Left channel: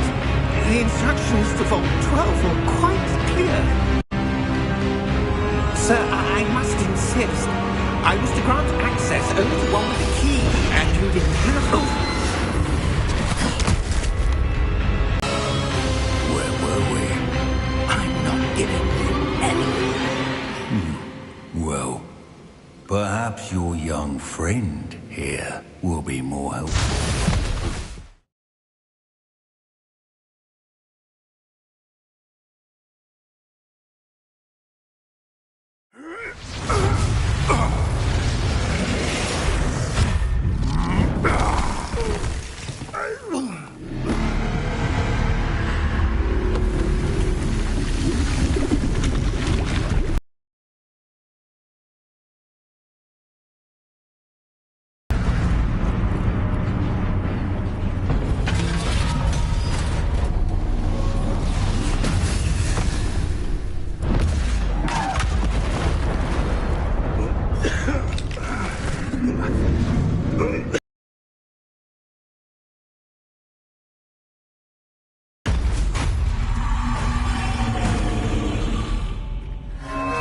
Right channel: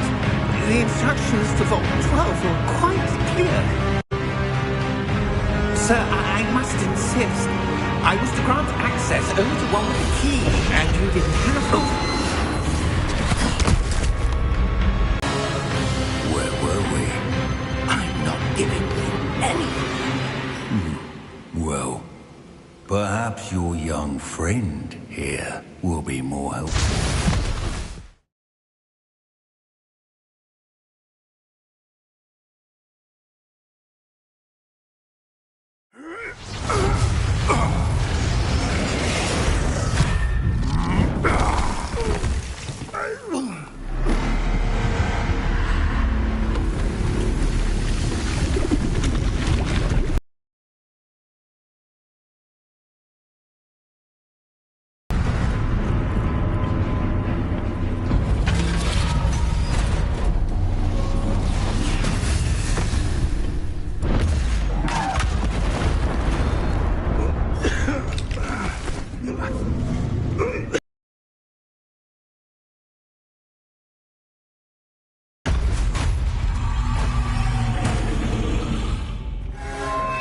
The instructions for Vault 12 were quite clear. Sir, I must insist. I was to grant access only to one with the key, and you didn't have it. Where were we? I'm not giving you anything. Well, perhaps your young friend here will be more helpful.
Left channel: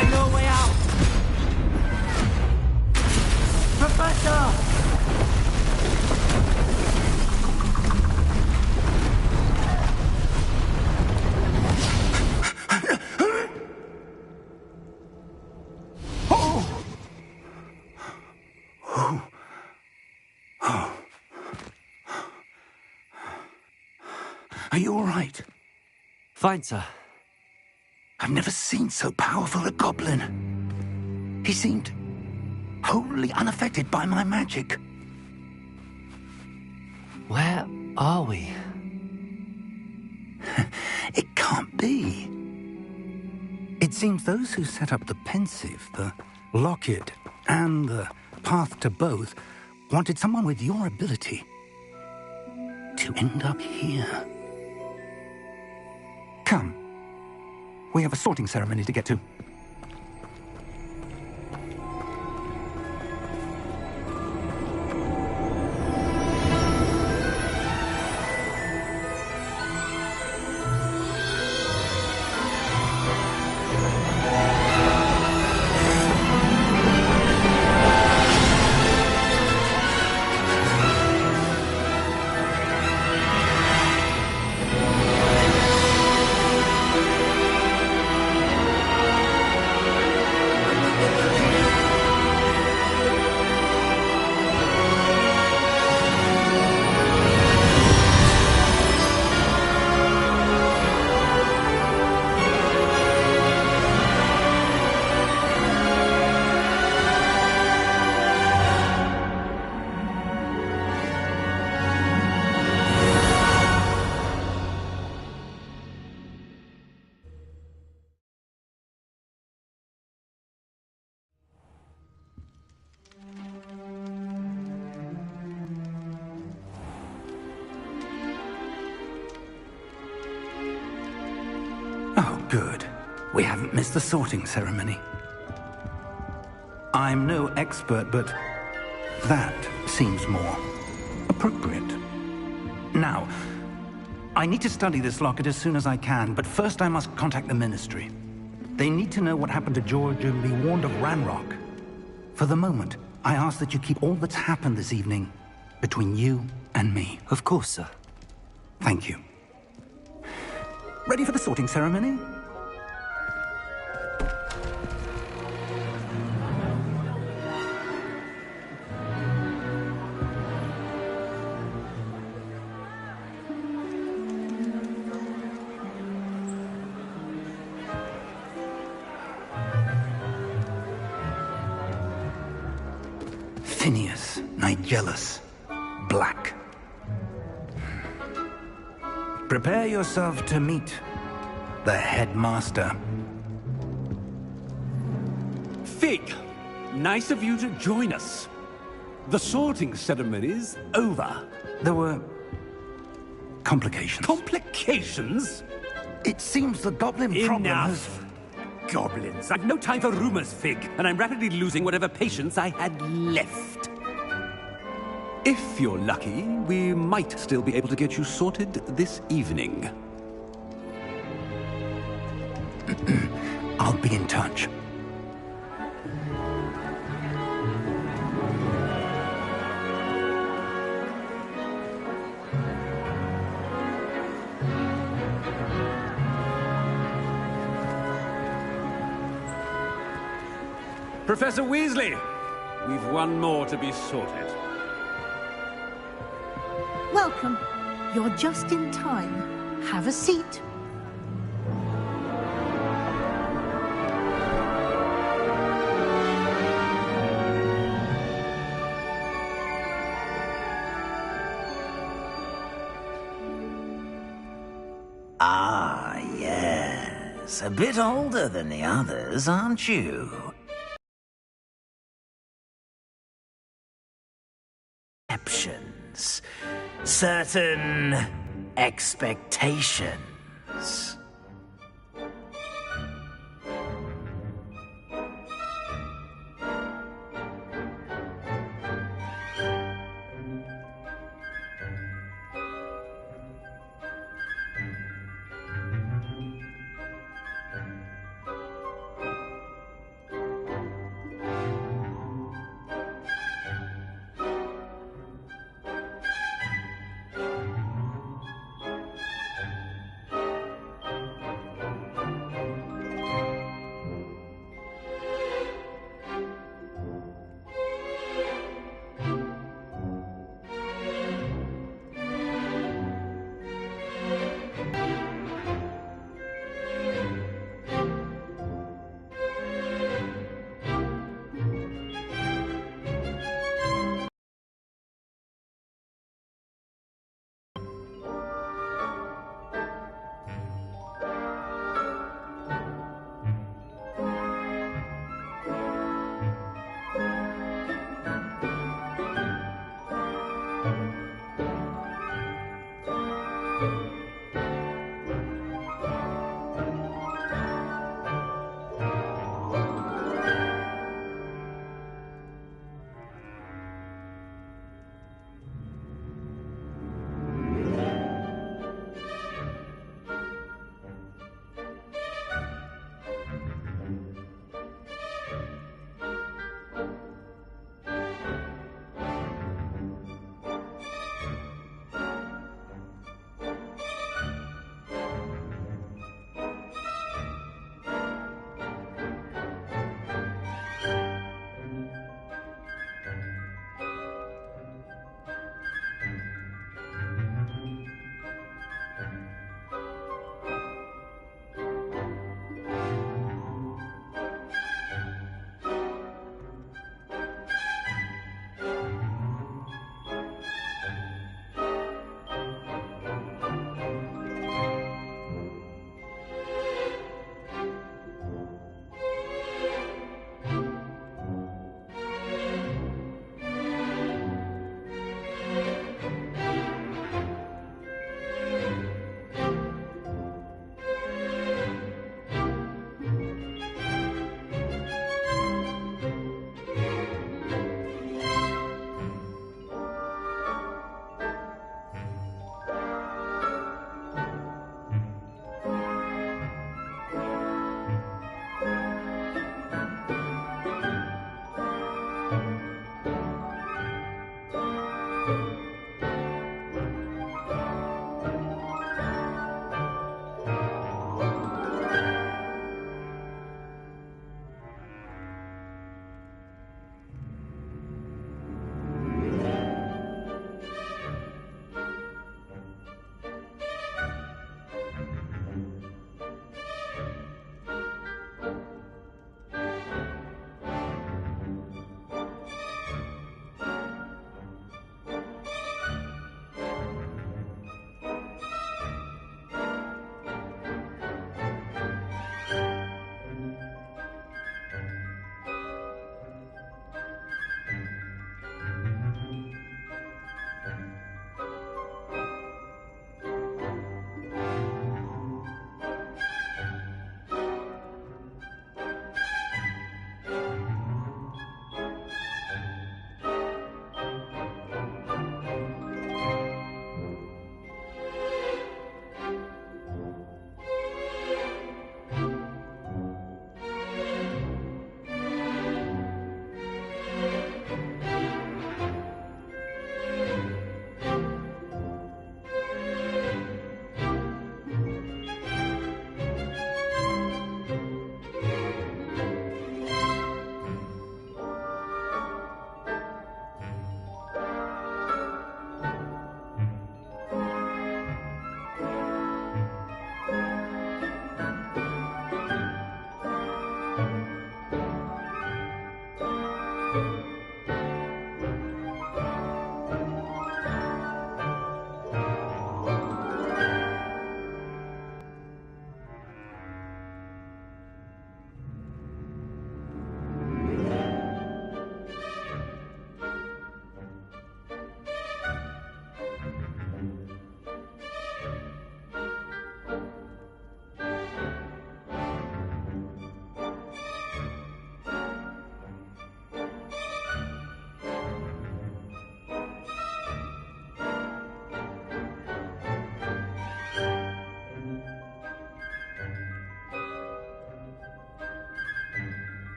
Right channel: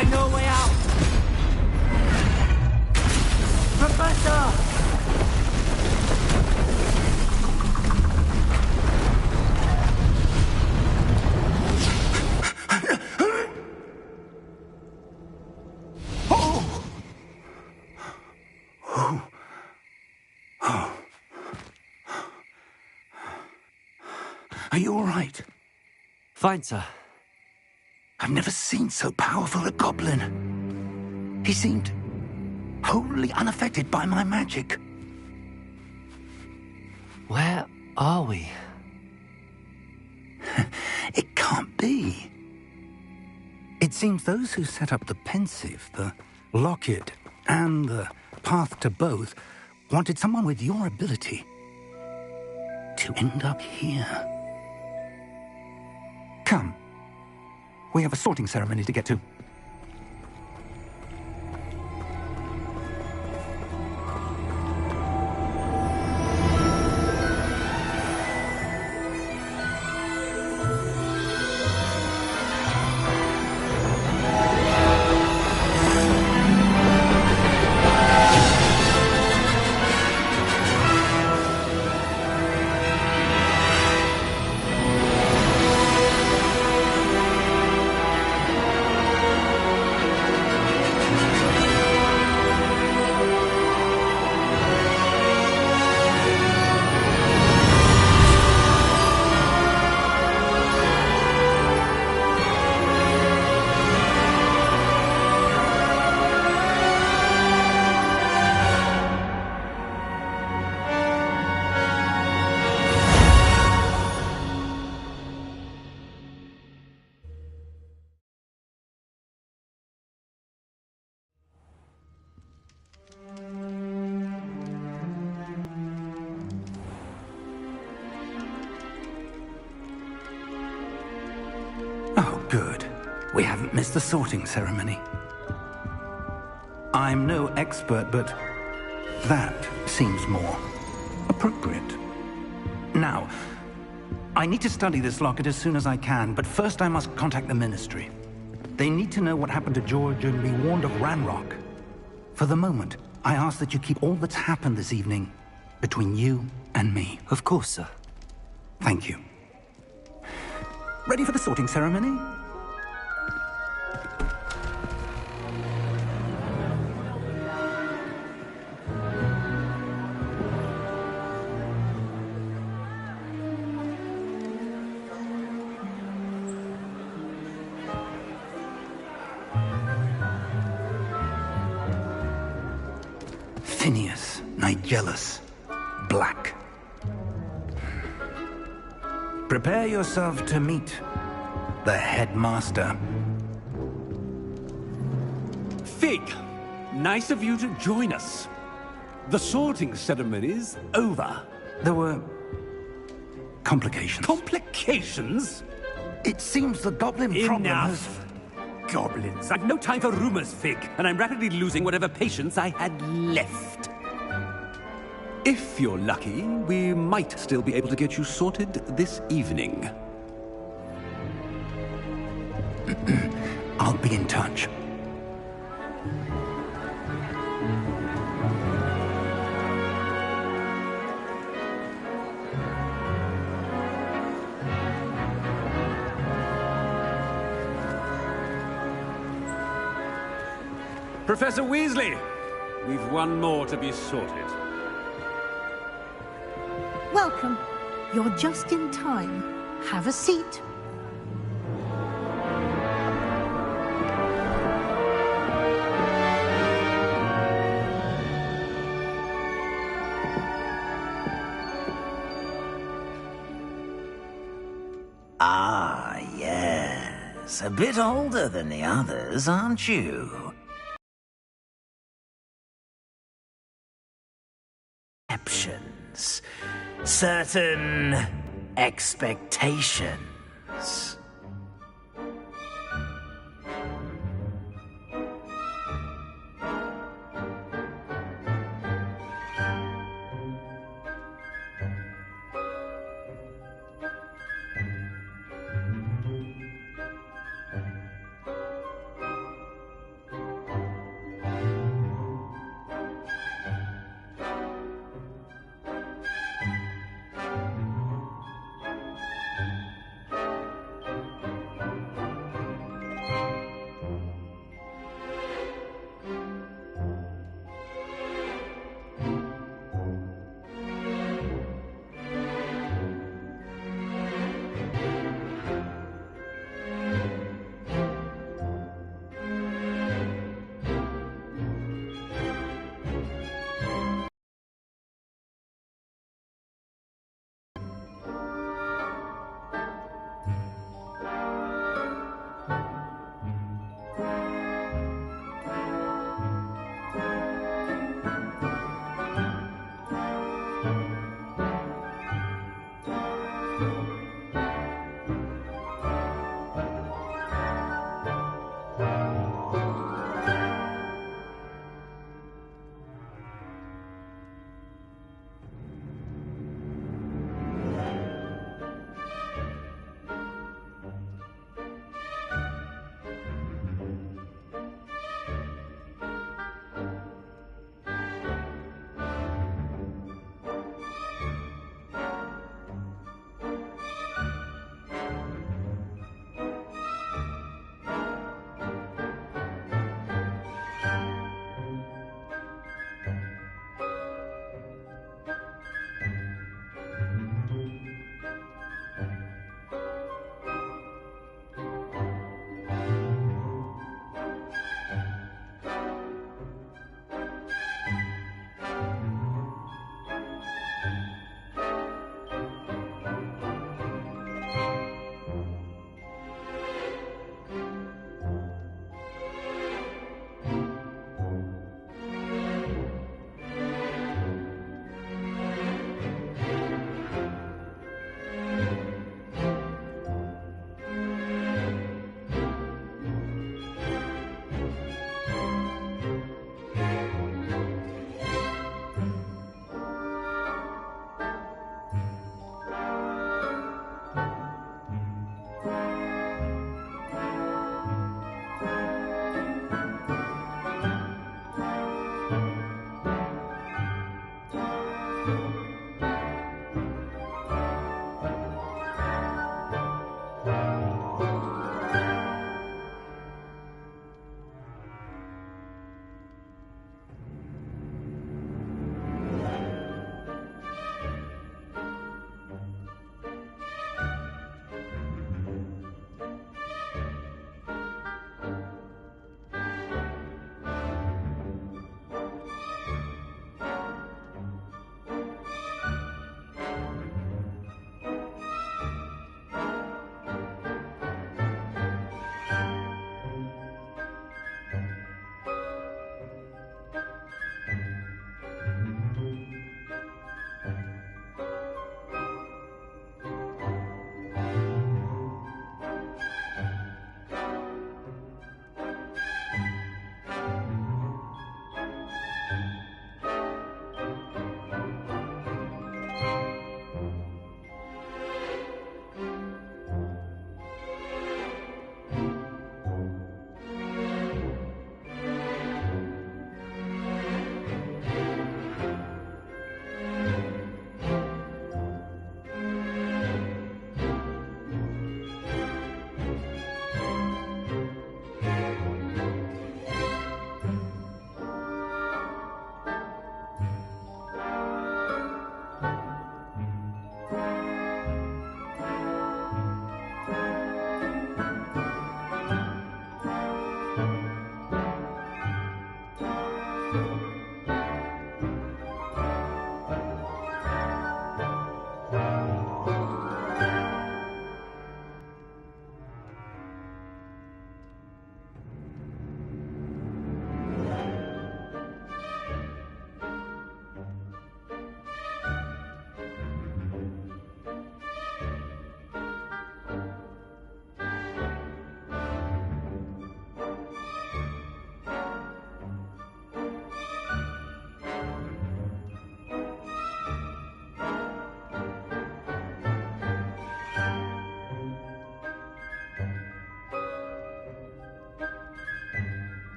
I know a way out! Professor! Are you all right? Fine, sir. I've never seen so powerful a goblin. He seemed wholly unaffected by my magic. Where are we? It can't be. It seems those who set up the pensive, the locket, and the path to both wanted someone with your ability to end up here. Come. We have a sorting ceremony to get to. Oh, good. We haven't missed the sorting ceremony. I'm no expert, but that seems more appropriate. Now, I need to study this locket as soon as I can, but first I must contact the Ministry. They need to know what happened to George and be warned of Ranrock. For the moment, I ask that you keep all that's happened this evening between you and me. Of course, sir. Thank you. Ready for the sorting ceremony? Phineas, Nigellus, Black. Prepare yourself to meet the headmaster. Fig, nice of you to join us. The sorting ceremony's over. There were complications. Complications? It seems the goblin problem has... Enough! Goblins. I've no time for rumors, Fig, and I'm rapidly losing whatever patience I had left. If you're lucky, we might still be able to get you sorted this evening. I'll be in touch. Professor Weasley, we've one more to be sorted. Welcome. You're just in time. Have a seat. Ah, yes. A bit older than the others, aren't you? Exceptions. Certain expectations.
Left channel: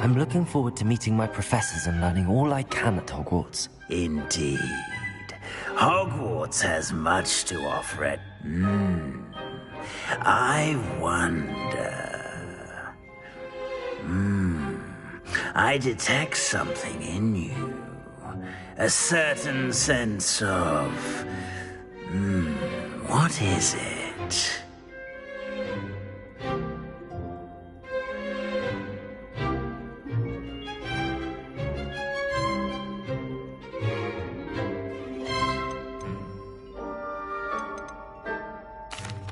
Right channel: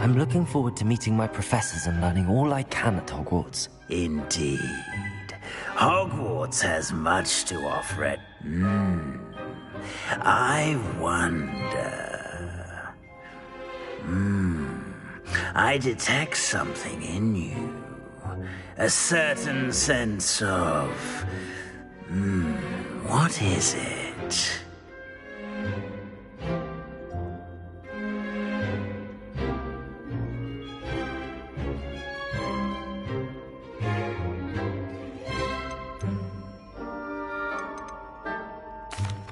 I'm looking forward to meeting my professors and learning all I can at Hogwarts. Indeed. Hogwarts has much to offer it. I wonder... I detect something in you. A certain sense of... what is it?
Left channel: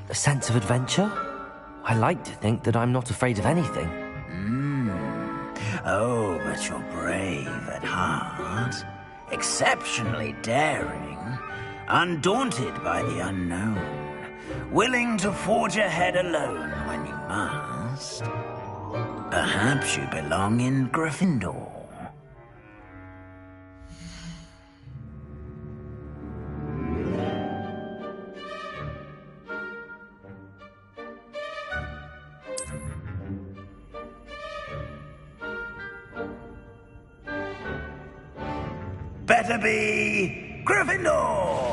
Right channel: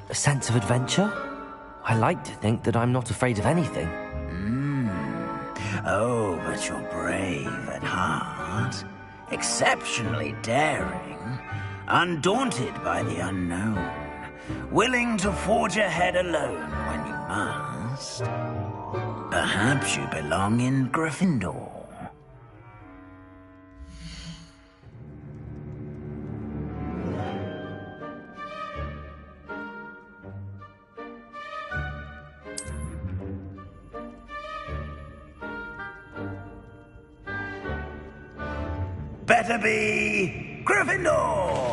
A sense of adventure? I like to think that I'm not afraid of anything. Oh, but you're brave at heart. Exceptionally daring. Undaunted by the unknown. Willing to forge ahead alone when you must. Perhaps you belong in Gryffindor. Better be Gryffindor!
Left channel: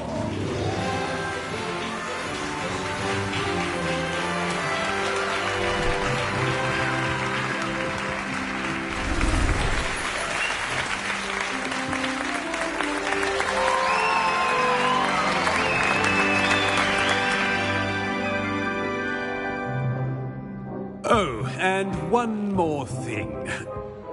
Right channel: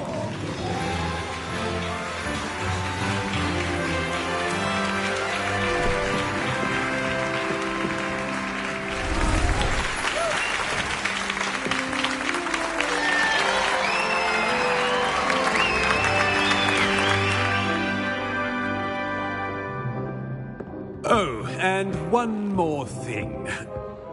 Oh, and one more thing.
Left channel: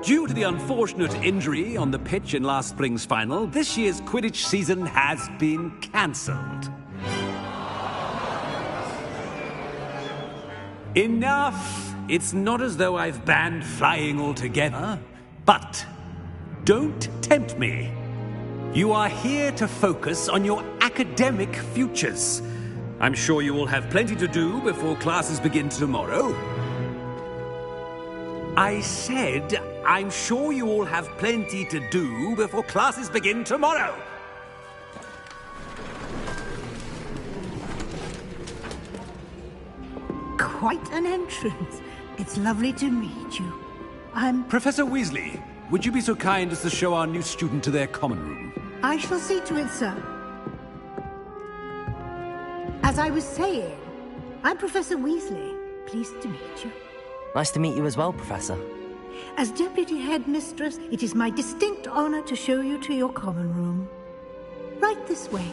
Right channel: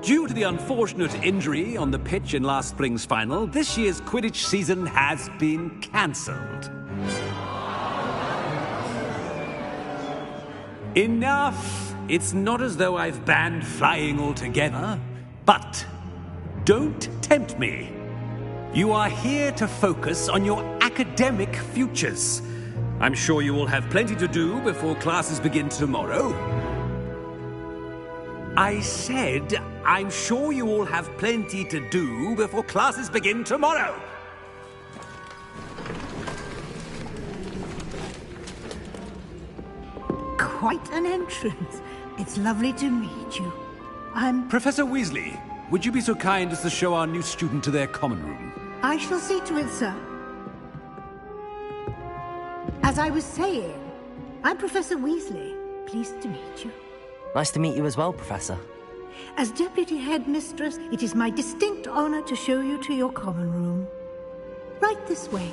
Due to the unfortunate injury on the pitch in last spring's final, this year's Quidditch season has been cancelled. Enough! It's not as though I've banned flying altogether, but don't tempt me. You are here to focus on your academic futures. I'm sure you will have plenty to do before classes begin tomorrow. I said, I'm sure you all have plenty to do before classes begin tomorrow. Quite an entrance. It's lovely to meet you. I'm... Professor Weasley, would you be so kind as to show our new student to their common room? I shall see to it, sir. As I was saying, I'm Professor Weasley. Pleased to meet you. Nice to meet you as well, Professor. As Deputy Headmistress, it is my distinct honor to show you to your common room. Right this way.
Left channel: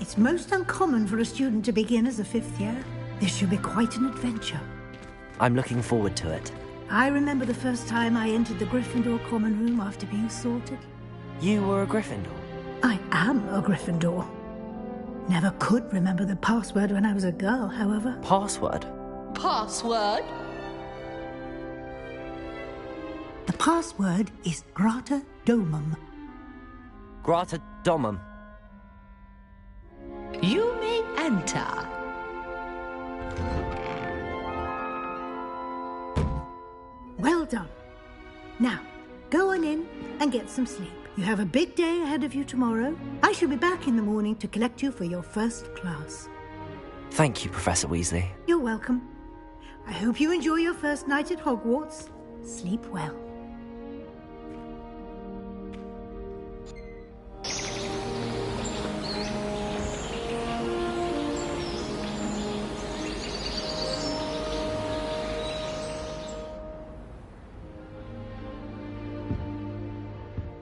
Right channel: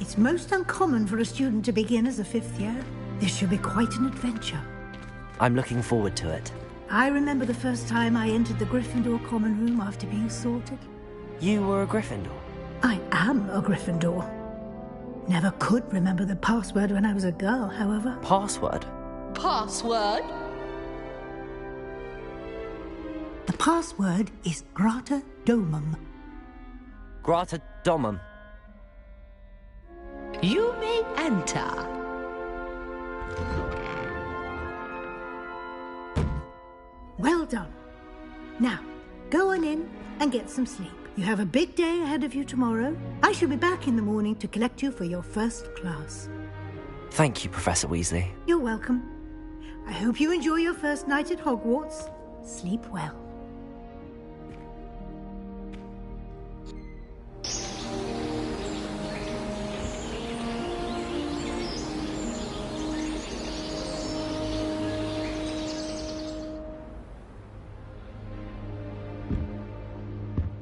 It's most uncommon for a student to begin as a fifth year. This should be quite an adventure. I'm looking forward to it. I remember the first time I entered the Gryffindor common room after being sorted. You were a Gryffindor? I am a Gryffindor. Never could remember the password when I was a girl, however. Password? Password? The password is Grata Domum. Grata Domum. You may enter. Well done. Now, go on in and get some sleep. You have a big day ahead of you tomorrow. I shall be back in the morning to collect you for your first class. Thank you, Professor Weasley. You're welcome. I hope you enjoy your first night at Hogwarts. Sleep well.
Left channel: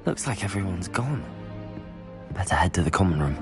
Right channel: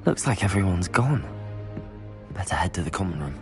Looks like everyone's gone. Better head to the common room.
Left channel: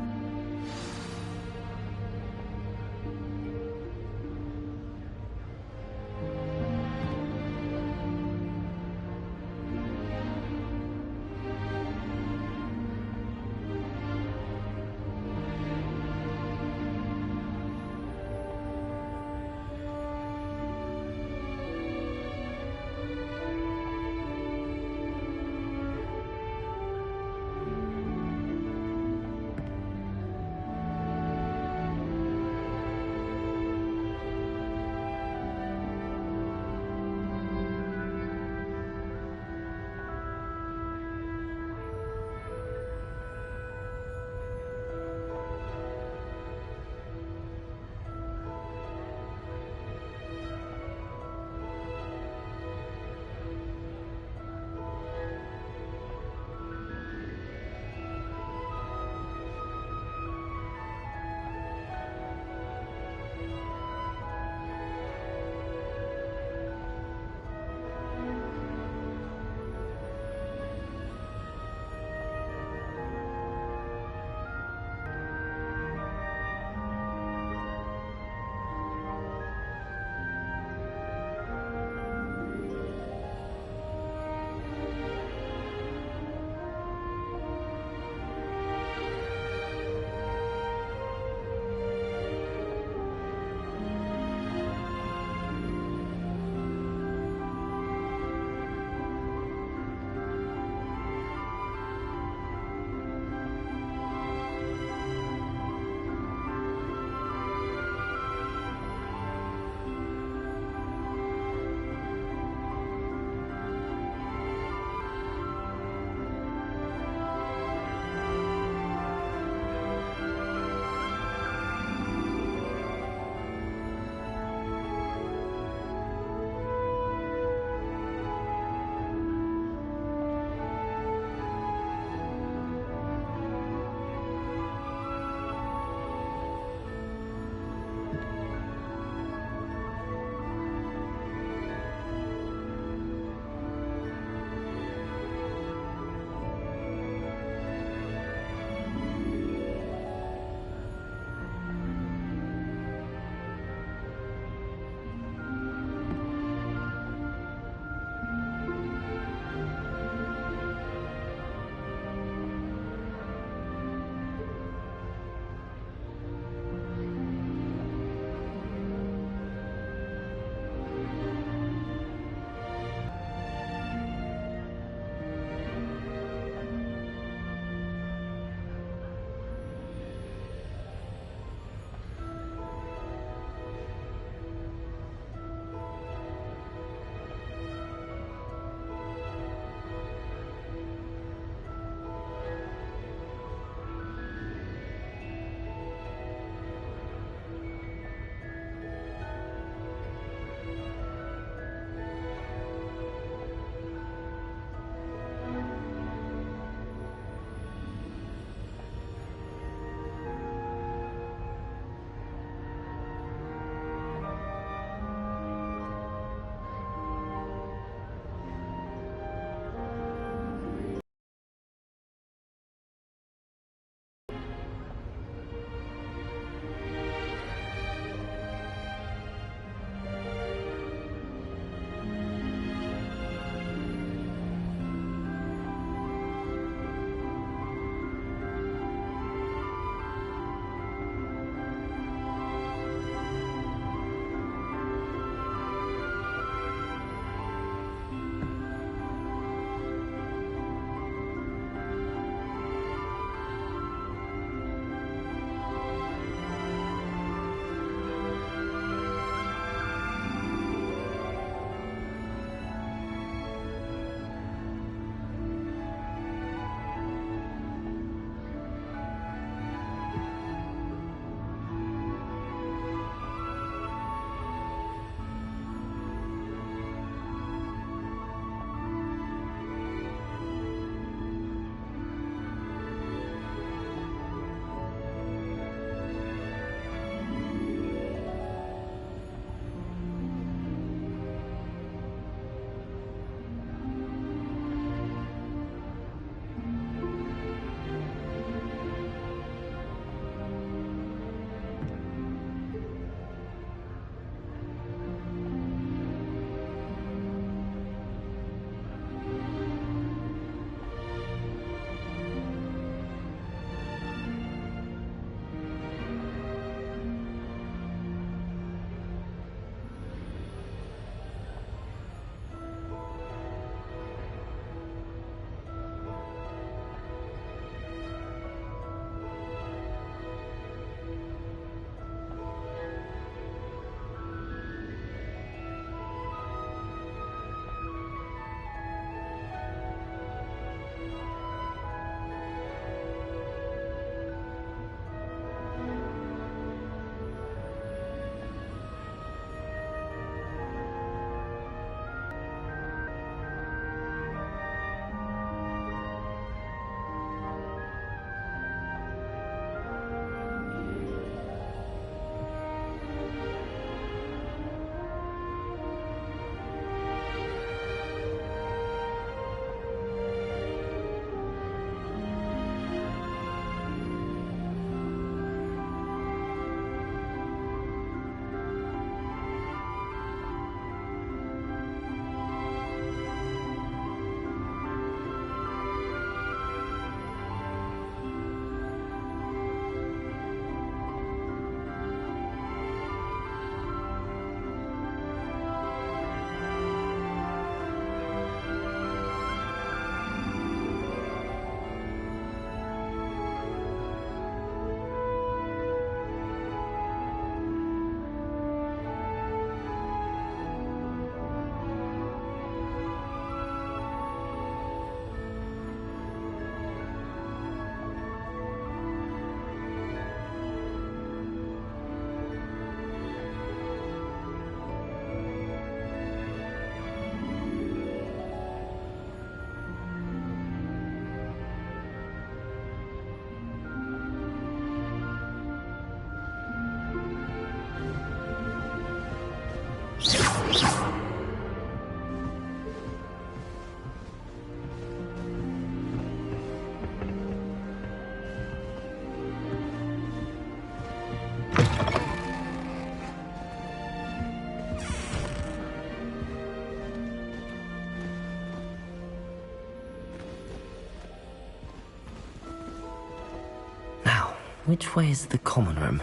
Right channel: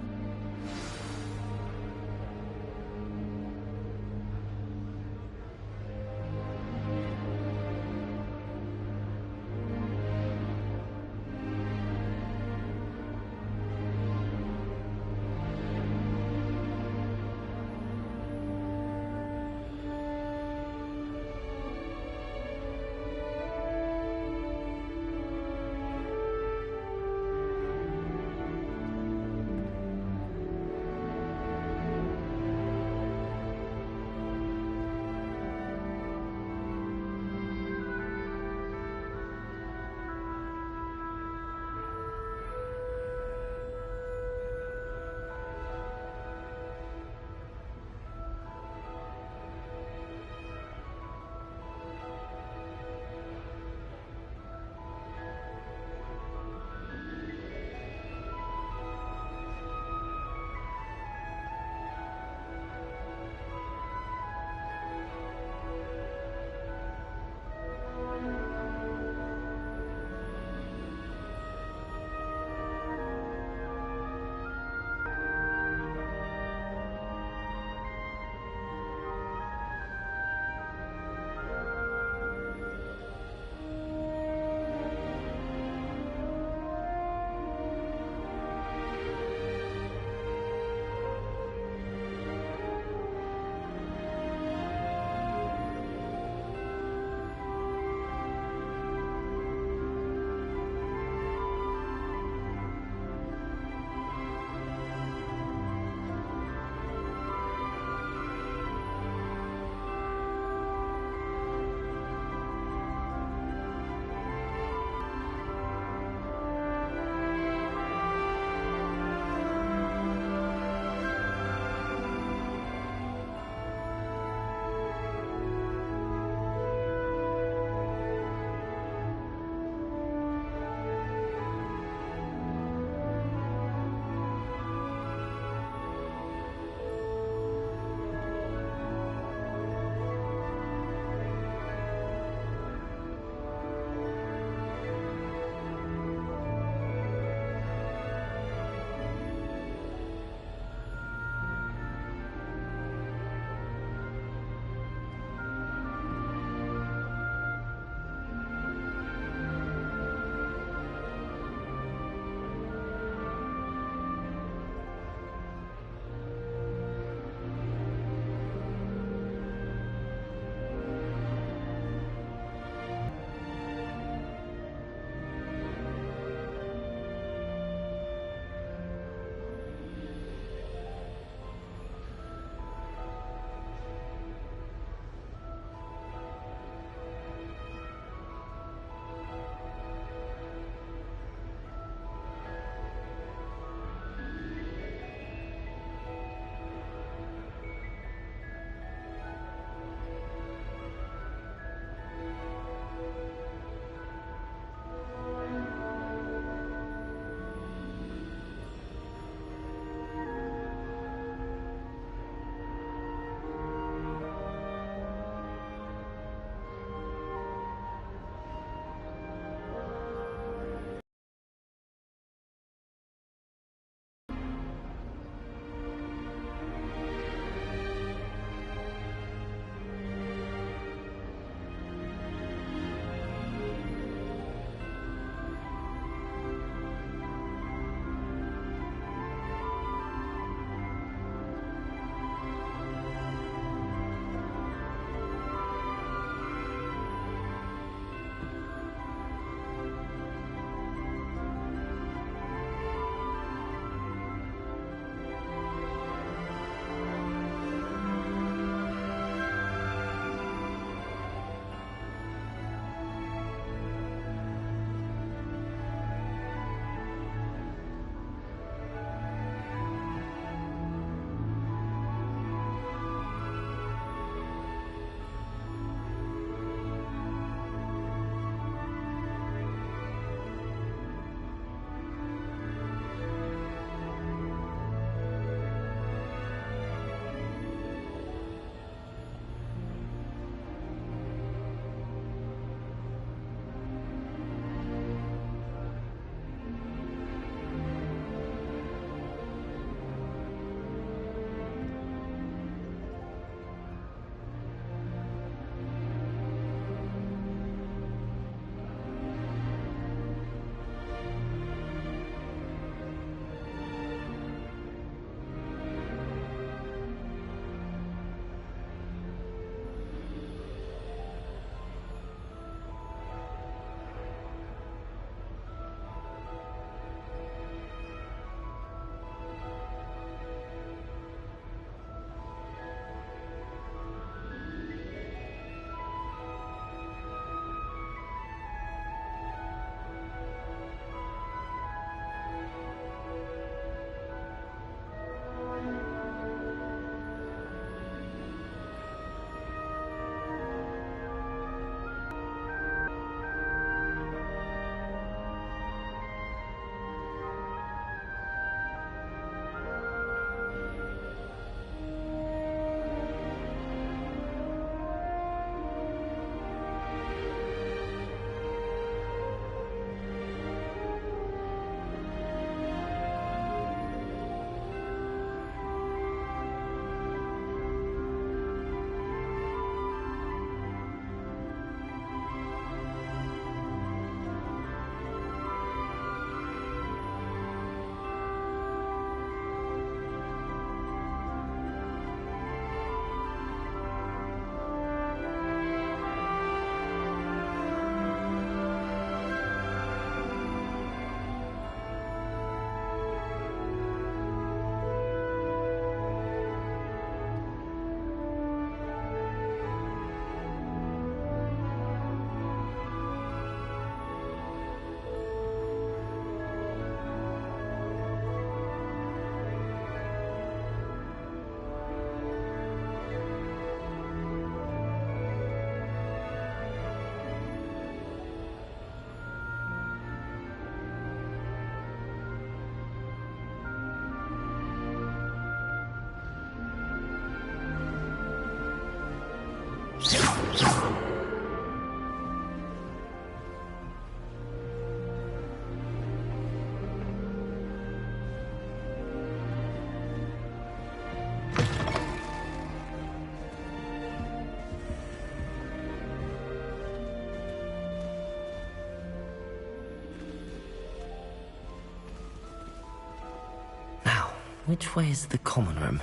Which way is the common room?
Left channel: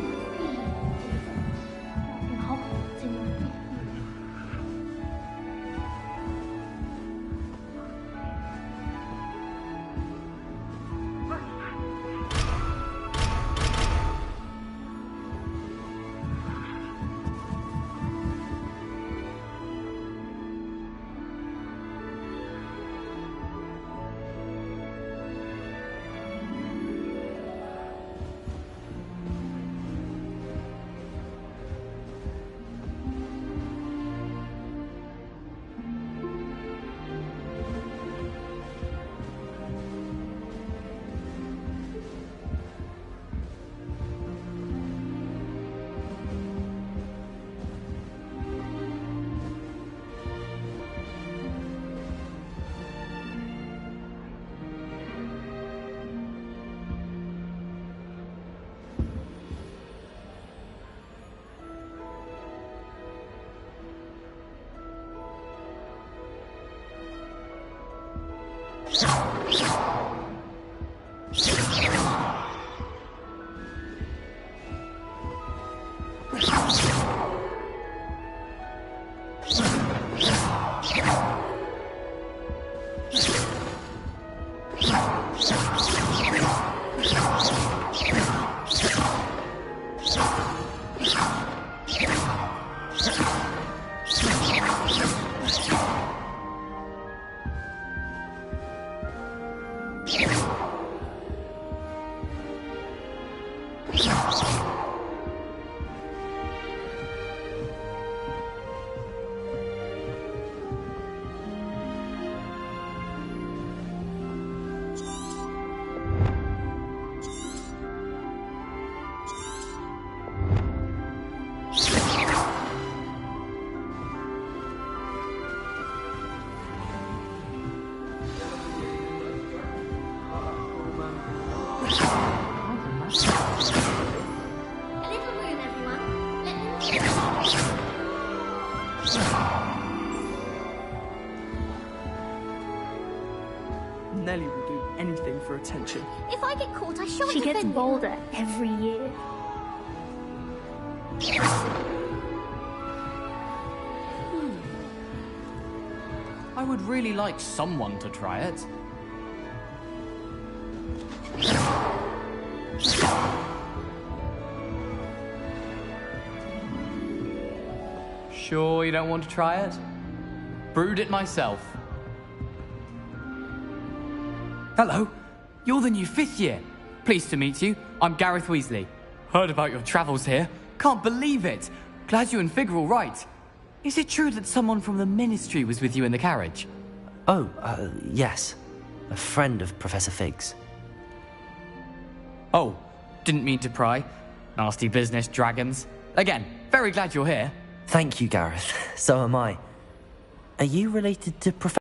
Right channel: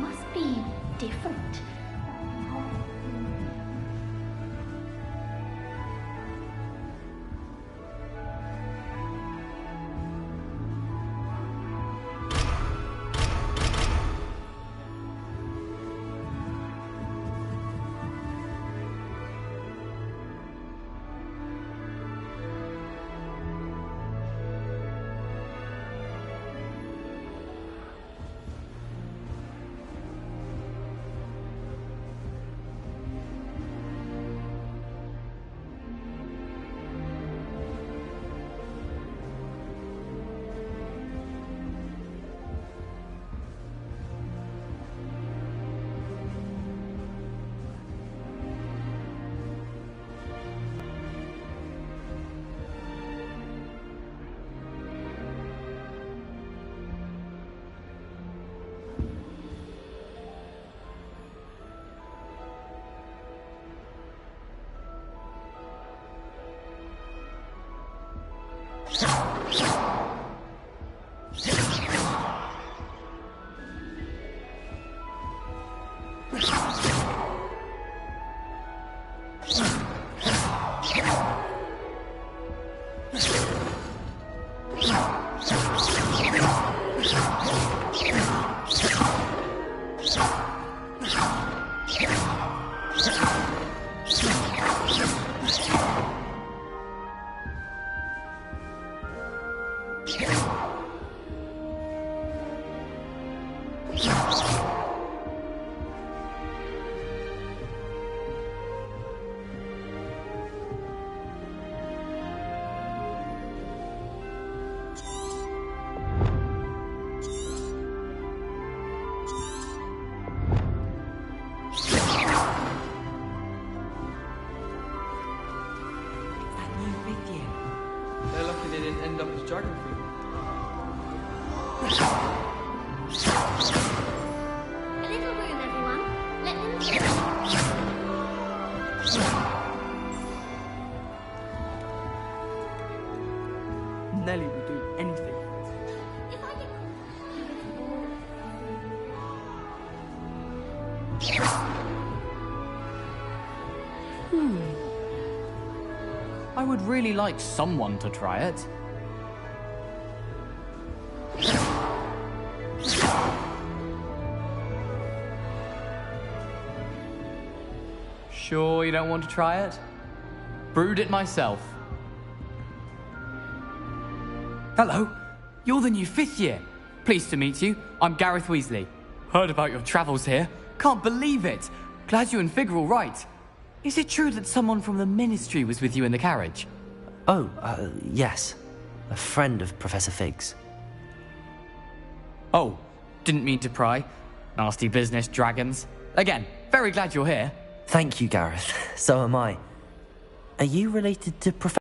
Must be different in Hogwarts in Nellie will do anything for attention. If I get caught, I shan't She gets defend bolder every year. I would really like someone to try it. Sure you don't want to try it? Brewed it myself. Hello, you're the new 5th year. Pleased to meet you. I'm Gareth Weasley. Heard about your travels here. Can't believe it. Glad you and Fig are all right. Is it true that someone from the Ministry was with you in the carriage? Oh, yes. A friend of Professor Fig's. Oh, didn't mean to pry. Nasty business, dragons. Again, very glad you're here. Thank you, Gareth. So am I. Are you related to Professor...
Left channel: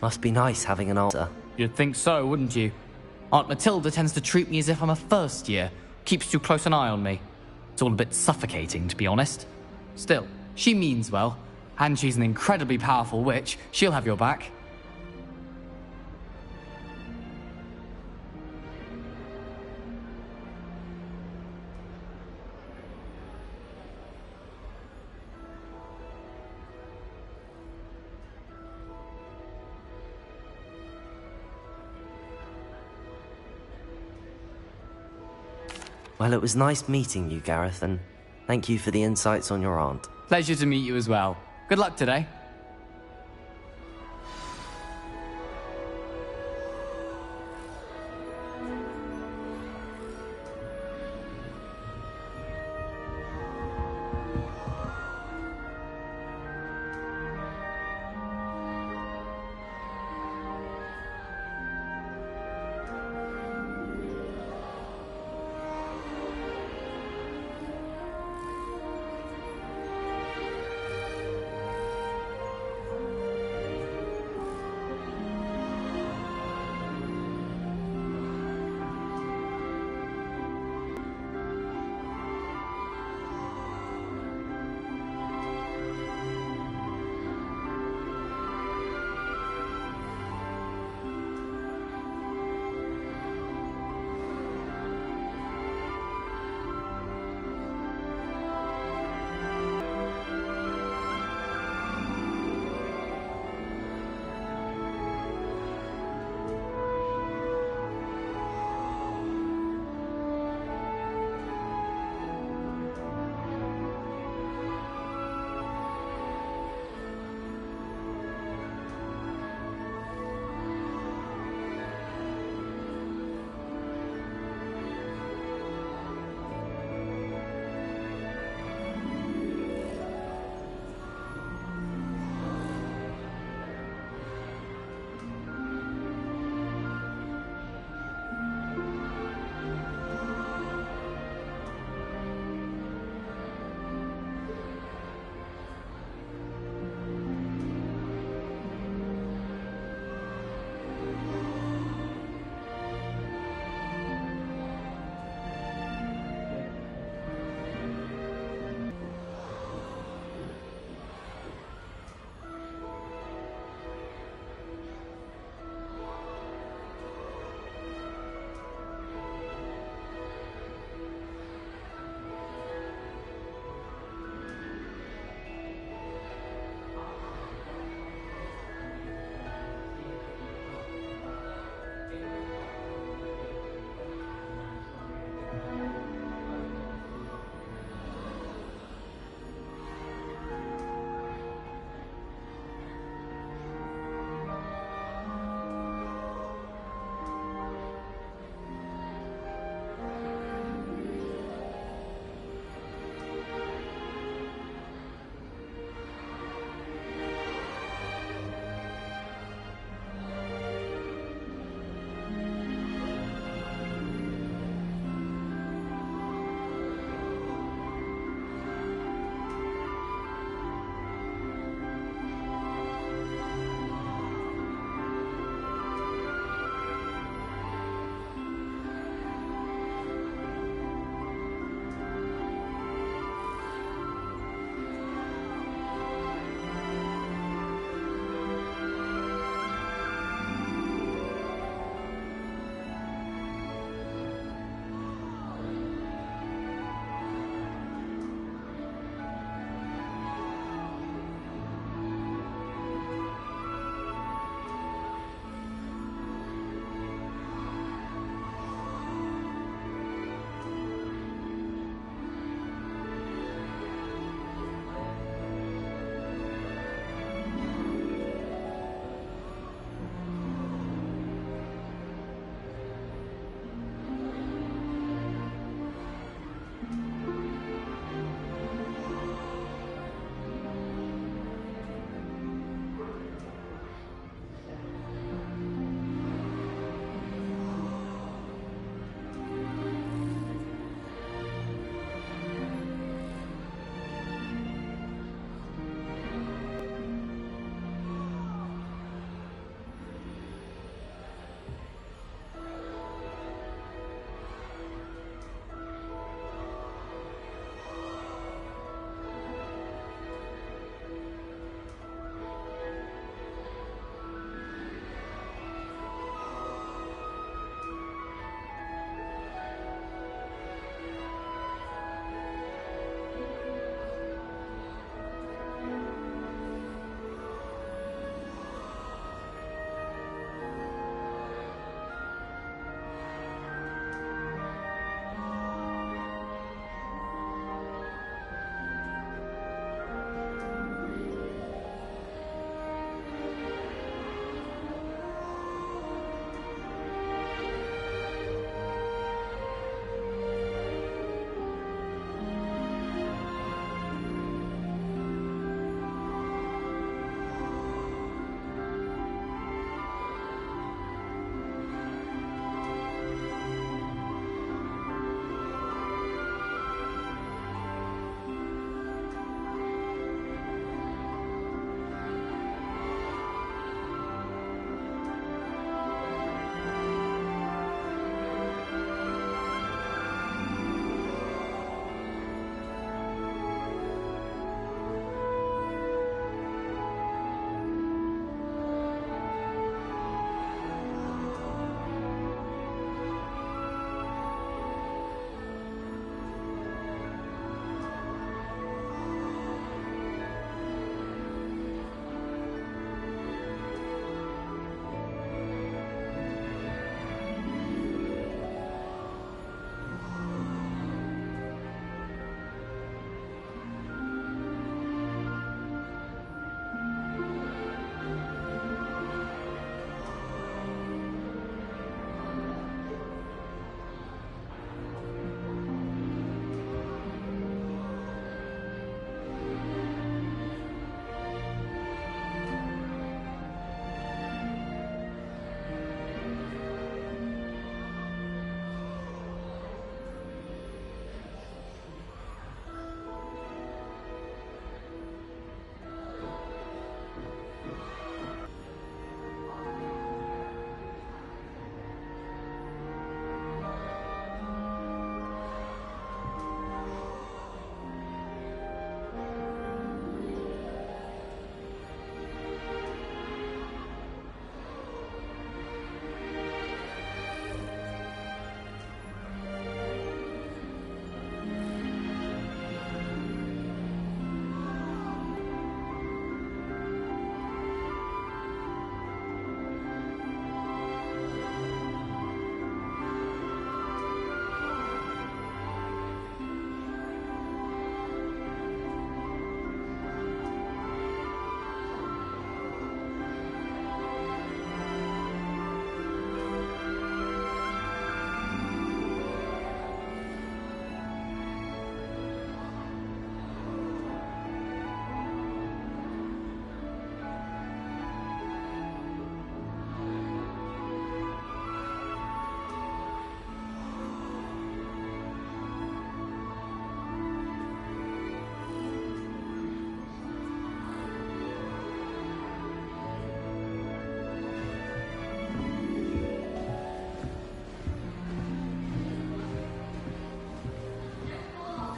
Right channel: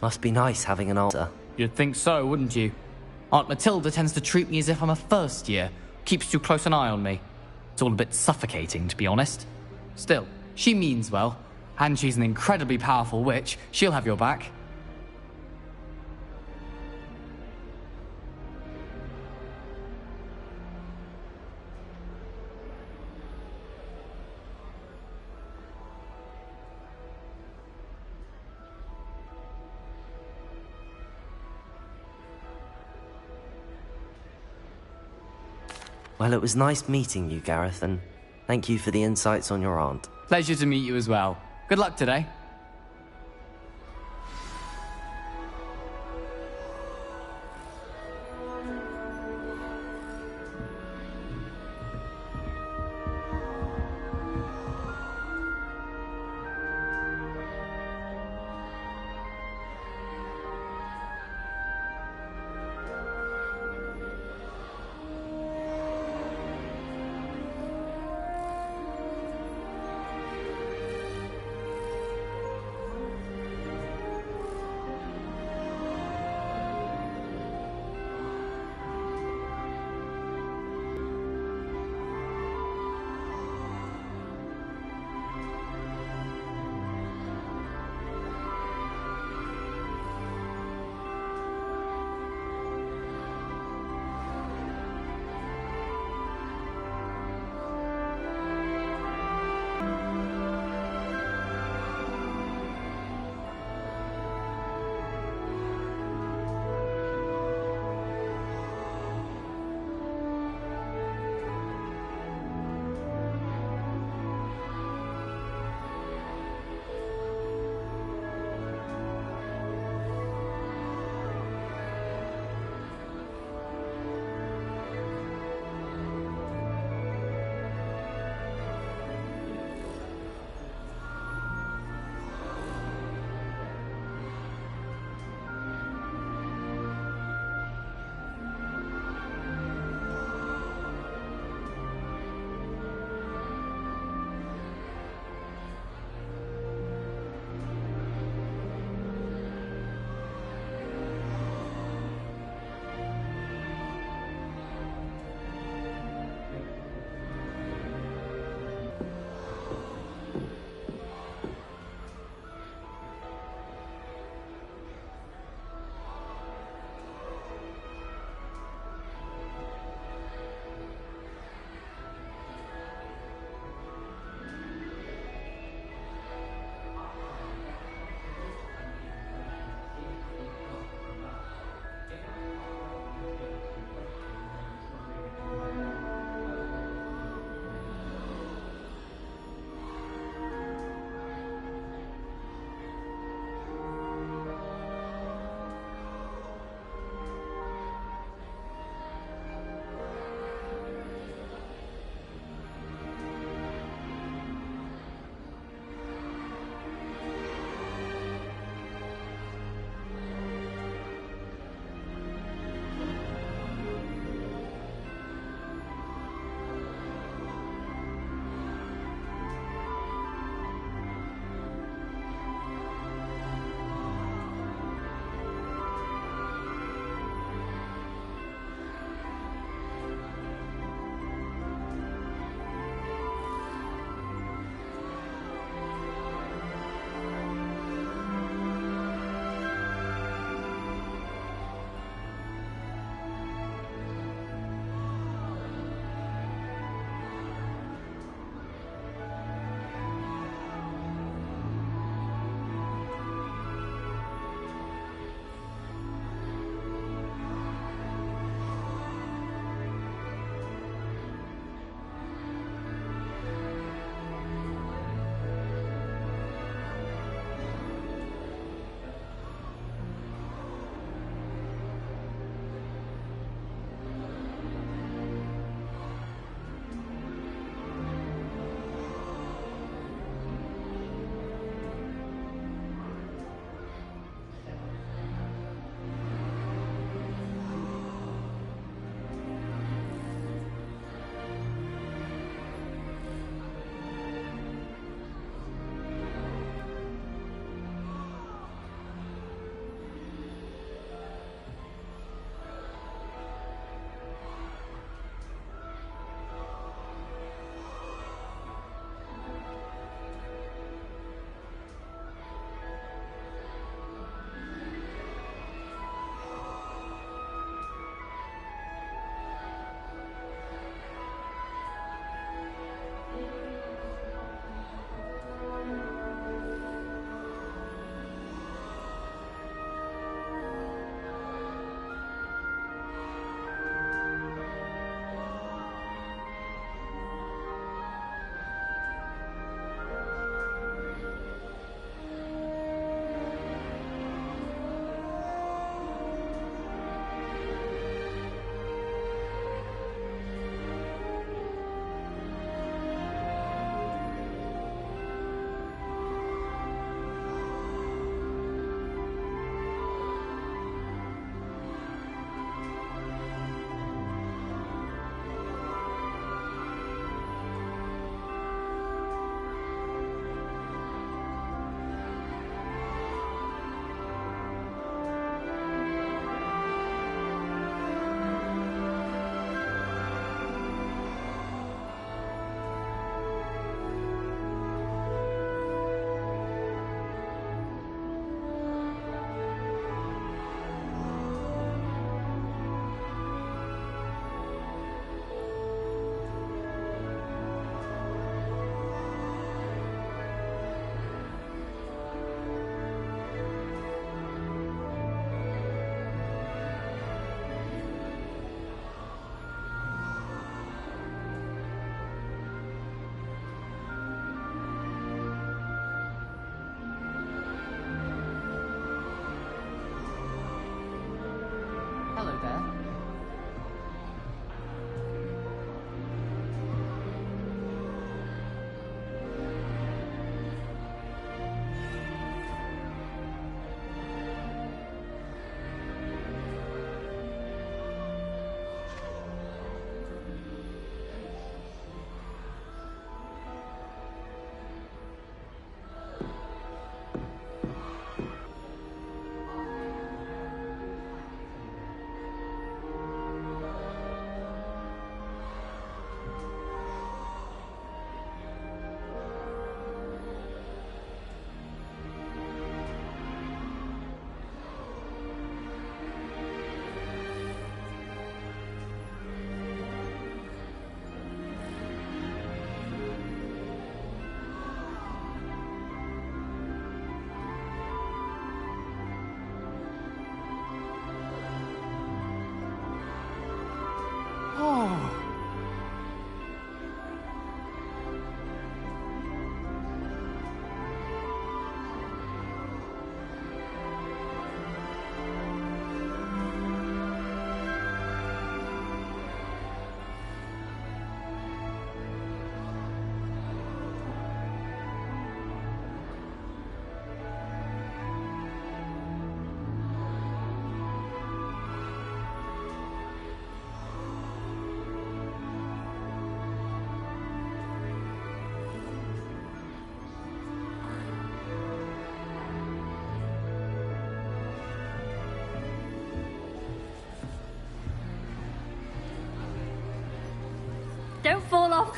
Must be nice having an older. You'd think so, wouldn't you? Aunt Matilda tends to treat me as if I'm a first year. Keeps too close an eye on me. It's all a bit suffocating, to be honest. Still, she means well. And she's an incredibly powerful witch. She'll have your back. Well, it was nice meeting you, Gareth, and thank you for the insights on your aunt. Pleasure to meet you as well. Good luck today.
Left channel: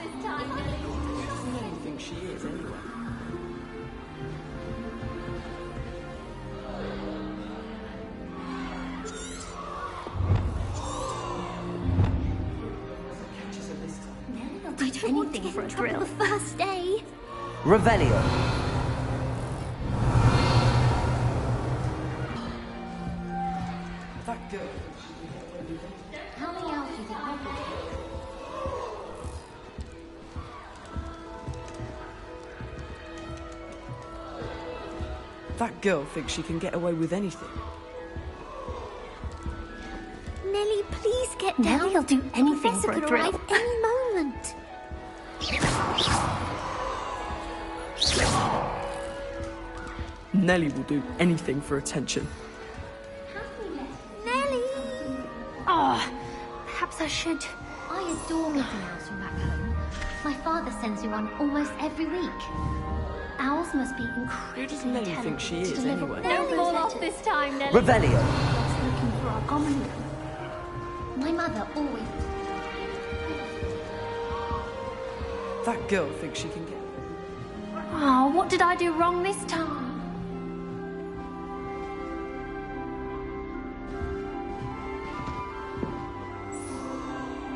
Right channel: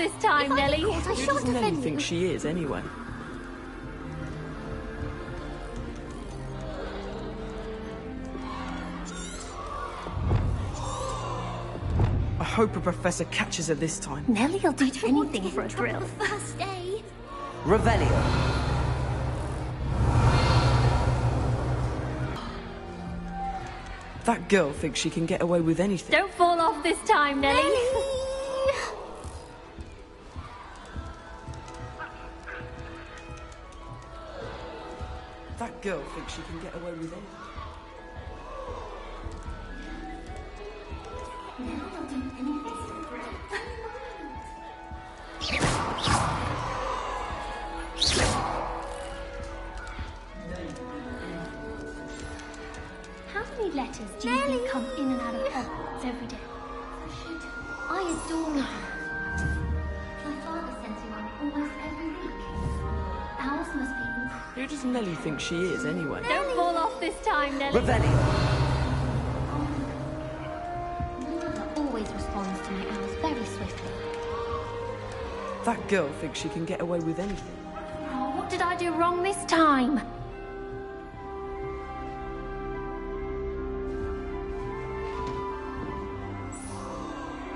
this time, Nelly. Who does Nelly think she is, anyway? I hope a professor catches her this time. Nelly'll do anything for a thrill. The first day. Revelio. That girl thinks she can get away with anything. Don't fall off this time, Nelly. That girl thinks she can get away with anything. Nelly, please get down. Nelly'll do anything for a thrill. Any moment. Nelly will do anything for attention. How many letters do you come in and out of Hogwarts? Perhaps I should. I adore meeting owls from back home. My father sends you one almost every week. Owls must be incredible. Who does Nelly think she is, anyway? Don't fall off this time, Nelly. Revelio. My mother always responds to me very swiftly. That girl thinks she can get away with anything. Oh, what did I do wrong this time?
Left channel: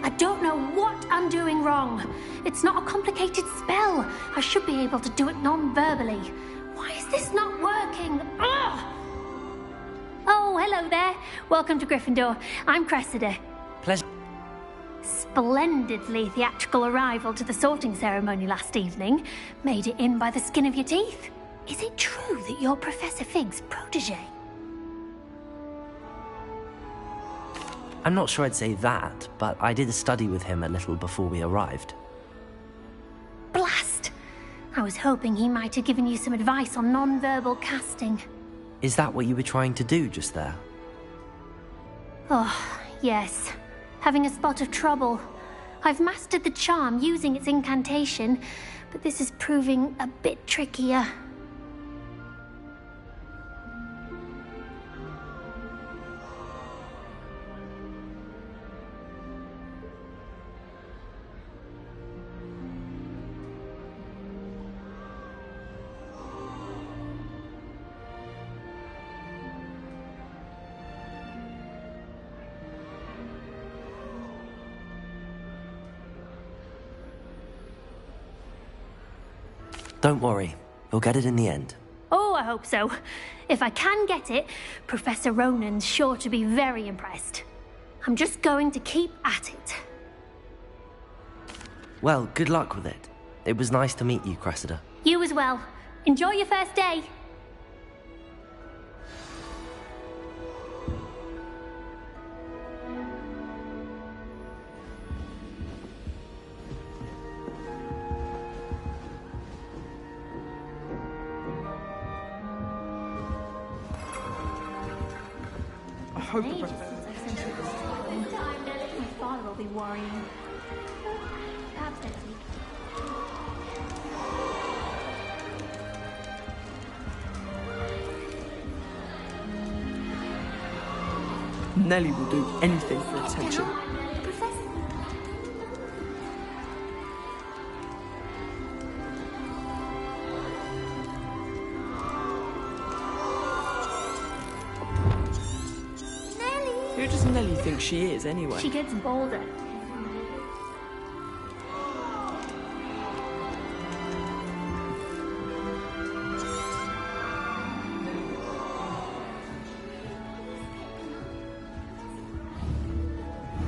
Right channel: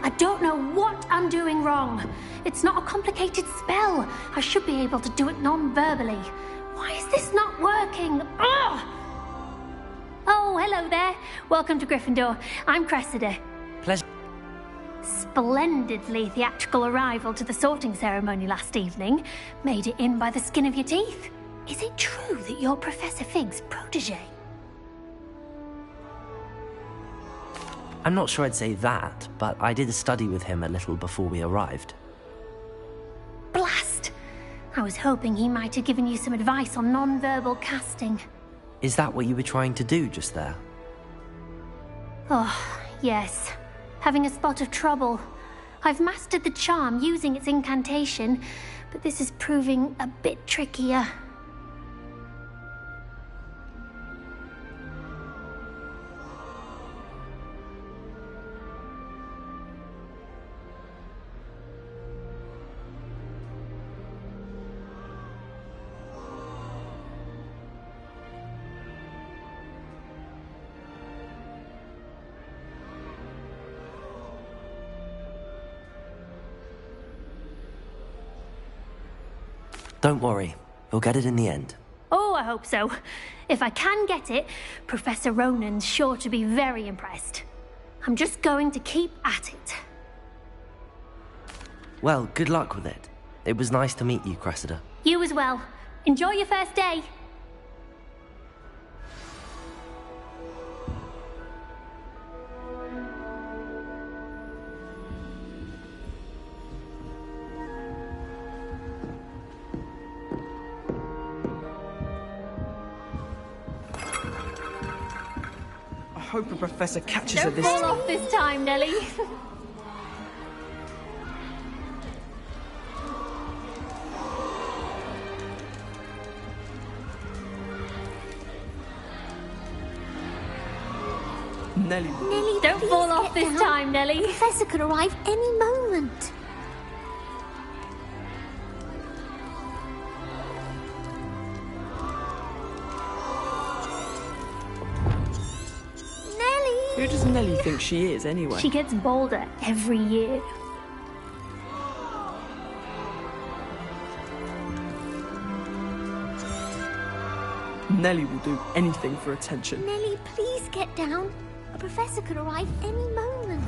I don't know what I'm doing wrong. It's not a complicated spell. I should be able to do it non-verbally. Why is this not working? Ugh! Oh, hello there. Welcome to Gryffindor. I'm Cressida. Pleasure. Splendidly theatrical arrival to the sorting ceremony last evening. Made it in by the skin of your teeth. Is it true that you're Professor Fig's protege? I'm not sure I'd say that, but I did study with him a little before we arrived. Blast! I was hoping he might have given you some advice on non-verbal casting. Is that what you were trying to do just there? Oh, yes. Having a spot of trouble. I've mastered the charm using its incantation, but this is proving a bit trickier. Don't worry, you'll get it in the end. Oh, I hope so. If I can get it, Professor Ronan's sure to be very impressed. I'm just going to keep at it. Well, good luck with it. It was nice to meet you, Cressida. You as well. Enjoy your first day. I hope a professor catches her Don't this fall time. off this time, Nelly. Nelly will do Don't anything. fall off this time, Nelly. The professor could arrive any moment. Nelly! Who does Nelly think she is, anyway? She gets bolder every year. Nelly will do anything for attention. Nelly, please get down. A professor could arrive any moment.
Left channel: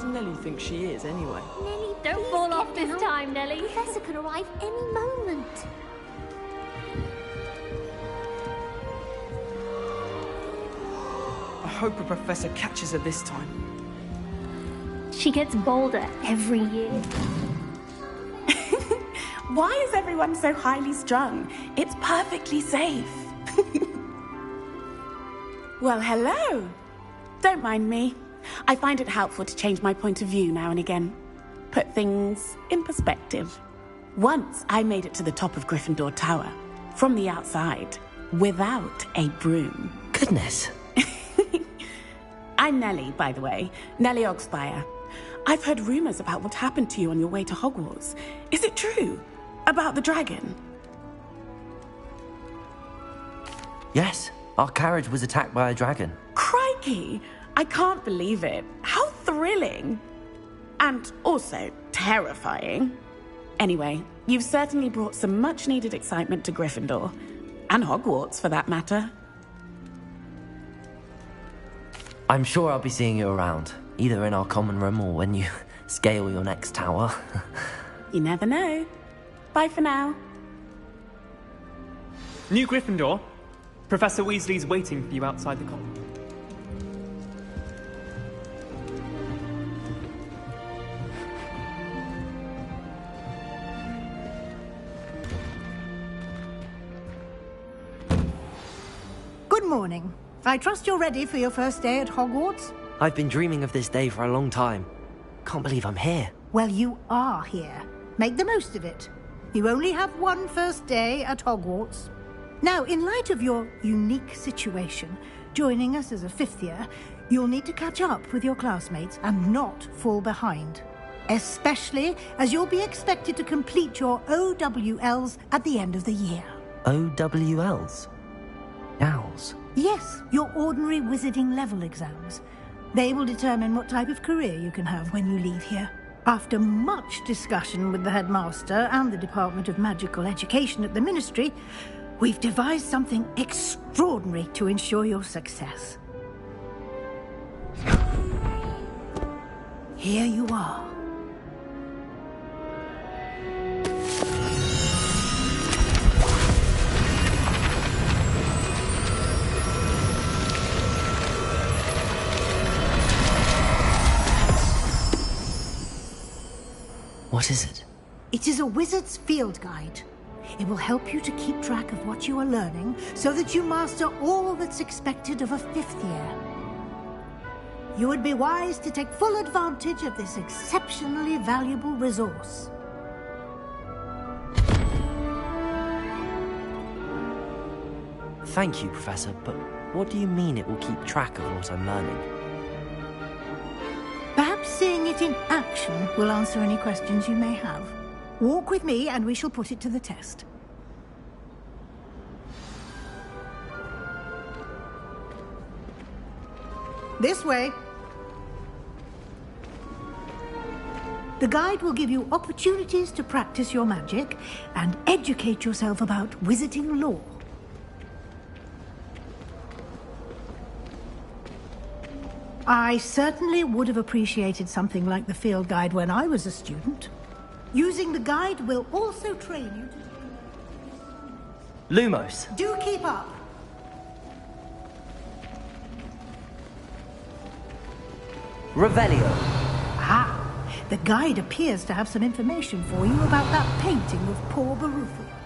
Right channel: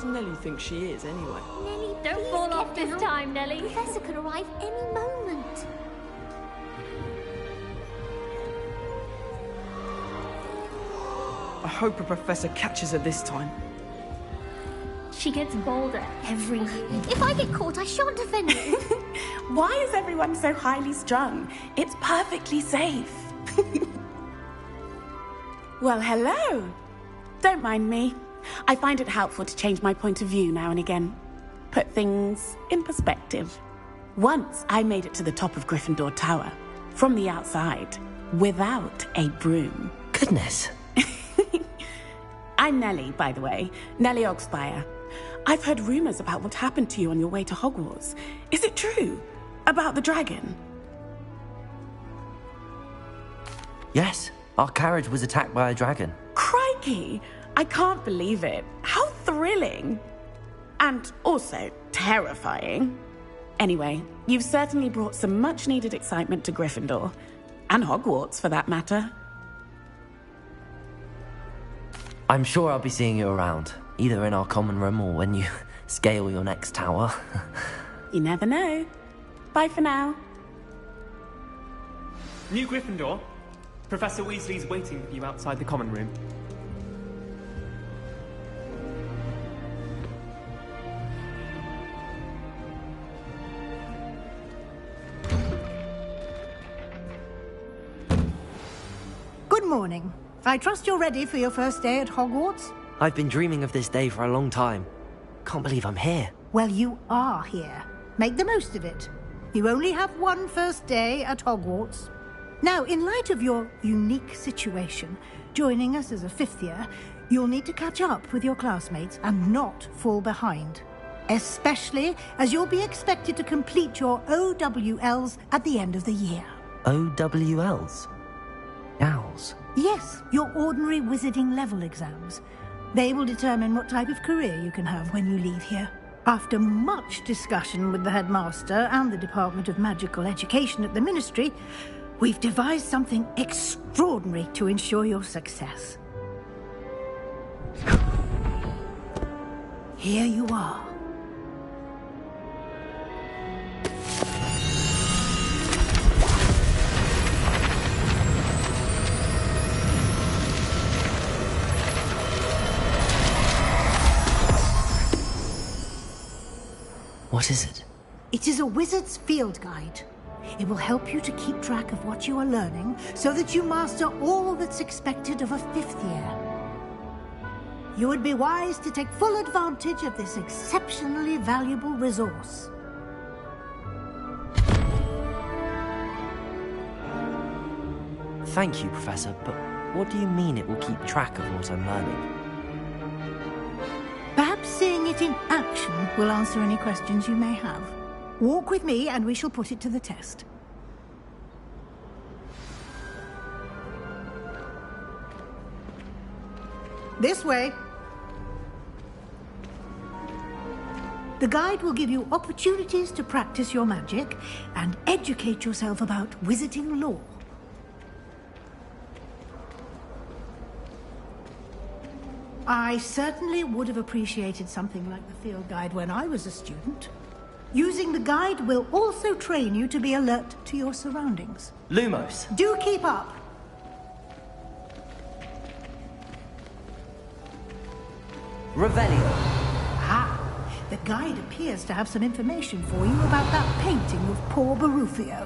does Nellie think she is, anyway? Nellie, Don't please fall get off this down. time, Nellie. The Professor could arrive any moment. I hope a professor catches her this time. She gets bolder every year. If I get caught, I shan't offend you. Why is everyone so highly strung? It's perfectly safe. Well, hello. Don't mind me. I find it helpful to change my point of view now and again. Put things in perspective. Once I made it to the top of Gryffindor Tower, from the outside, without a broom. Goodness. I'm Nellie, by the way. Nellie Ogspire. I've heard rumors about what happened to you on your way to Hogwarts. Is it true? About the dragon? Yes, our carriage was attacked by a dragon. Crikey! I can't believe it. How thrilling! And also terrifying. Anyway, you've certainly brought some much-needed excitement to Gryffindor. And Hogwarts, for that matter. I'm sure I'll be seeing you around, either in our common room or when you scale your next tower. You never know. Bye for now. New Gryffindor. Professor Weasley's waiting for you outside the common room. Good morning. I trust you're ready for your first day at Hogwarts? I've been dreaming of this day for a long time. Can't believe I'm here. Well, you are here. Make the most of it. You only have one first day at Hogwarts. Now, in light of your unique situation, joining us as a fifth year, you'll need to catch up with your classmates and not fall behind. Especially as you'll be expected to complete your OWLs at the end of the year. OWLs? Owls? Yes, your ordinary wizarding level exams. They will determine what type of career you can have when you leave here. After much discussion with the headmaster and the Department of Magical Education at the Ministry, we've devised something extraordinary to ensure your success. Here you are. What is it? It is a wizard's field guide. It will help you to keep track of what you are learning so that you master all that's expected of a fifth year. You would be wise to take full advantage of this exceptionally valuable resource. Thank you, Professor, but what do you mean it will keep track of what I'm learning? Perhaps seeing it in action will answer any questions you may have. Walk with me and we shall put it to the test. This way. The guide will give you opportunities to practice your magic and educate yourself about wizarding lore. I certainly would have appreciated something like the field guide when I was a student. Using the guide will also train you to be alert to your surroundings. Lumos. Do keep up. Revelio. Ah, the guide appears to have some information for you about that painting of poor Barufio.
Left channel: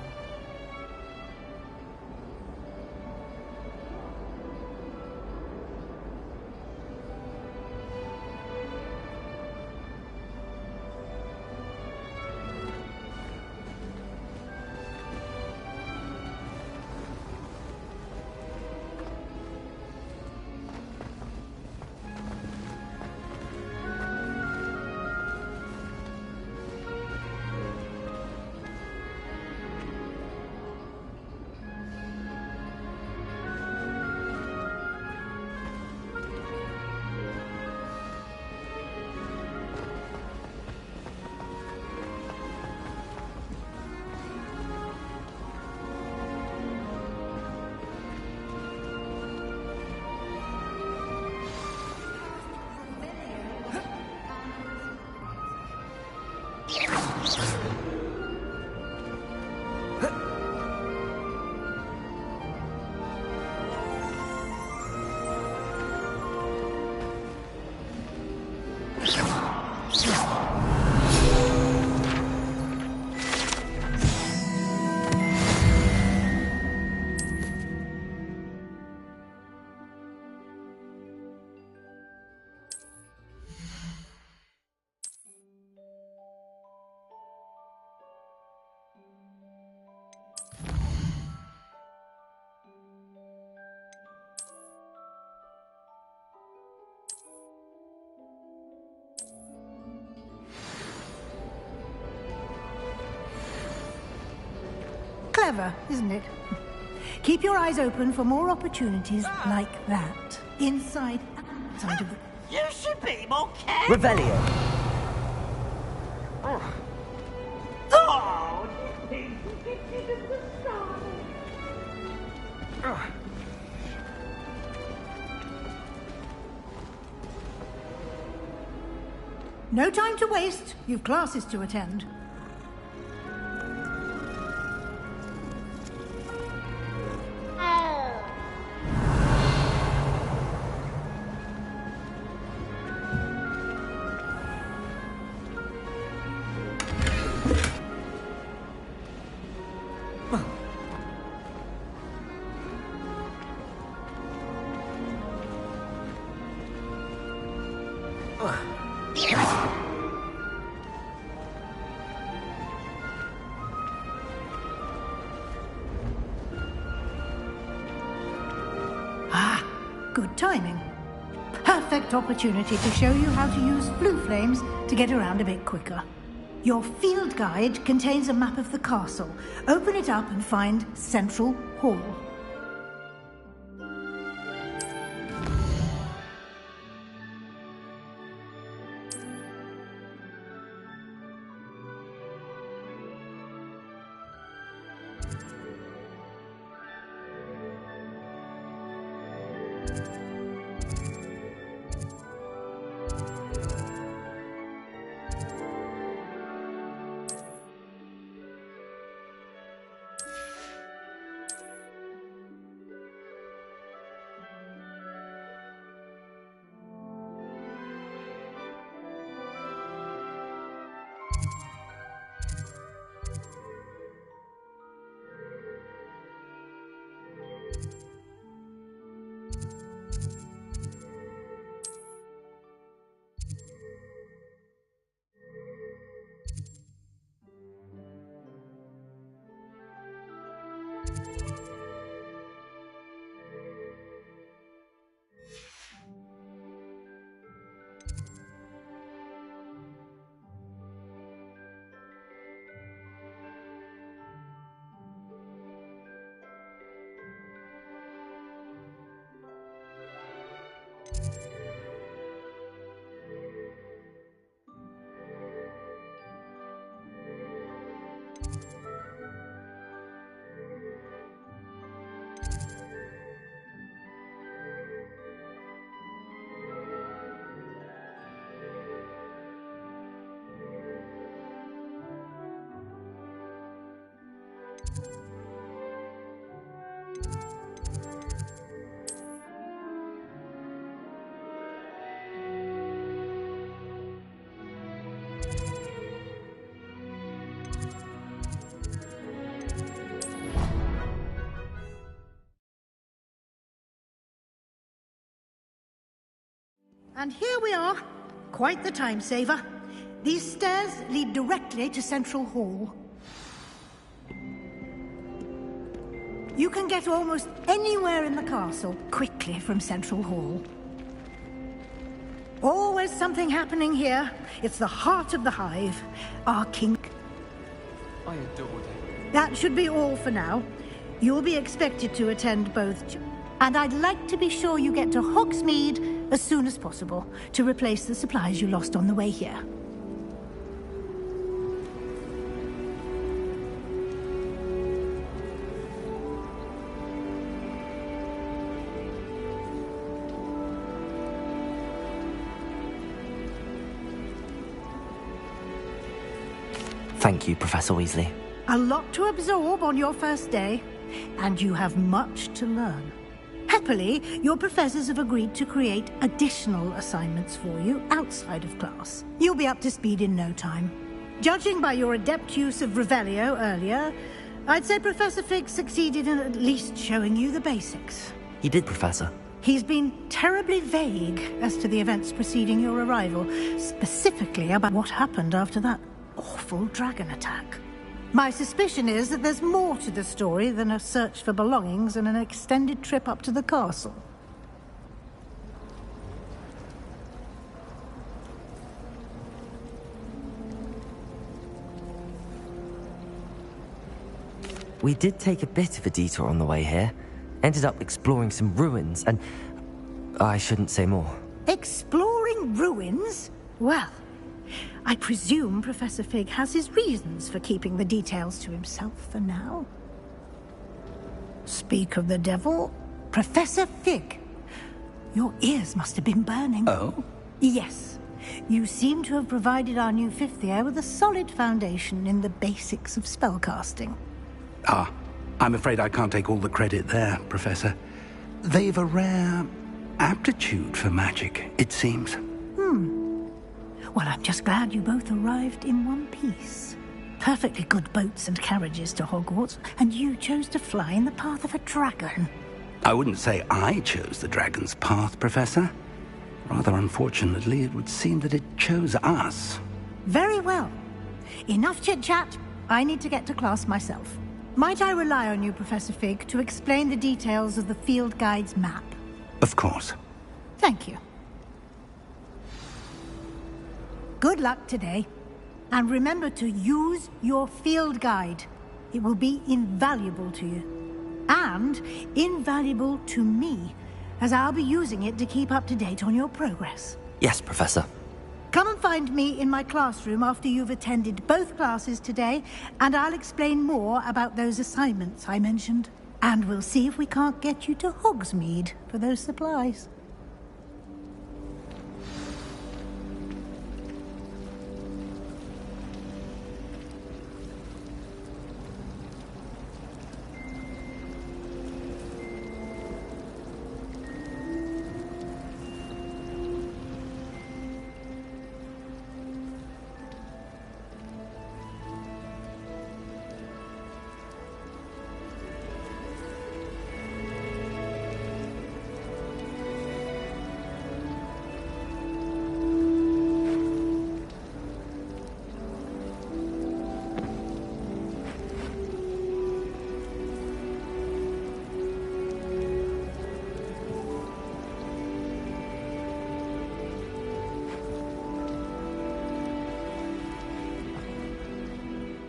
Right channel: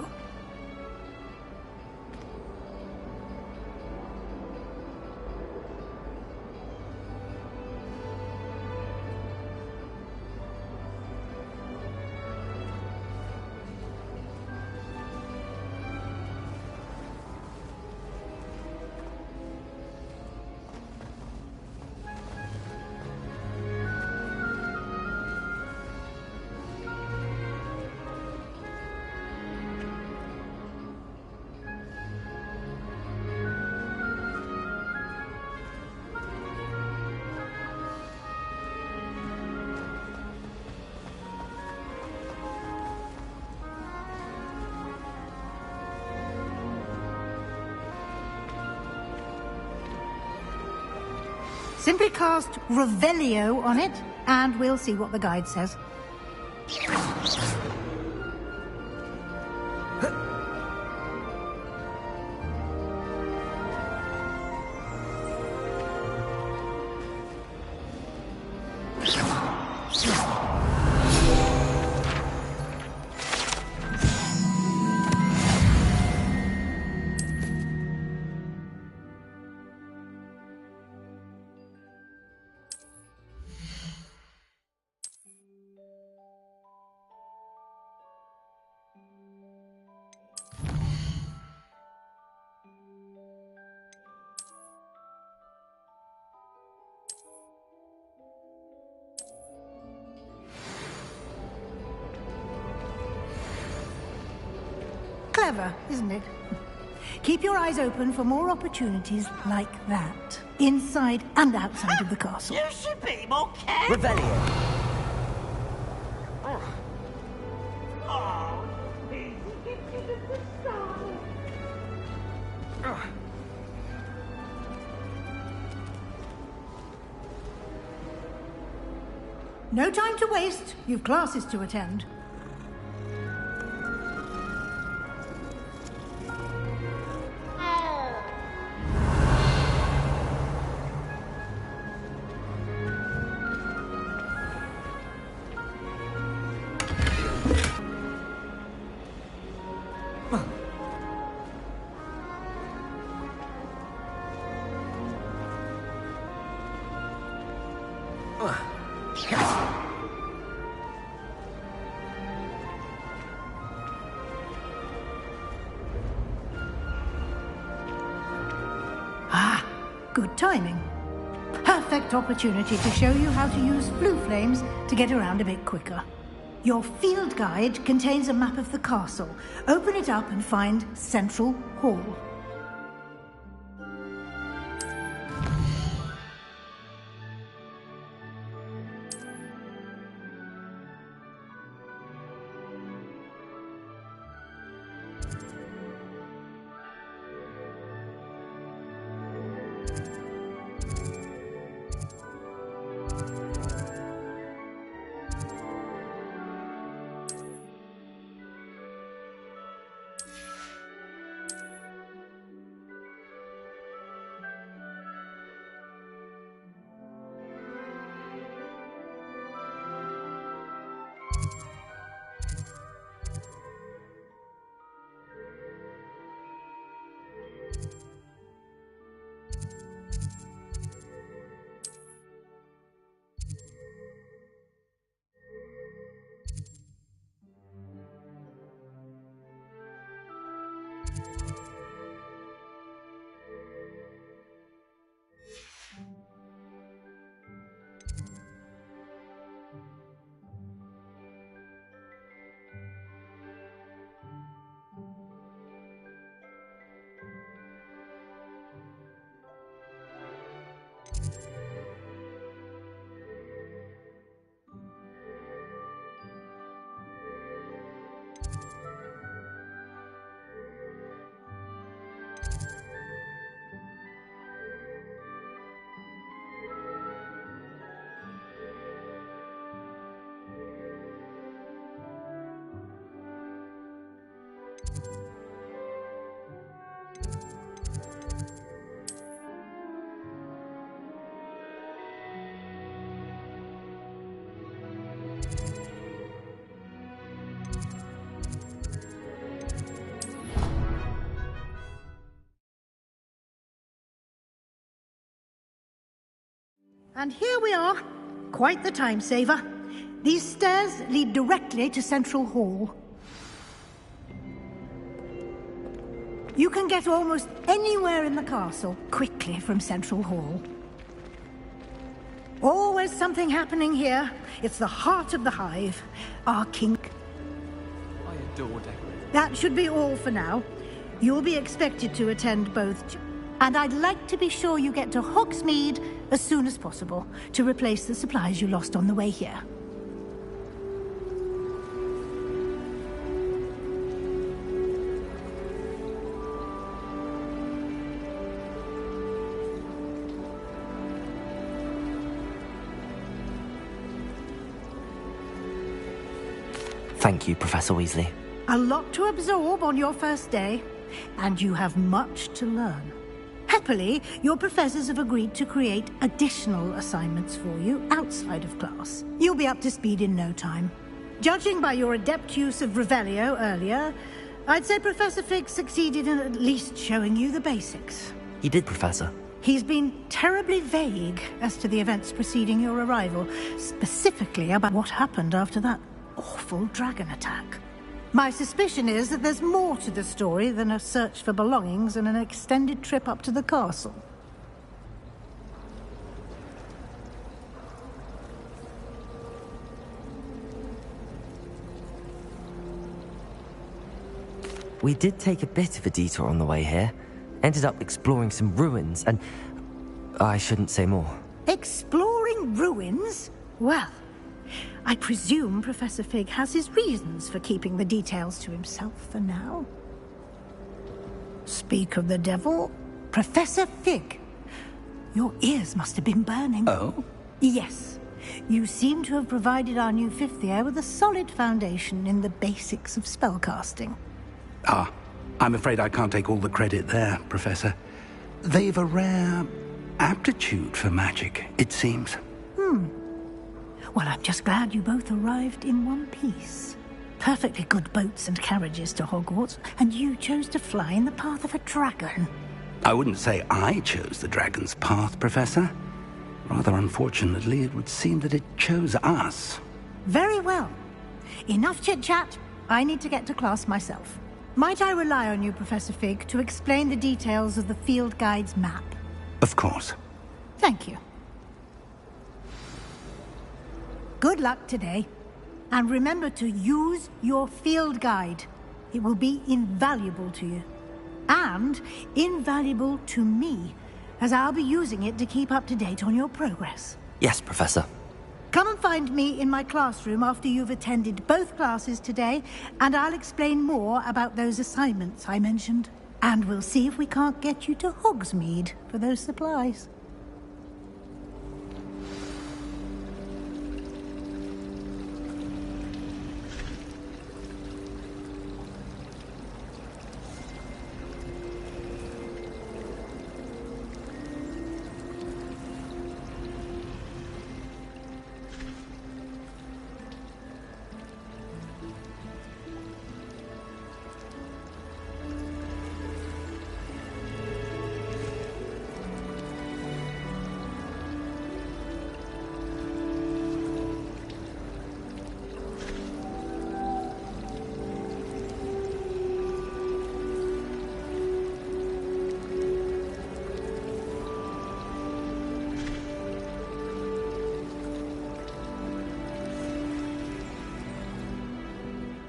Simply cast Revelio on it, and we'll see what the guide says. Clever, isn't it? Keep your eyes open for more opportunities like that, inside and outside of the castle. You should be more careful. Revelio. Oh, please, give me the sky. No time to waste. You've classes to attend. Ah, good timing. Perfect opportunity to show you how to use blue flames to get around a bit quicker. Your field guide contains a map of the castle. Open it up and find Central Hall. And here we are. Quite the time saver. These stairs lead directly to Central Hall. You can get almost anywhere in the castle quickly from Central Hall. Always something happening here. It's the heart of the hive. Our king. I adore decorating. That should be all for now. You'll be expected to attend both. And I'd like to be sure you get to Hogsmeade as soon as possible to replace the supplies you lost on the way here. Thank you, Professor Weasley. A lot to absorb on your first day, and you have much to learn. Happily, your professors have agreed to create additional assignments for you outside of class. You'll be up to speed in no time. Judging by your adept use of Revelio earlier, I'd say Professor Fig succeeded in at least showing you the basics. He did, Professor. He's been terribly vague as to the events preceding your arrival, specifically about what happened after that awful dragon attack. My suspicion is that there's more to the story than a search for belongings and an extended trip up to the castle. We did take a bit of a detour on the way here. Ended up exploring some ruins, and I shouldn't say more. Exploring ruins? Well, I presume Professor Fig has his reasons for keeping the details to himself for now. Speak of the devil, Professor Fig. Your ears must have been burning. Oh? Yes. You seem to have provided our new fifth year with a solid foundation in the basics of spellcasting. Ah, I'm afraid I can't take all the credit there, Professor. They've a rare aptitude for magic, it seems. Well, I'm just glad you both arrived in one piece. Perfectly good boats and carriages to Hogwarts, and you chose to fly in the path of a dragon. I wouldn't say I chose the dragon's path, Professor. Rather unfortunately, it would seem that it chose us. Very well. Enough chit-chat. I need to get to class myself. Might I rely on you, Professor Fig, to explain the details of the field guide's map? Of course. Thank you. Good luck today. And remember to use your field guide. It will be invaluable to you. And invaluable to me, as I'll be using it to keep up to date on your progress. Yes, Professor. Come and find me in my classroom after you've attended both classes today, and I'll explain more about those assignments I mentioned. And we'll see if we can't get you to Hogsmeade for those supplies.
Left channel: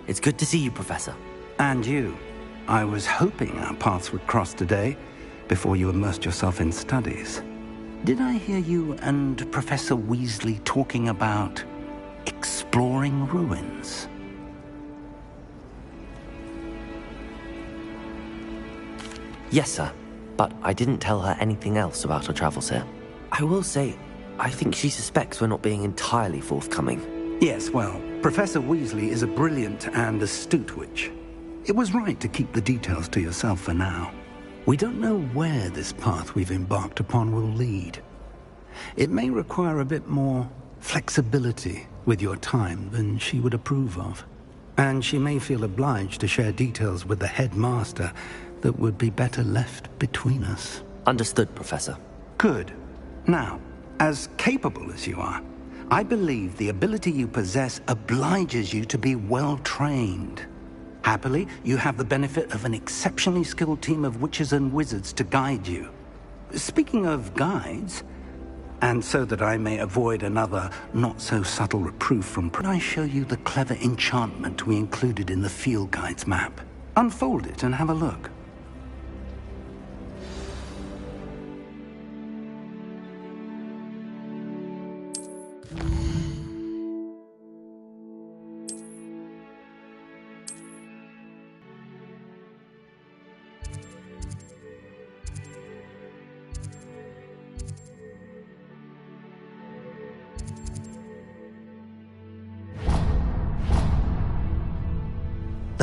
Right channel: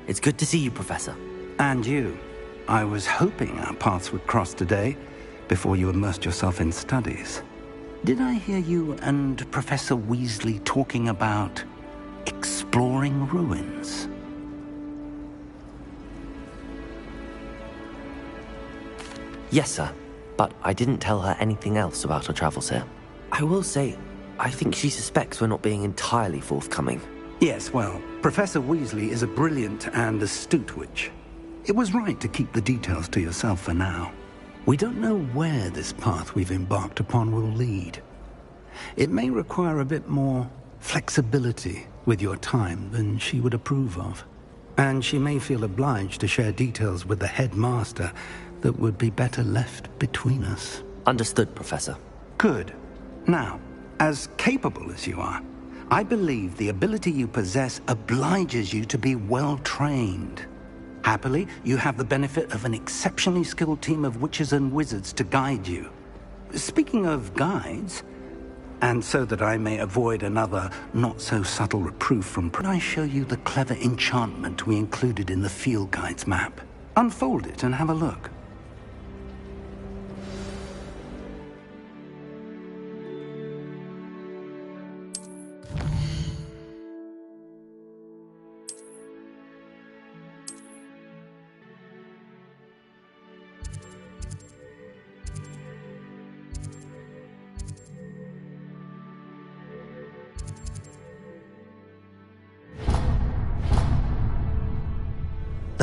It's good to see you, Professor. And you. I was hoping our paths would cross today, before you immersed yourself in studies. Did I hear you and Professor Weasley talking about exploring ruins? Yes, sir. But I didn't tell her anything else about her travels here. I will say, I think she suspects we're not being entirely forthcoming. Yes, well, Professor Weasley is a brilliant and astute witch. It was right to keep the details to yourself for now. We don't know where this path we've embarked upon will lead. It may require a bit more flexibility with your time than she would approve of. And she may feel obliged to share details with the headmaster that would be better left between us. Understood, Professor. Good. Now, as capable as you are, I believe the ability you possess obliges you to be well trained. Happily, you have the benefit of an exceptionally skilled team of witches and wizards to guide you. Speaking of guides, and so that I may avoid another not-so-subtle reproof from... Can I show you the clever enchantment we included in the field guide's map? Unfold it and have a look.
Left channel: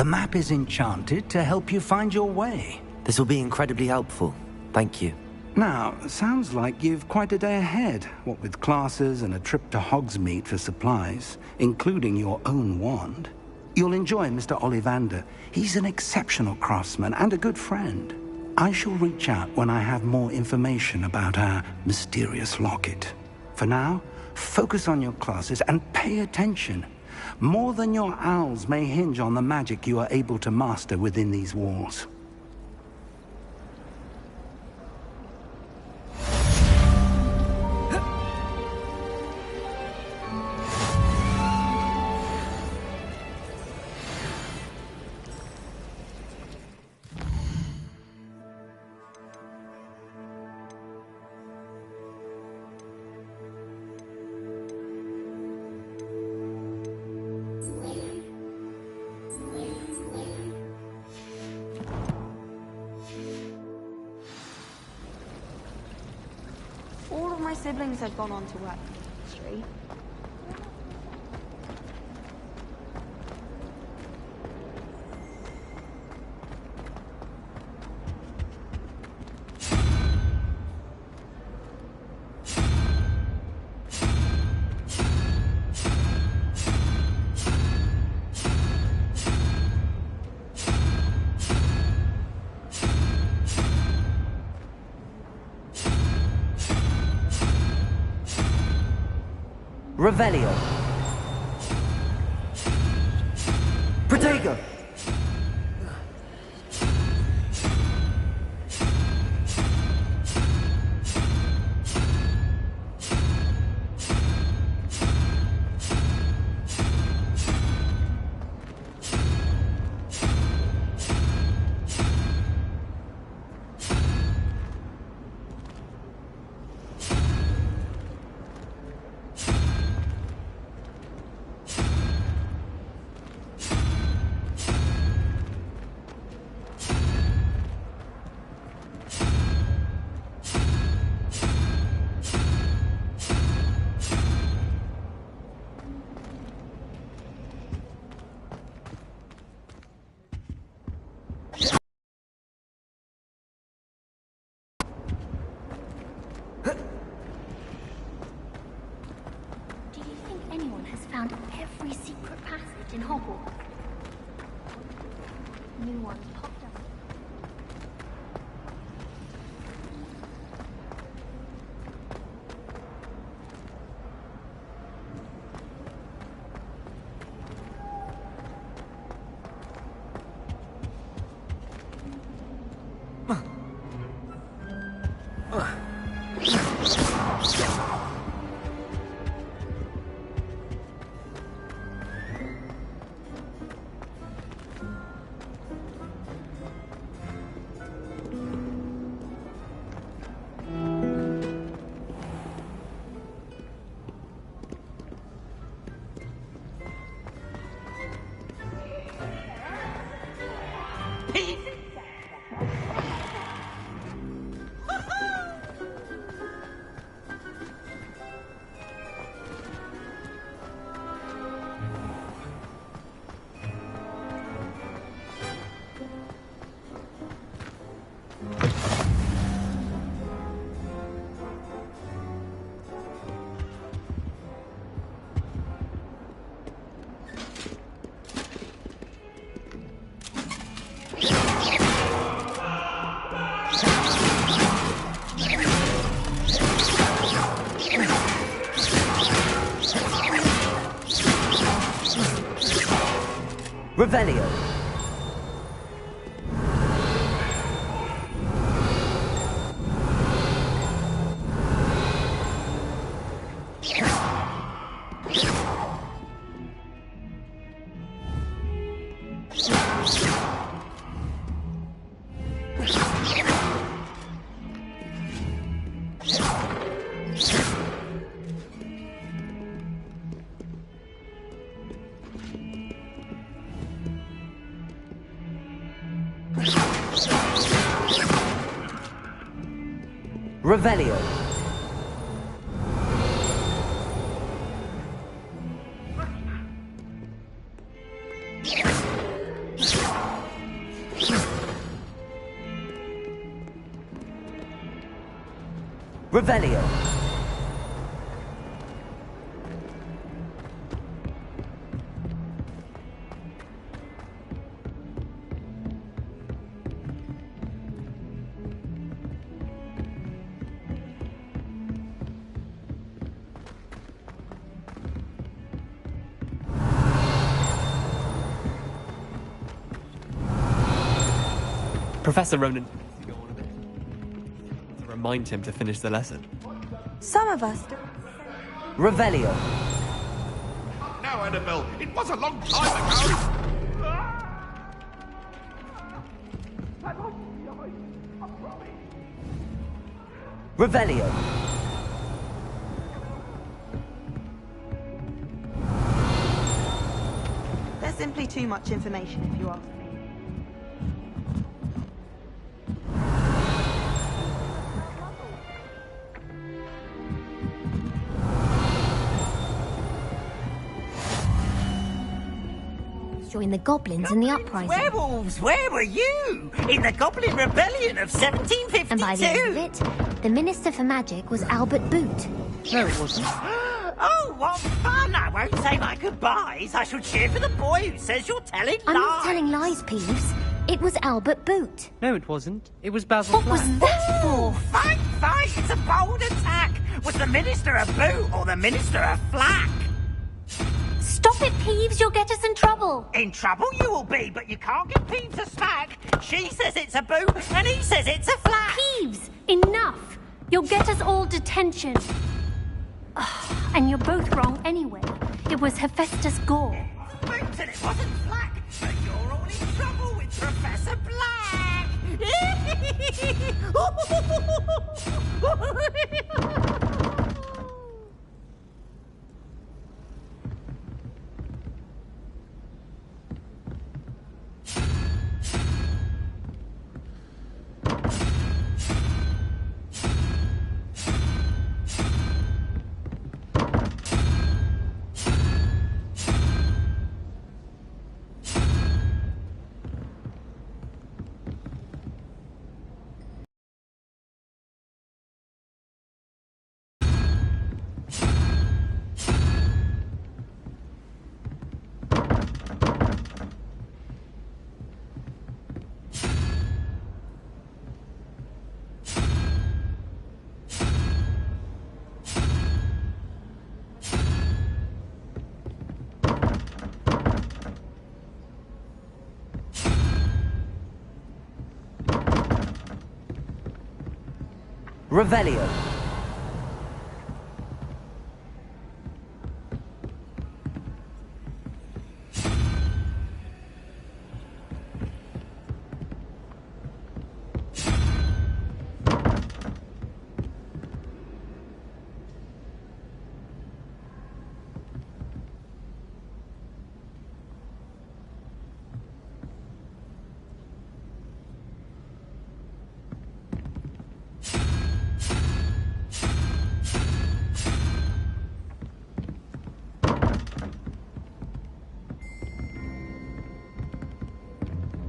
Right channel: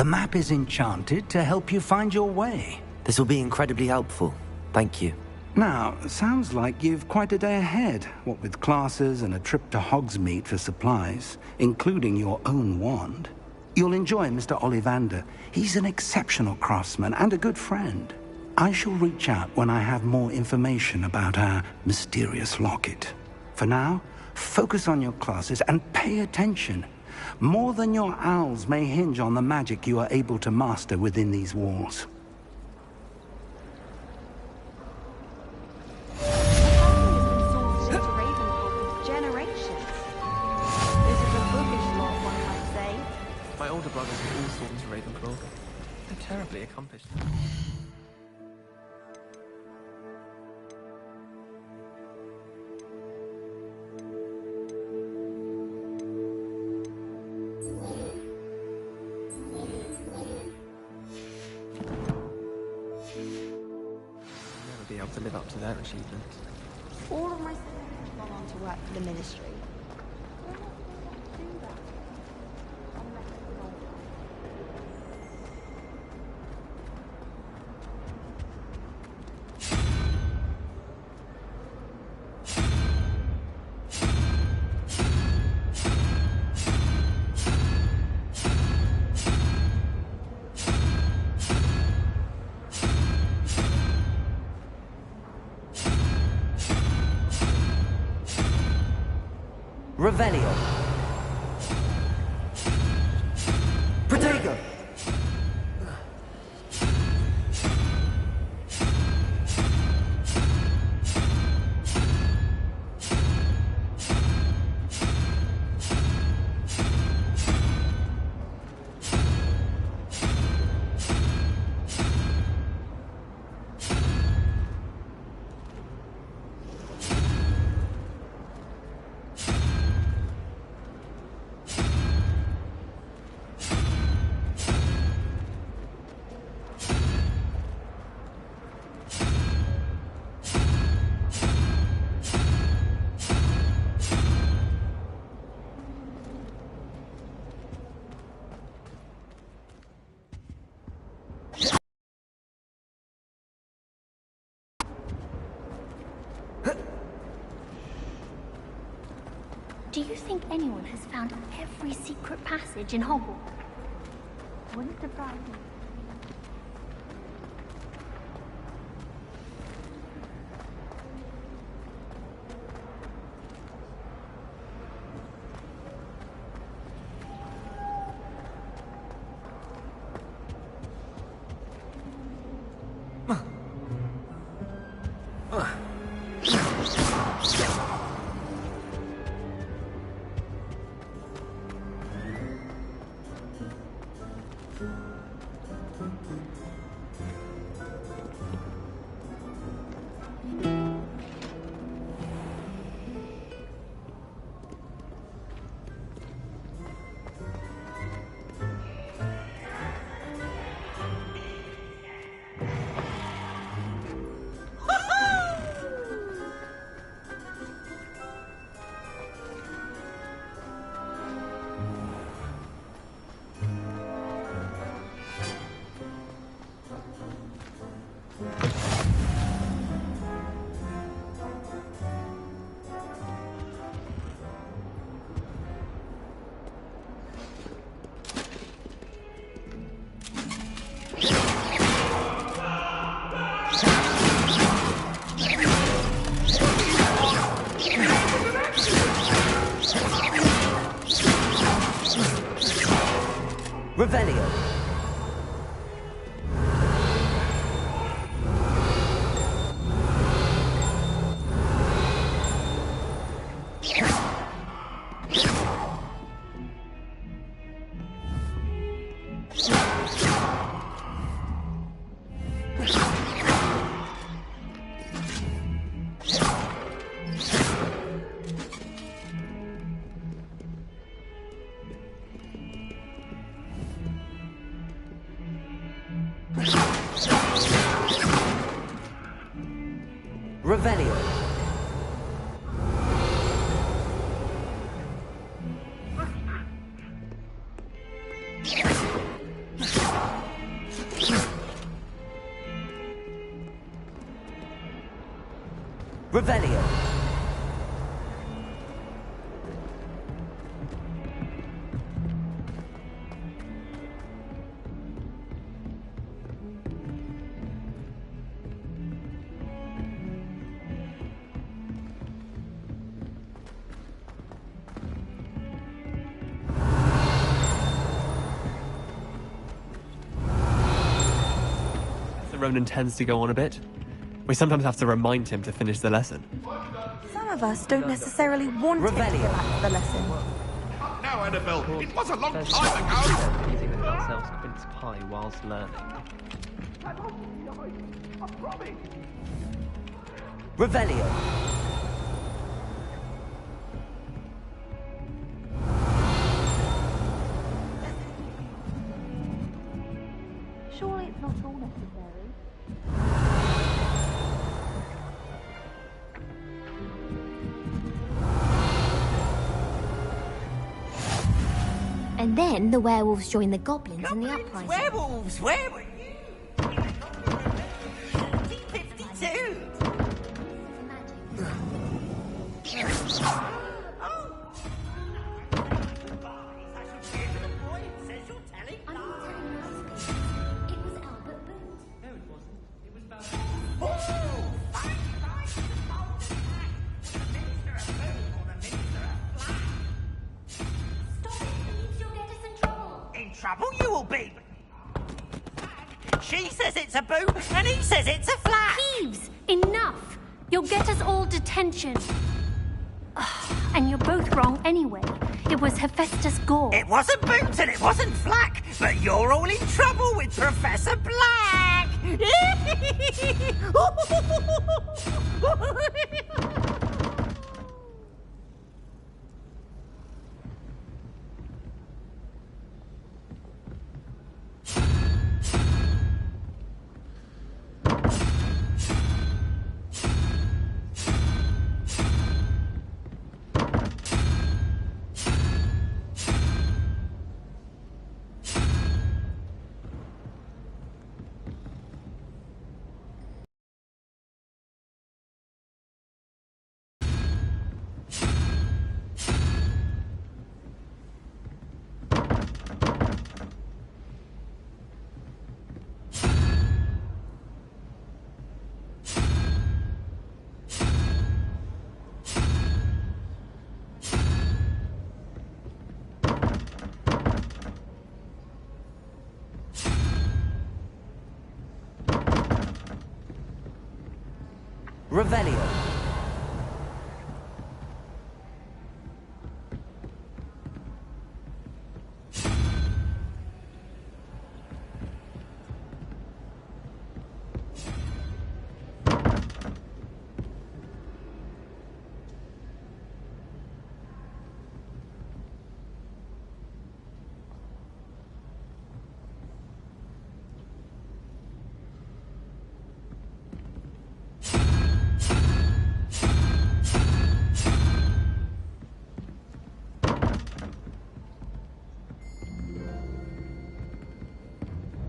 The map is enchanted to help you find your way. This will be incredibly helpful. Thank you. Now, sounds like you've quite a day ahead, what with classes and a trip to Hogsmeade for supplies, including your own wand. You'll enjoy Mr. Ollivander. He's an exceptional craftsman and a good friend. I shall reach out when I have more information about our mysterious locket. For now, focus on your classes and pay attention. More than your owls may hinge on the magic you are able to master within these walls. All of my siblings have gone on to work for the Ministry. Revelio. Protego. Do you think anyone has found every secret passage in Hogwarts? Wouldn't surprise me if anyone. Revelio. Revelio. Revelio. Professor Ronan tends to go on a bit. We sometimes have to remind him to finish the lesson. Some of us don't necessarily want Revelio. the lesson. Now, Annabelle, it was a long time ago. Revelio. There's simply too much information if you ask me. Surely it's not all necessary. And then the werewolves joined the goblins in the uprising. Werewolves, where were you? In the Goblin Rebellion of 1752. And by the end of it, the Minister for Magic was Albert Boot. No, it wasn't. Oh, what fun! I won't say my goodbyes. I shall cheer for the boy who says you're telling lies. I'm not telling lies, Peeves. It was Albert Boot. No, it wasn't. It was Basil What was Flack. that Oh, for? fight, fight! It's a bold attack! Was the Minister a boot or the Minister a flack? Stop it, Peeves. You'll get us in trouble. In trouble you will be, but you can't give Peeves a smack. She says it's a boot, and he says it's a flack. Peeves, enough. You'll get us all detention. And you're both wrong anyway. It was Hephaestus Gore. It wasn't boot and it wasn't flack, but you're all in trouble with Professor Black. Revelio.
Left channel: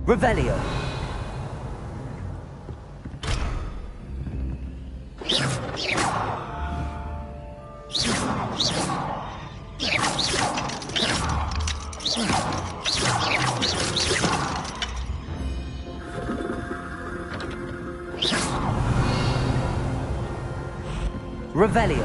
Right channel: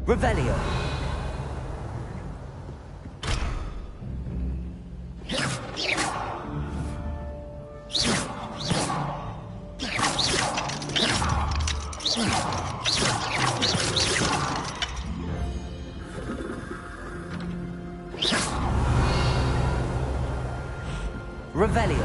Revelio. Revelio.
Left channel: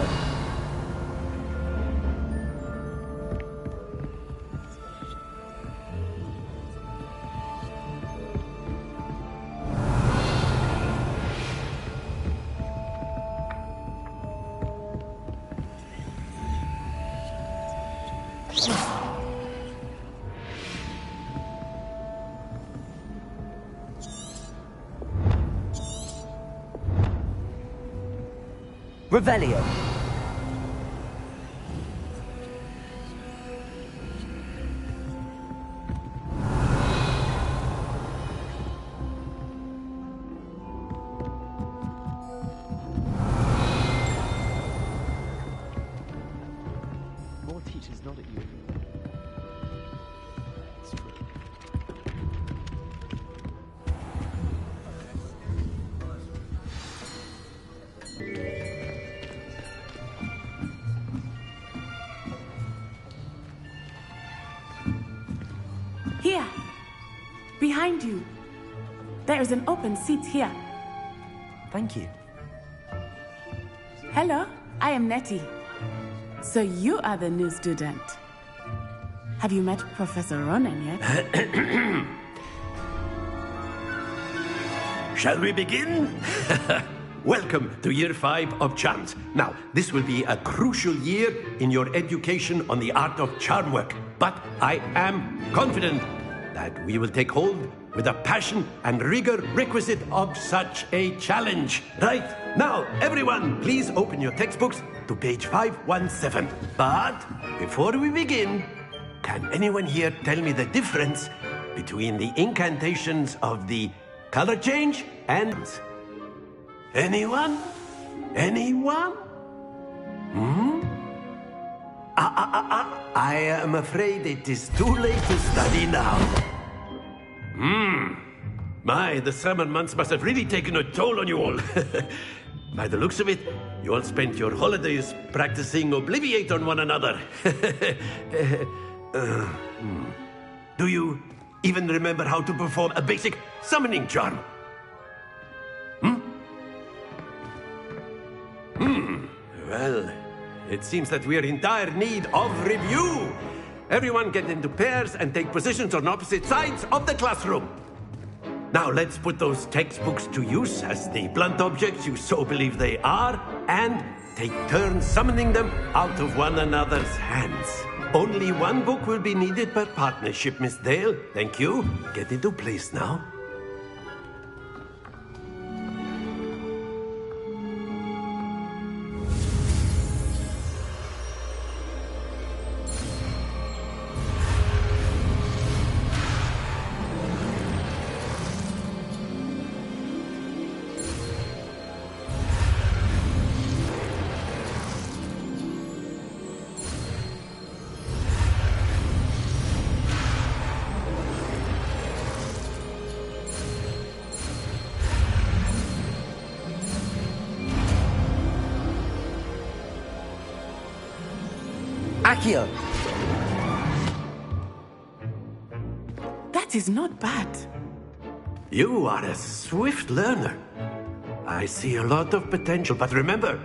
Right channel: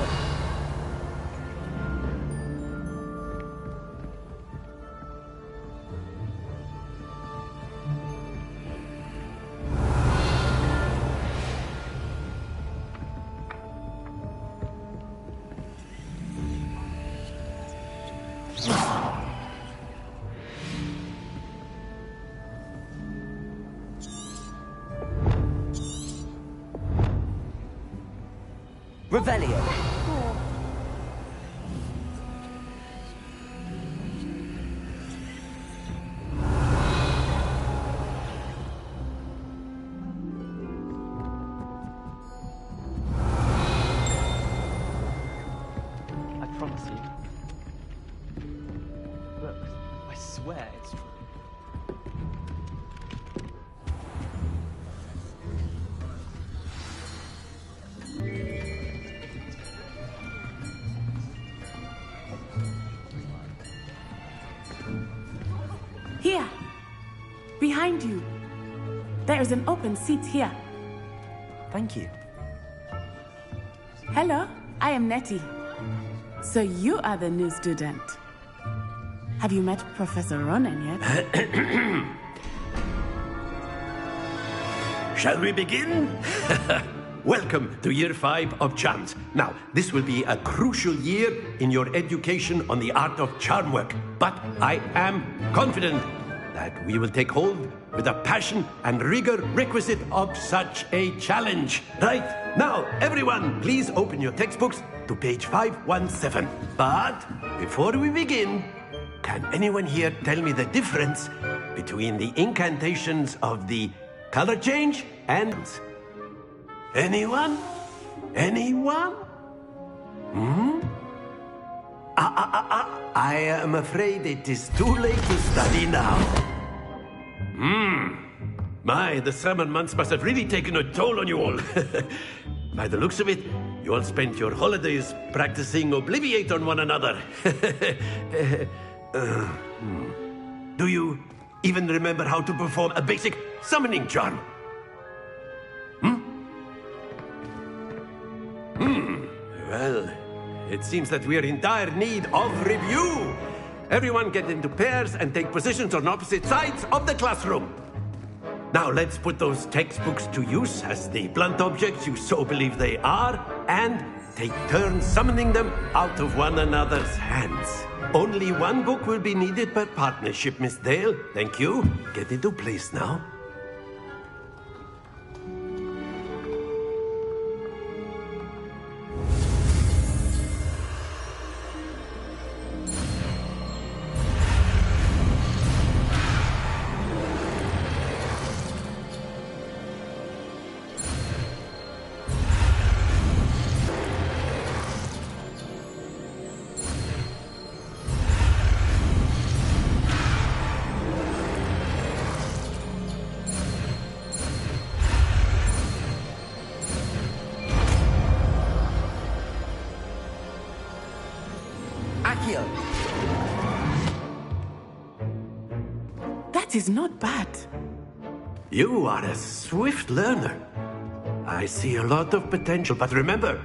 Revelio. I promise you, more teachers nod at you. Look, I swear it's true. Here. Behind you. There is an open seat here. Thank you. Hello, I am Nettie. So you are the new student. Have you met Professor Ronan yet? Shall we begin? Welcome to Year 5 of Charms. Now, this will be a crucial year in your education on the art of charm work. But I am confident that we will take hold with the passion and rigor requisite of such a challenge. Right, now, everyone, please open your textbooks to page 517. But before we begin, can anyone here tell me the difference between the incantations of the color change and... Anyone? Anyone? I am afraid it is too late to study now. My, the summer months must have really taken a toll on you all. By the looks of it, you all spent your holidays practicing Obliviate on one another. Do you even remember how to perform a basic summoning charm? Well, it seems that we are in dire need of review. Everyone get into pairs and take positions on opposite sides of the classroom. Now let's put those textbooks to use as the blunt objects you so believe they are, and take turns summoning them out of one another's hands. Only one book will be needed per partnership, Miss Dale. Thank you. Get into place now. Accio! That is not bad. You are a swift learner. I see a lot of potential, but remember,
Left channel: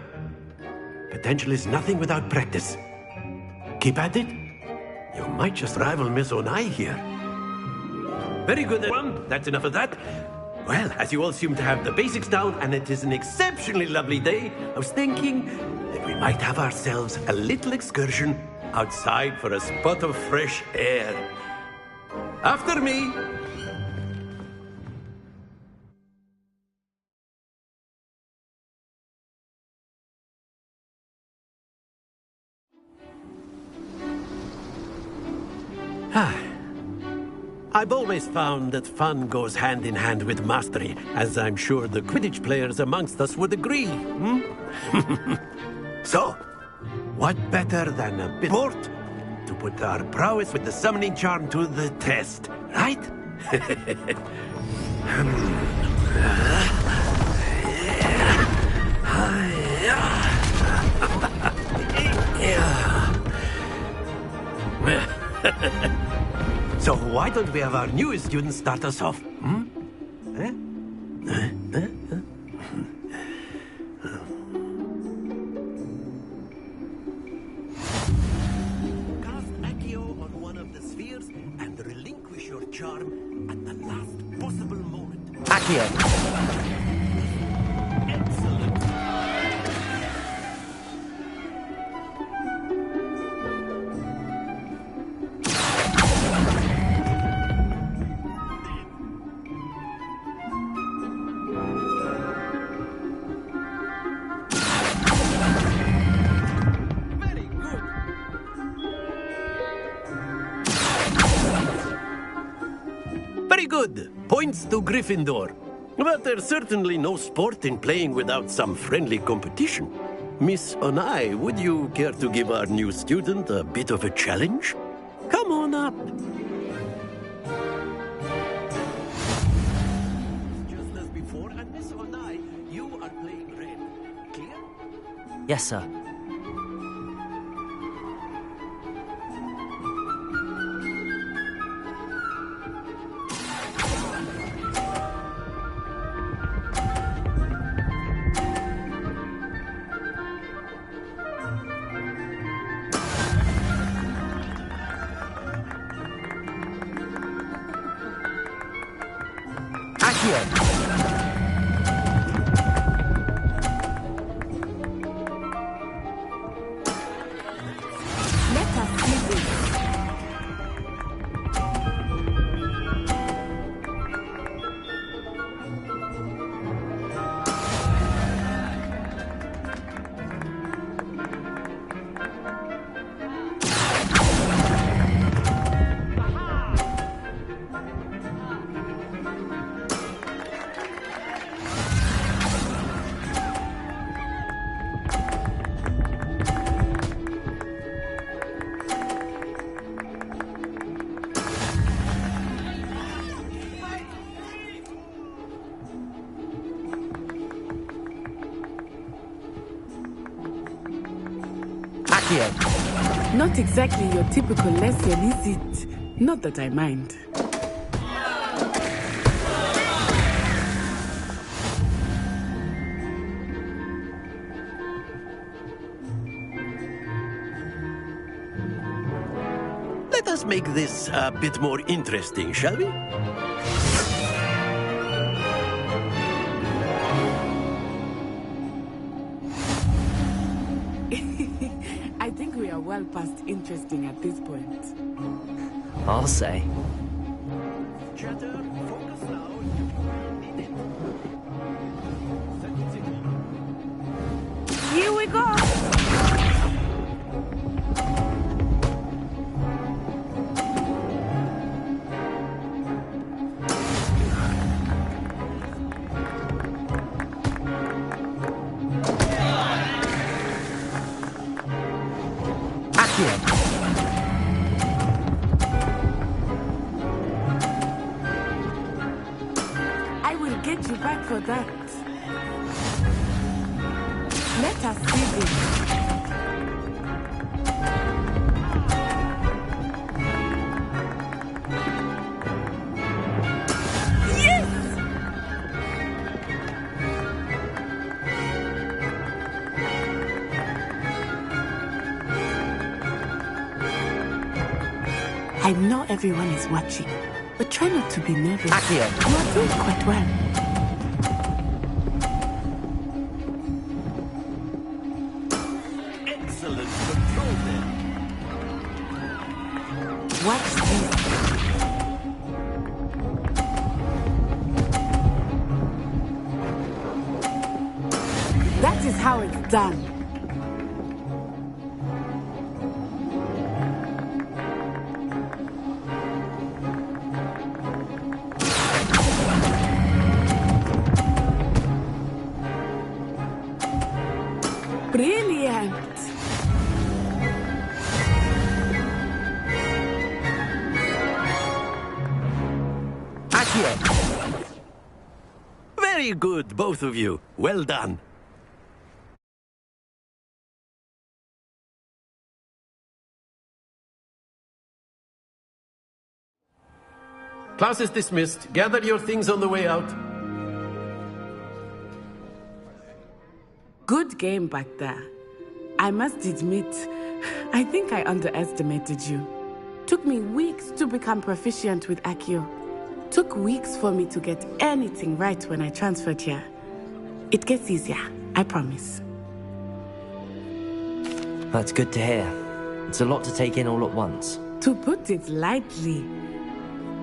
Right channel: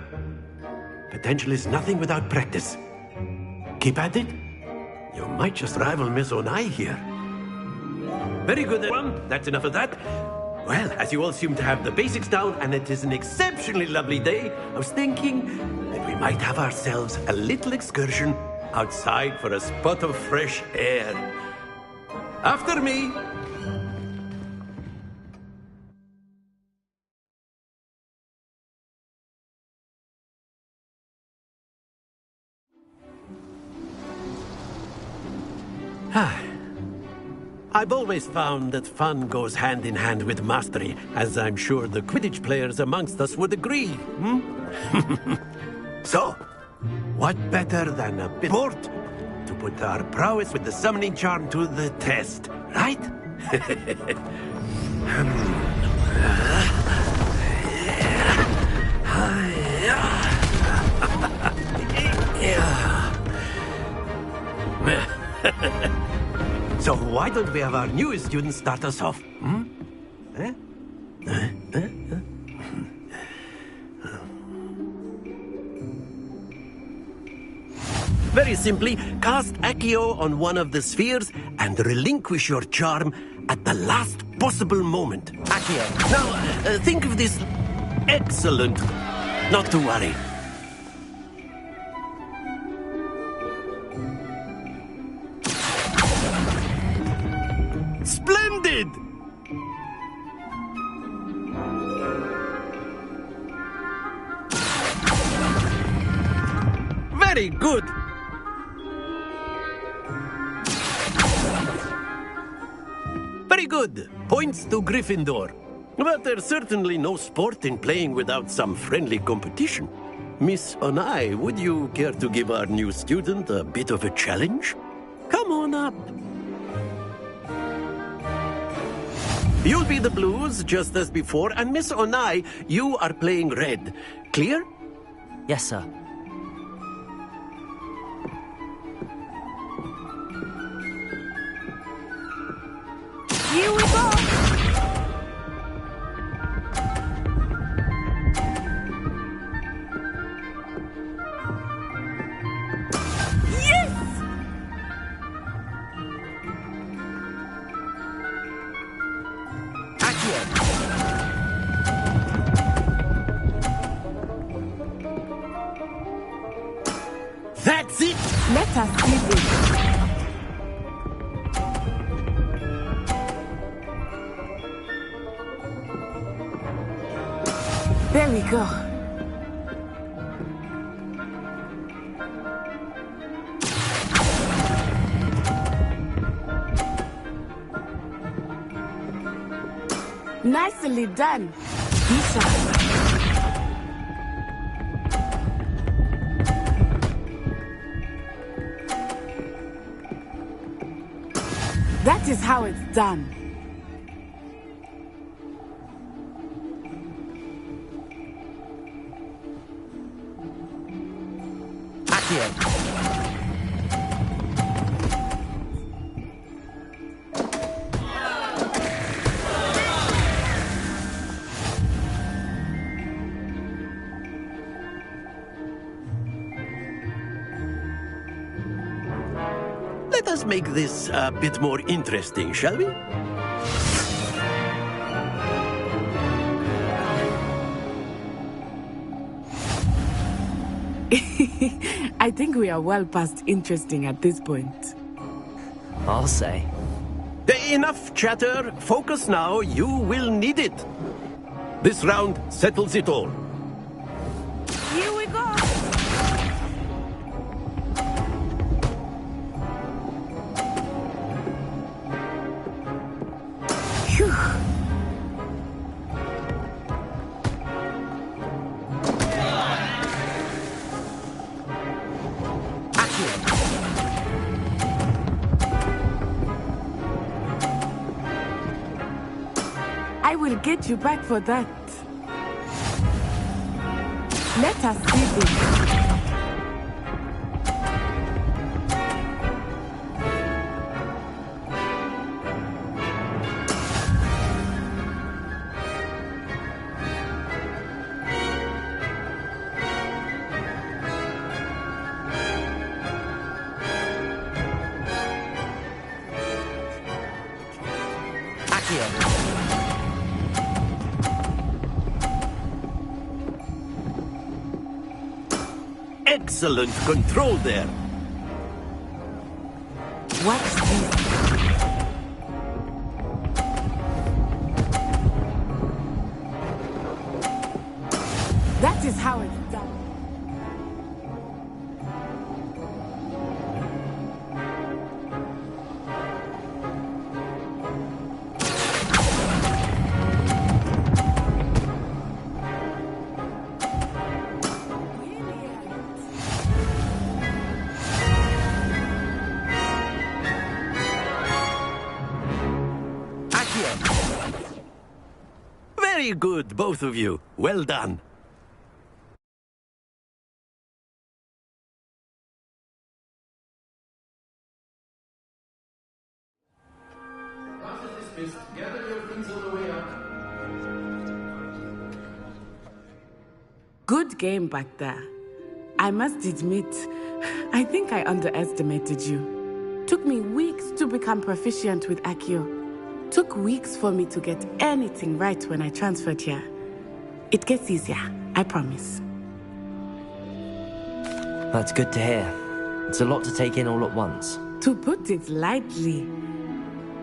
potential is nothing without practice. Keep at it. You might just rival Miss Onai here. Very good, everyone. That's enough of that. Well, as you all seem to have the basics down, and it is an exceptionally lovely day, I was thinking that we might have ourselves a little excursion outside for a spot of fresh air. After me. I've always found that fun goes hand in hand with mastery, as I'm sure the Quidditch players amongst us would agree. So, what better than a bit of sport to put our prowess with the summoning charm to the test, right? So why don't we have our newest student start us off? Very simply, cast Accio on one of the spheres and relinquish your charm at the last possible moment. Accio! Now, think of this... Excellent. Not to worry. Splendid! Very good. Very good. Points to Gryffindor. But there's certainly no sport in playing without some friendly competition. Miss Onai, would you care to give our new student a bit of a challenge? Come on up. You'll be the blues, just as before, and Miss Onai, you are playing red. Clear? Yes, sir. Here we go! That's it! Let us see this. There we go. Nicely done. That is how it's done. Accio. Not exactly your typical lesson, is it? Not that I mind. Let us make this a bit more interesting, shall we? I think we are well past interesting at this point. I'll say. Enough chatter. Focus now. You will need it. This round settles it all. Here we go. I will get you back for that. Let us see this. Yes! I know everyone is watching, but try not to be nervous. Accio. You're doing quite well. Excellent control there. Watch this. That is how it's done. Brilliant. Accio. Very good, both of you. Well done. Class is dismissed. Gather your things on the way out. Good game back there. I must admit, I think I underestimated you. Took me weeks to become proficient with Accio. Took weeks for me to get anything right when I transferred here. It gets easier, I promise. That's good to hear. It's a lot to take in all at once. To put it lightly,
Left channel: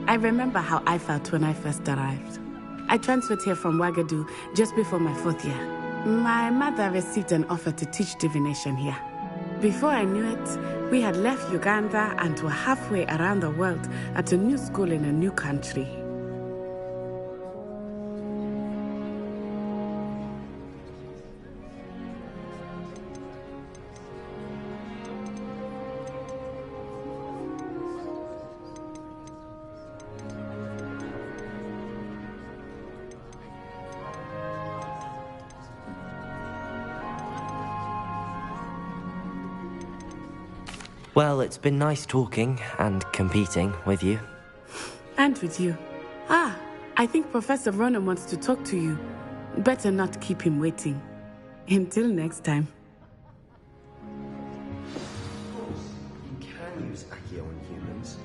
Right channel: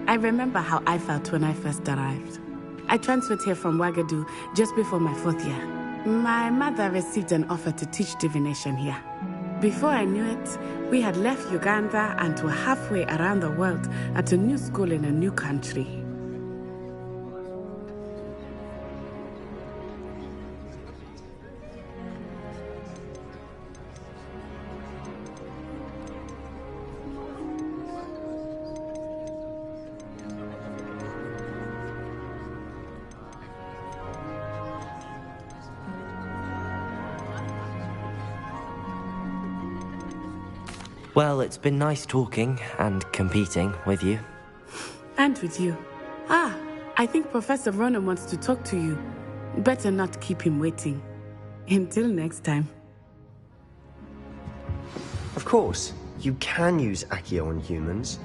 I remember how I felt when I first arrived. I transferred here from Wagadu just before my 4th year. My mother received an offer to teach divination here. Before I knew it, we had left Uganda and were halfway around the world at a new school in a new country. Well, it's been nice talking and competing with you. And with you. Ah, I think Professor Ronan wants to talk to you. Better not keep him waiting. Until next time. Of course, you can use Accio on humans,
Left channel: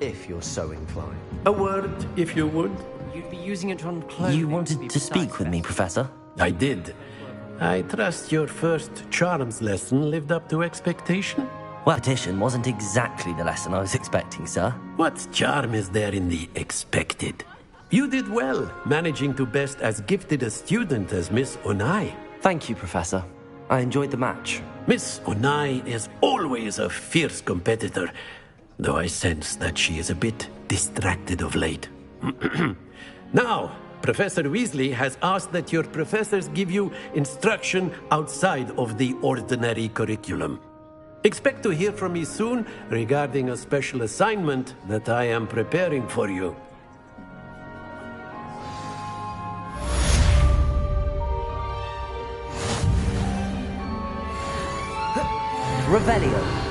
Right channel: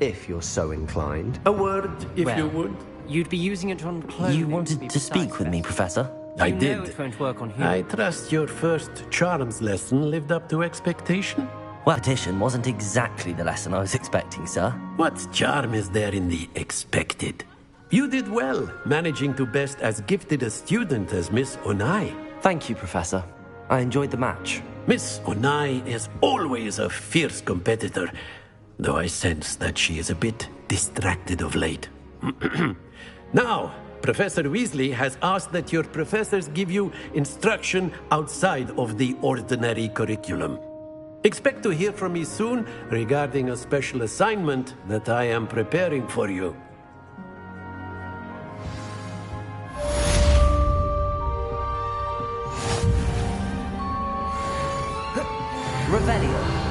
if you're so inclined. A word, if you would. You'd be using it on clothing. You wanted to speak with me, Professor? I did. I trust your first charms lesson lived up to expectation? Well, petition wasn't exactly the lesson I was expecting, sir. What charm is there in the expected? You did well, managing to best as gifted a student as Miss Onai. Thank you, Professor. I enjoyed the match. Miss Onai is always a fierce competitor, though I sense that she is a bit distracted of late. Now, Professor Weasley has asked that your professors give you instruction outside of the ordinary curriculum. Expect to hear from me soon regarding a special assignment that I am preparing for you. Revelio.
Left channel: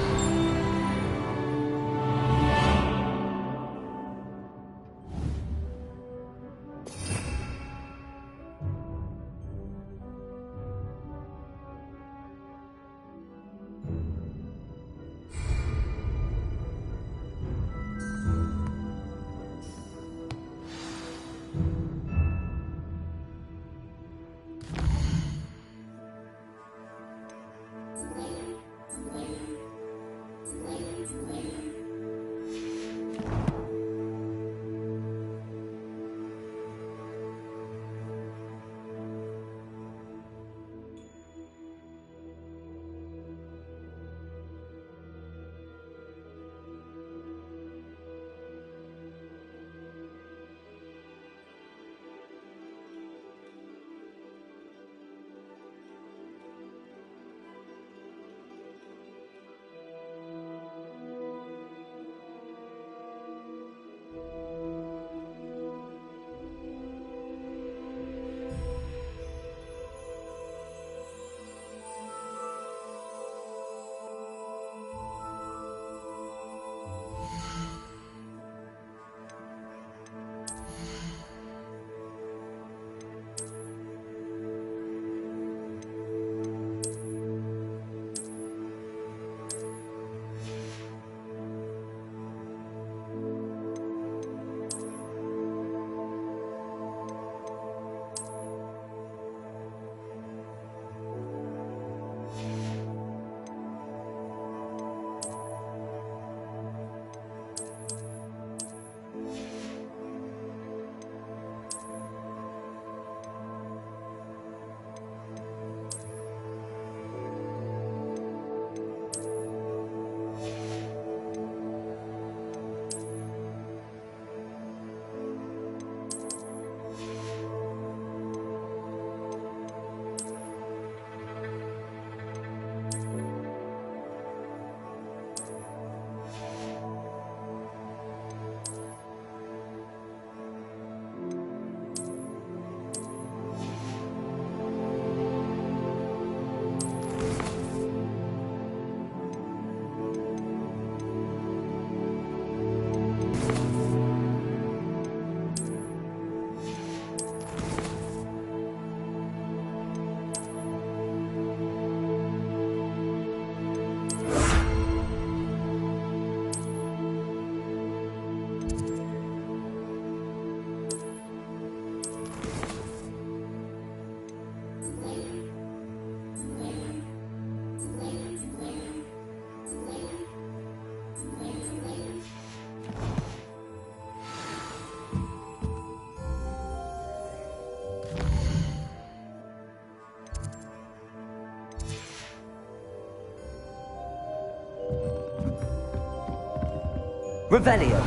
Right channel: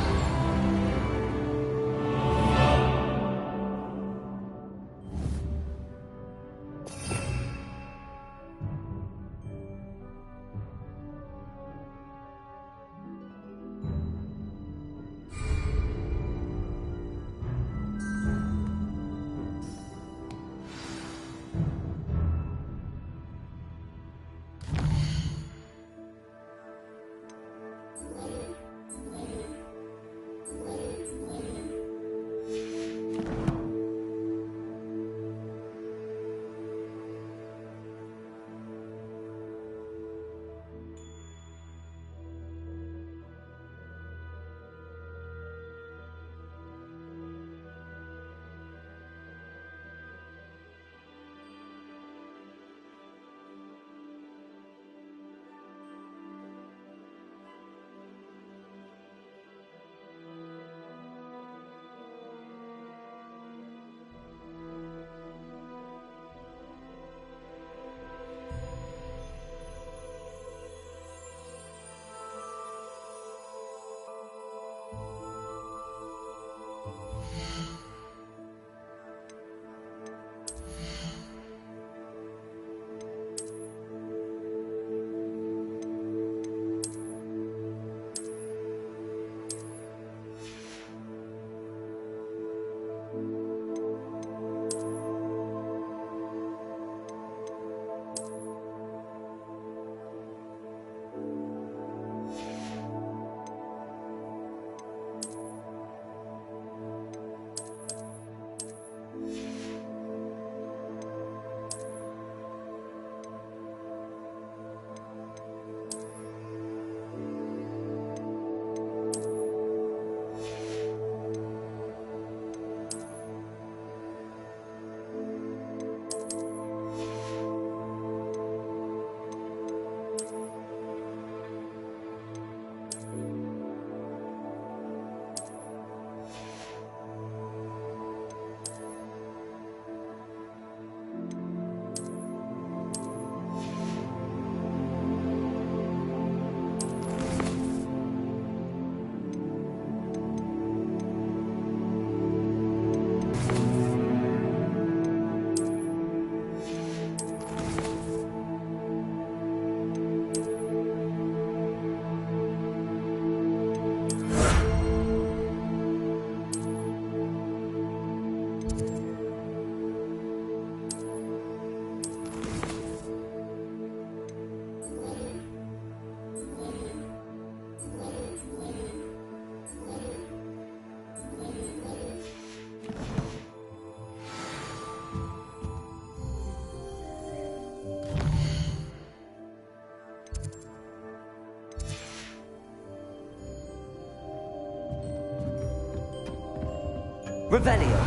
Revelio.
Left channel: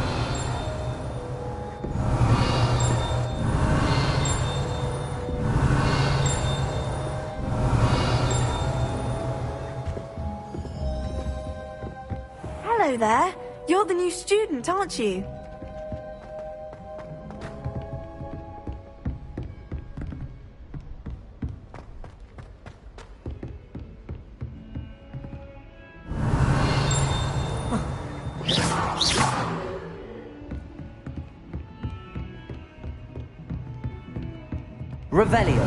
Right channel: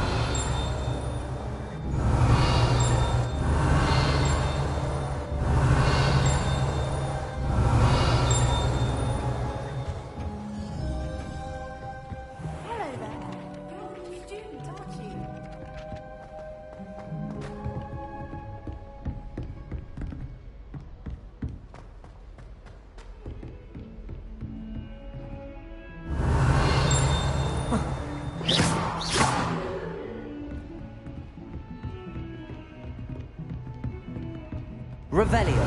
Hello there. You're the new student, aren't you? Revelio.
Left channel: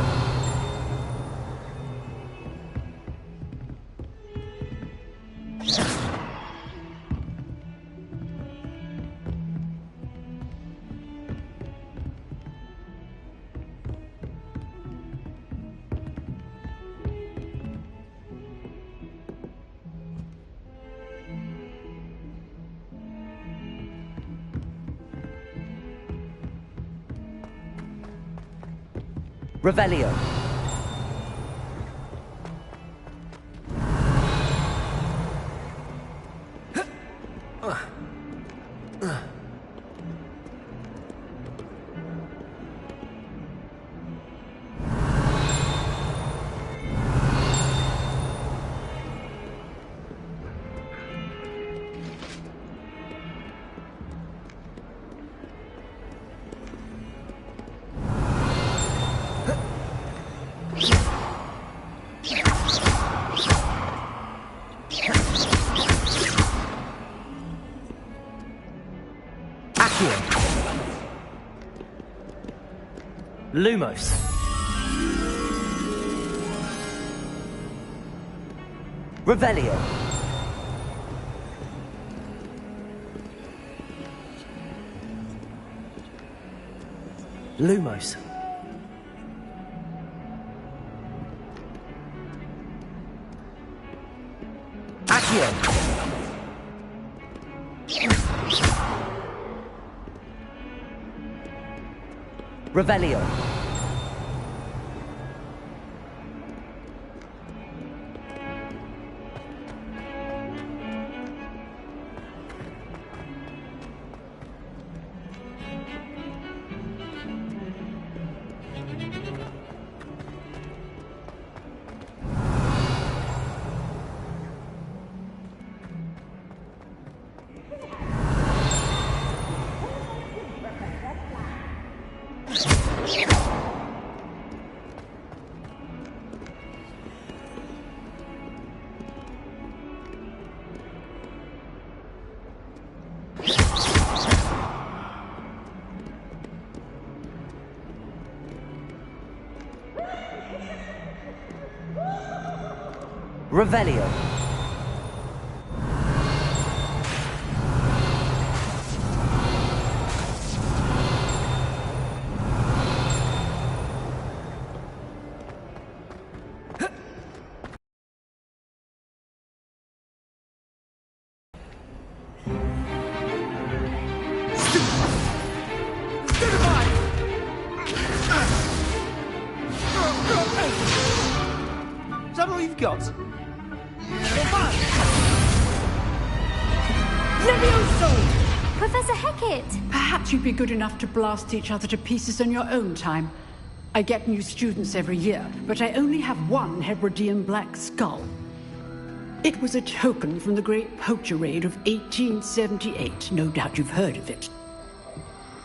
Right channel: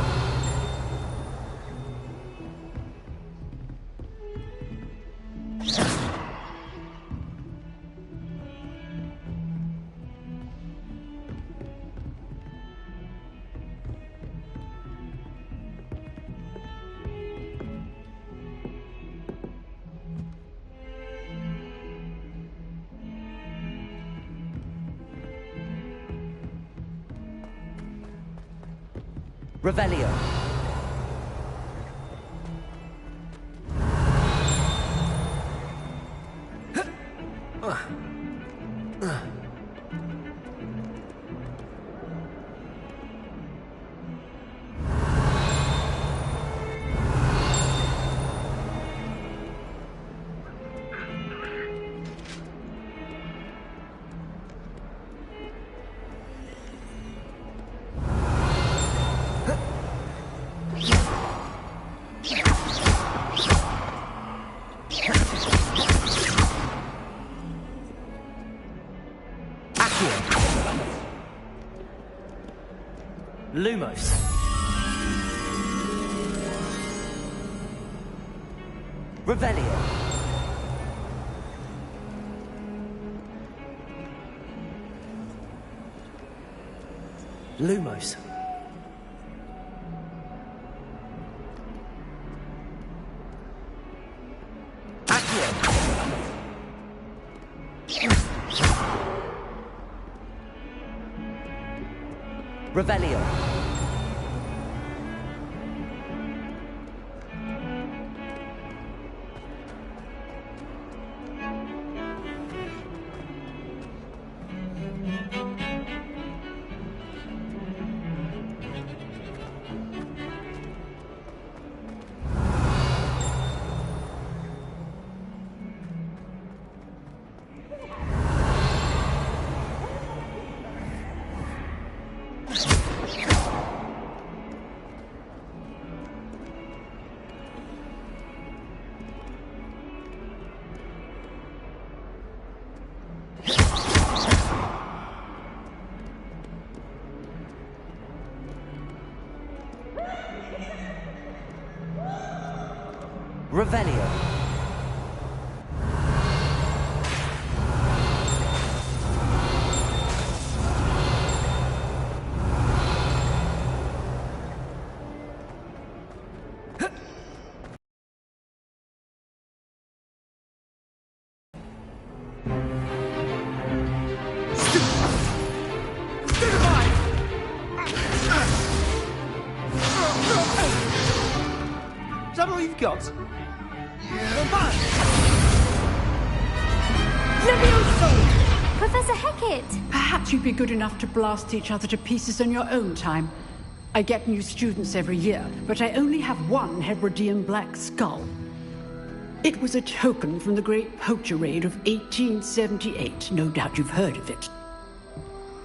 Revelio. Lumos. Revelio. Lumos. Accio. Revelio. Revelio. Is that all you've got? Levioso! Professor Hecat! Perhaps you'd be good enough to blast each other to pieces in your own time. I get new students every year, but I only have one Hebridean black skull. It was a token from the Great Poacher Raid of 1878. No doubt you've heard of it.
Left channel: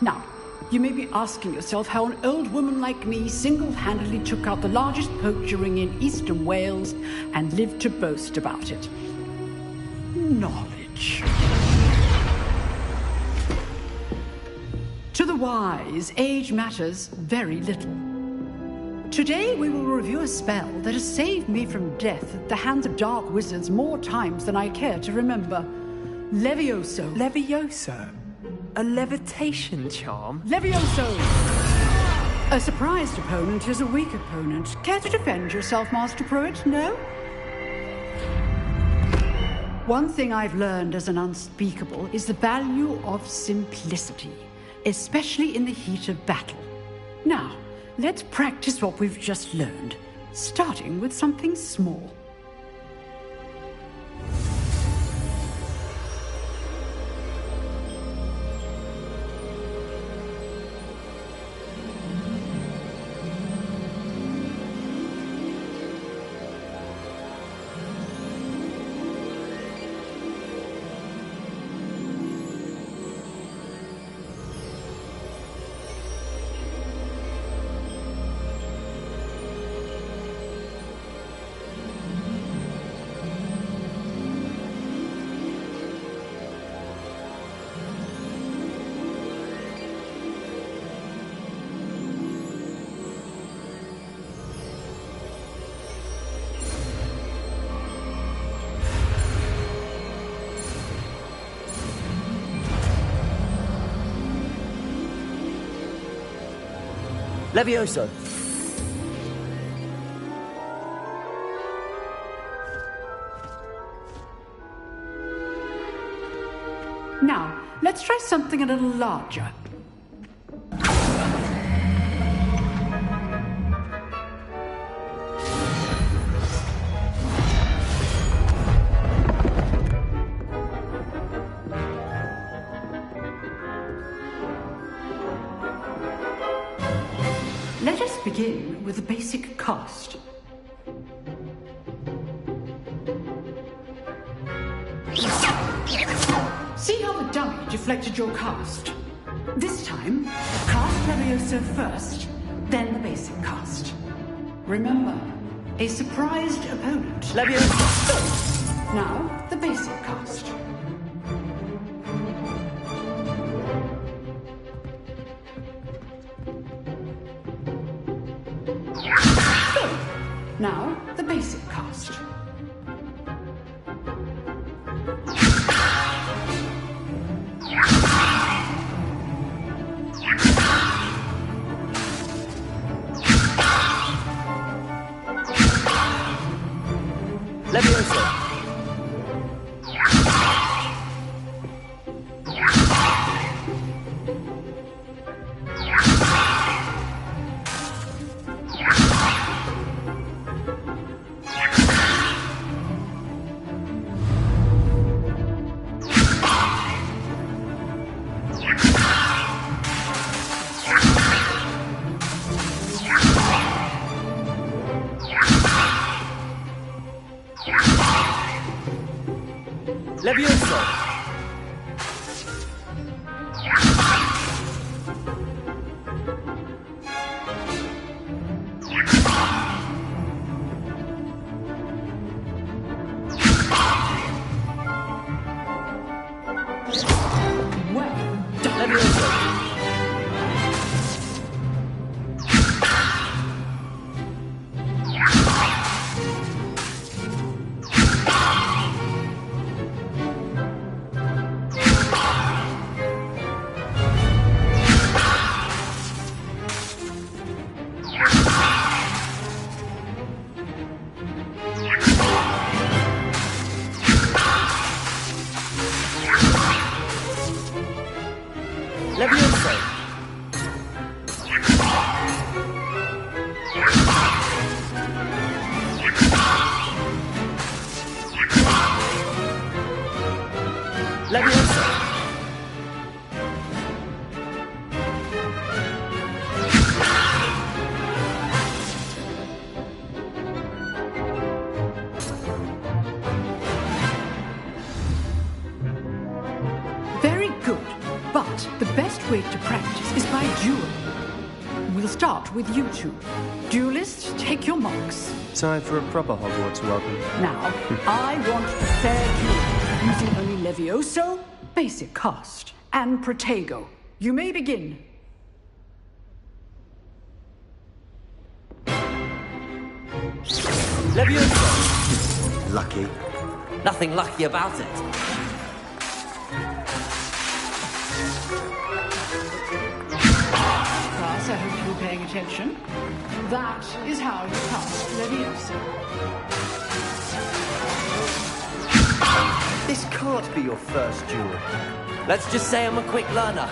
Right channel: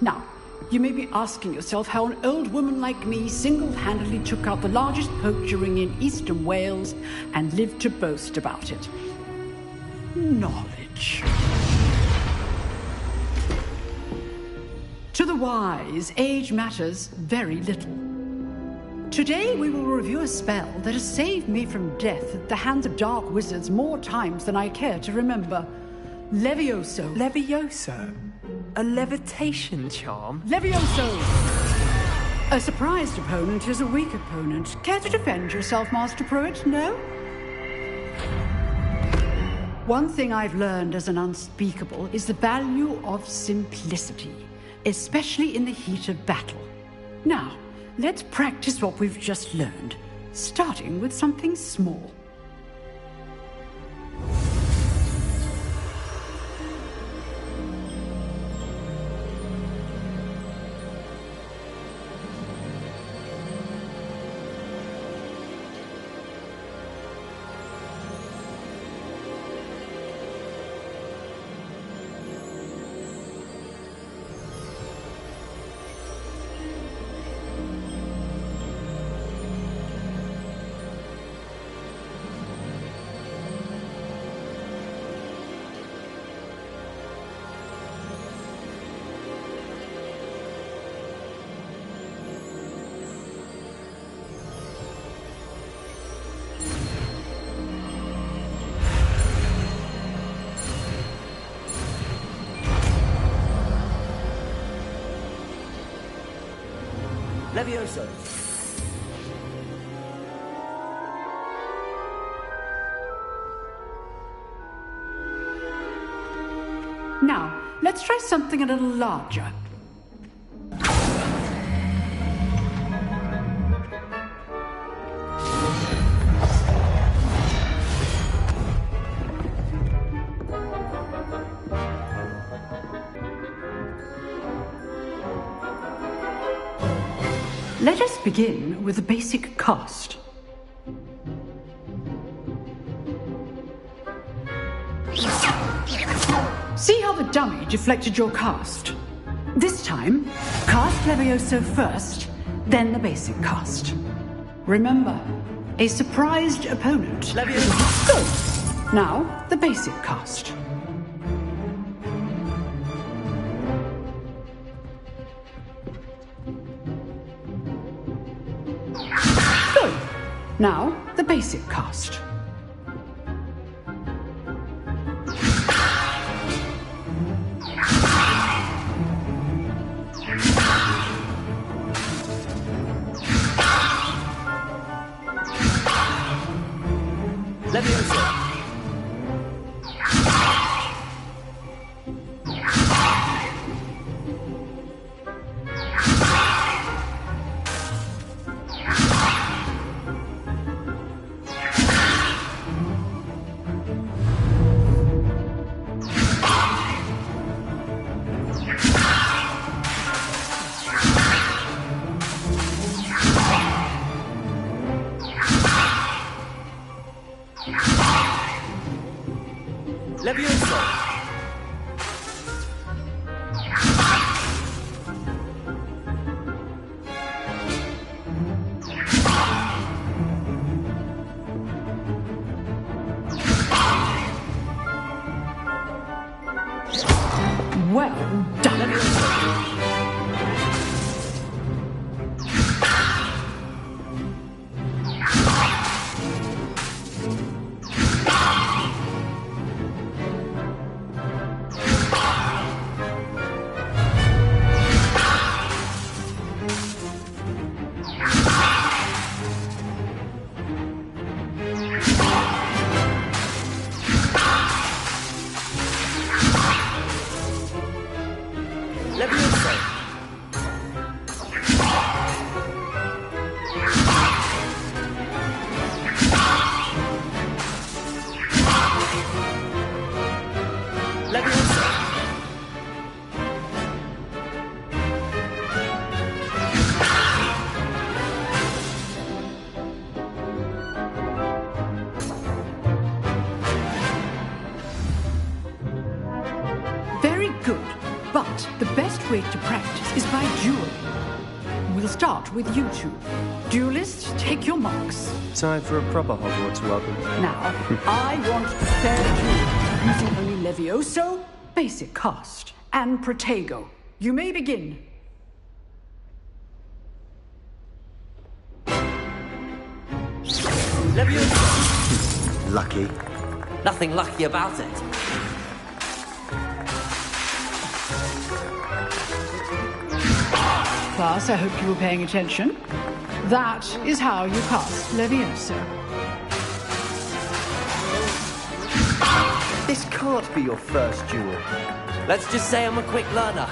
Now, you may be asking yourself how an old woman like me single-handedly took out the largest poacher ring in eastern Wales and lived to boast about it. Knowledge. To the wise, age matters very little. Today we will review a spell that has saved me from death at the hands of dark wizards more times than I care to remember. Levioso. Levioso? A levitation charm? Levioso! A surprised opponent is a weak opponent. Care to defend yourself, Master Pruitt? No? One thing I've learned as an unspeakable is the value of simplicity, especially in the heat of battle. Now, let's practice what we've just learned, starting with something small. Levioso! Now, let's try something a little larger. Let us begin with the basic cast. See how the dummy deflected your cast? This time, cast Levioso first, then the basic cast. Remember, a surprised opponent. Levioso! Now, the basic cast. Good. Now, the basic cast. Levioso! Levioso! Well done. Levioso! Levioso! Levioso! Very good. But the best way to practice is by dueling. We'll start with you two. Duelists, take your marks. Time for a proper Hogwarts welcome. Now, I want a fair duel, using only Levioso, basic cast, and Protego. You may begin. Levioso! Lucky. Nothing lucky about it. Class, I hope you were paying attention. That is how you cast Levioso. This can't be your first duel. Let's just say I'm a quick learner.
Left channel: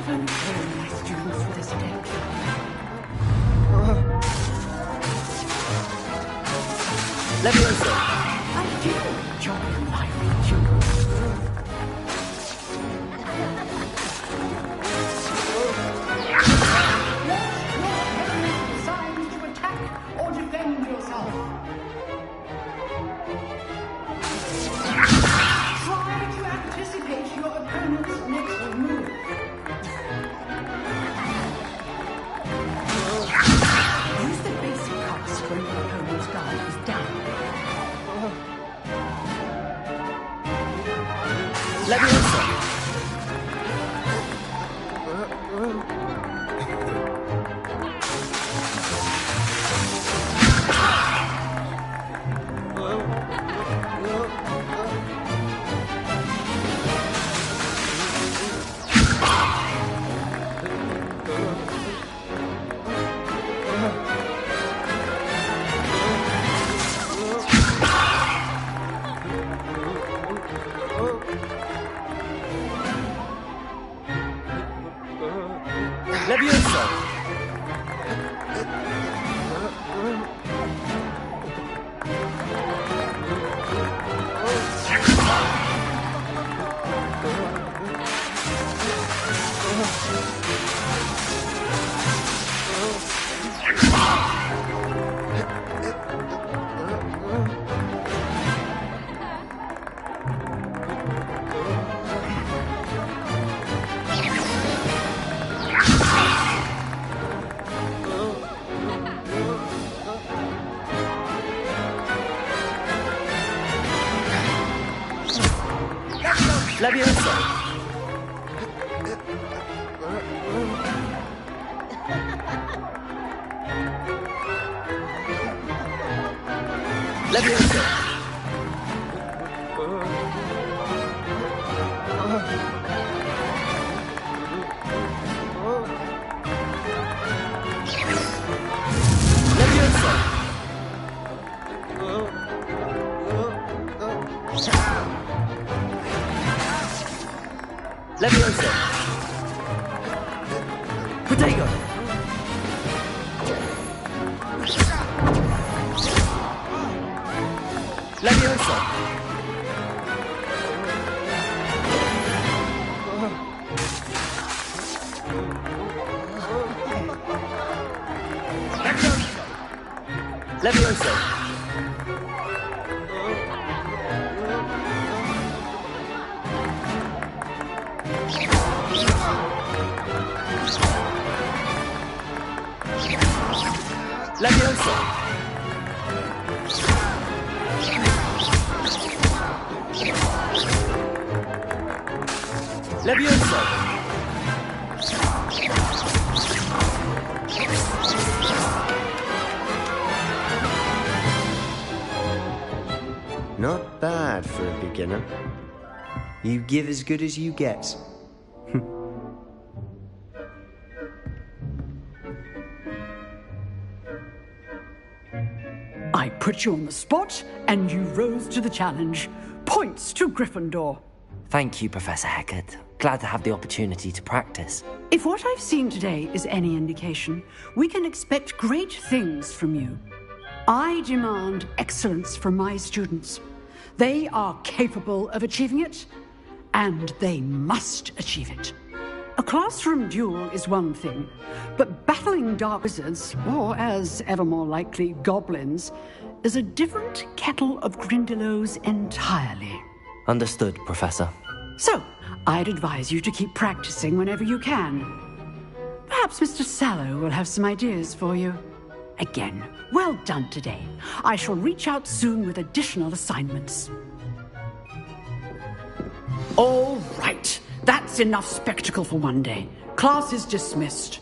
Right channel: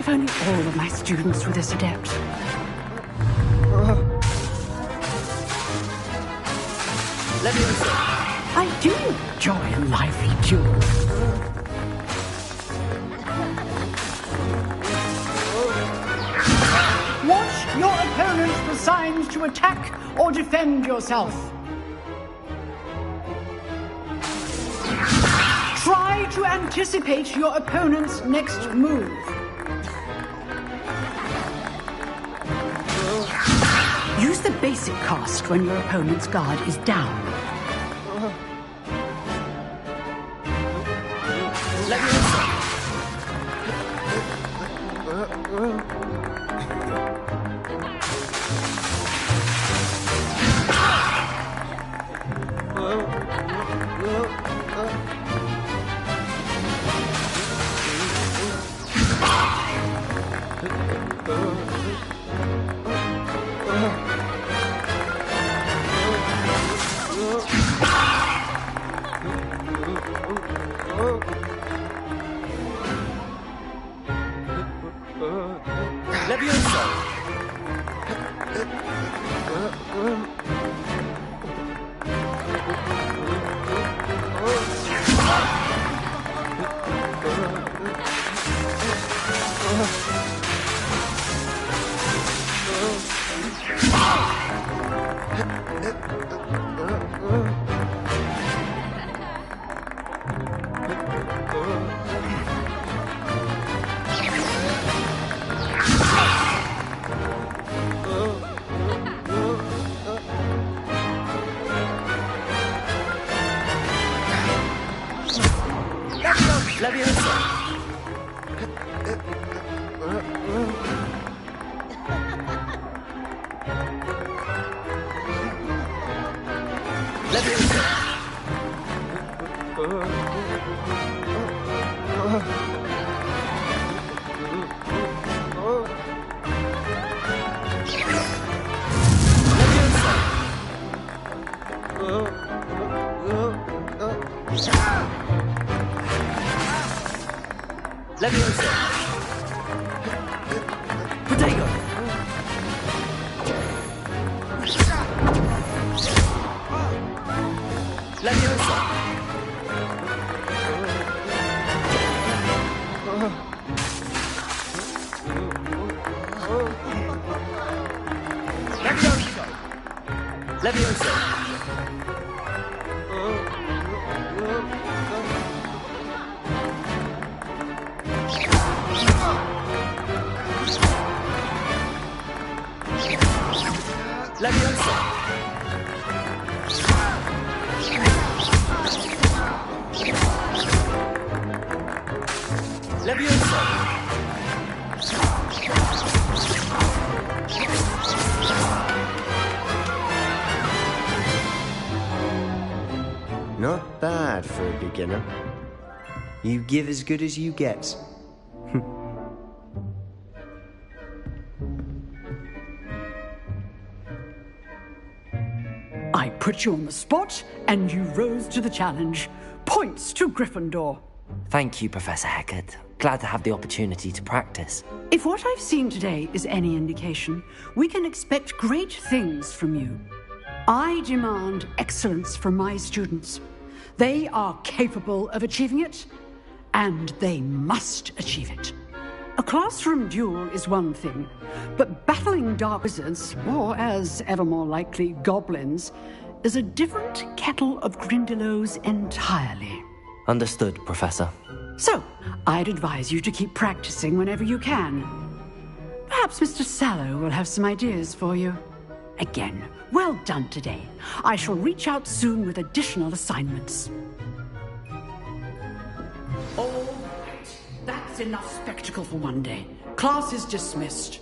If only all of my students were this adept. Levioso! I do enjoy lively duels. Watch your opponent for signs to attack or defend yourself. Try to anticipate your opponent's next move. Use the basic cast when your opponent's guard is down. Levioso! Leviosa! Leviosa! Leviosa! Protego! Leviosa! Leviosa! Leviosa! Leviosa! Leviosa! Not bad for a beginner. You give as good as you get. I put you on the spot, and you rose to the challenge. Points to Gryffindor. Thank you, Professor Hecat. Glad to have the opportunity to practice. If what I've seen today is any indication, we can expect great things from you. I demand excellence from my students. They are capable of achieving it, and they must achieve it. A classroom duel is one thing, but battling dark wizards, or as ever more likely, goblins, is a different kettle of Grindylows entirely. Understood, Professor. So, I'd advise you to keep practicing whenever you can. Perhaps Mr. Sallow will have some ideas for you. Again, well done today. I shall reach out soon with additional assignments. All right. That's enough spectacle for one day. Class is dismissed.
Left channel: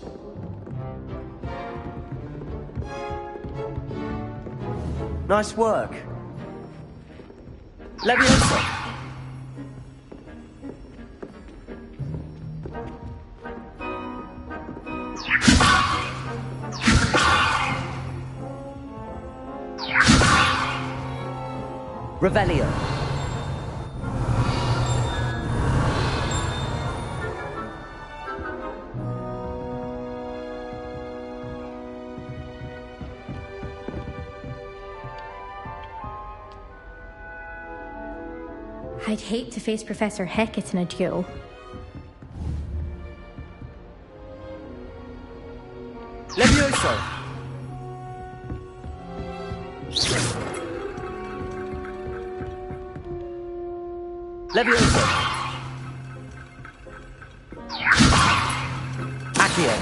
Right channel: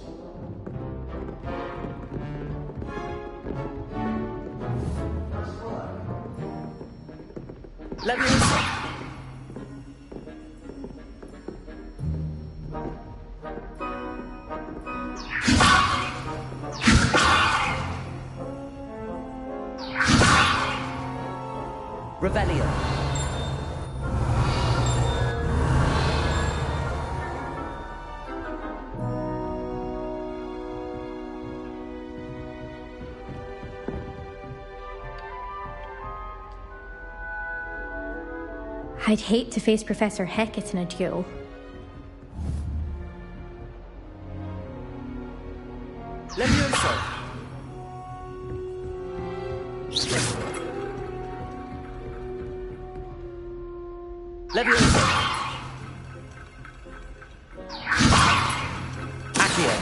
Nice work. Leviosa! Revelio! I'd hate to face Professor Hecat in a duel. Leviosa! Leviosa! Accio!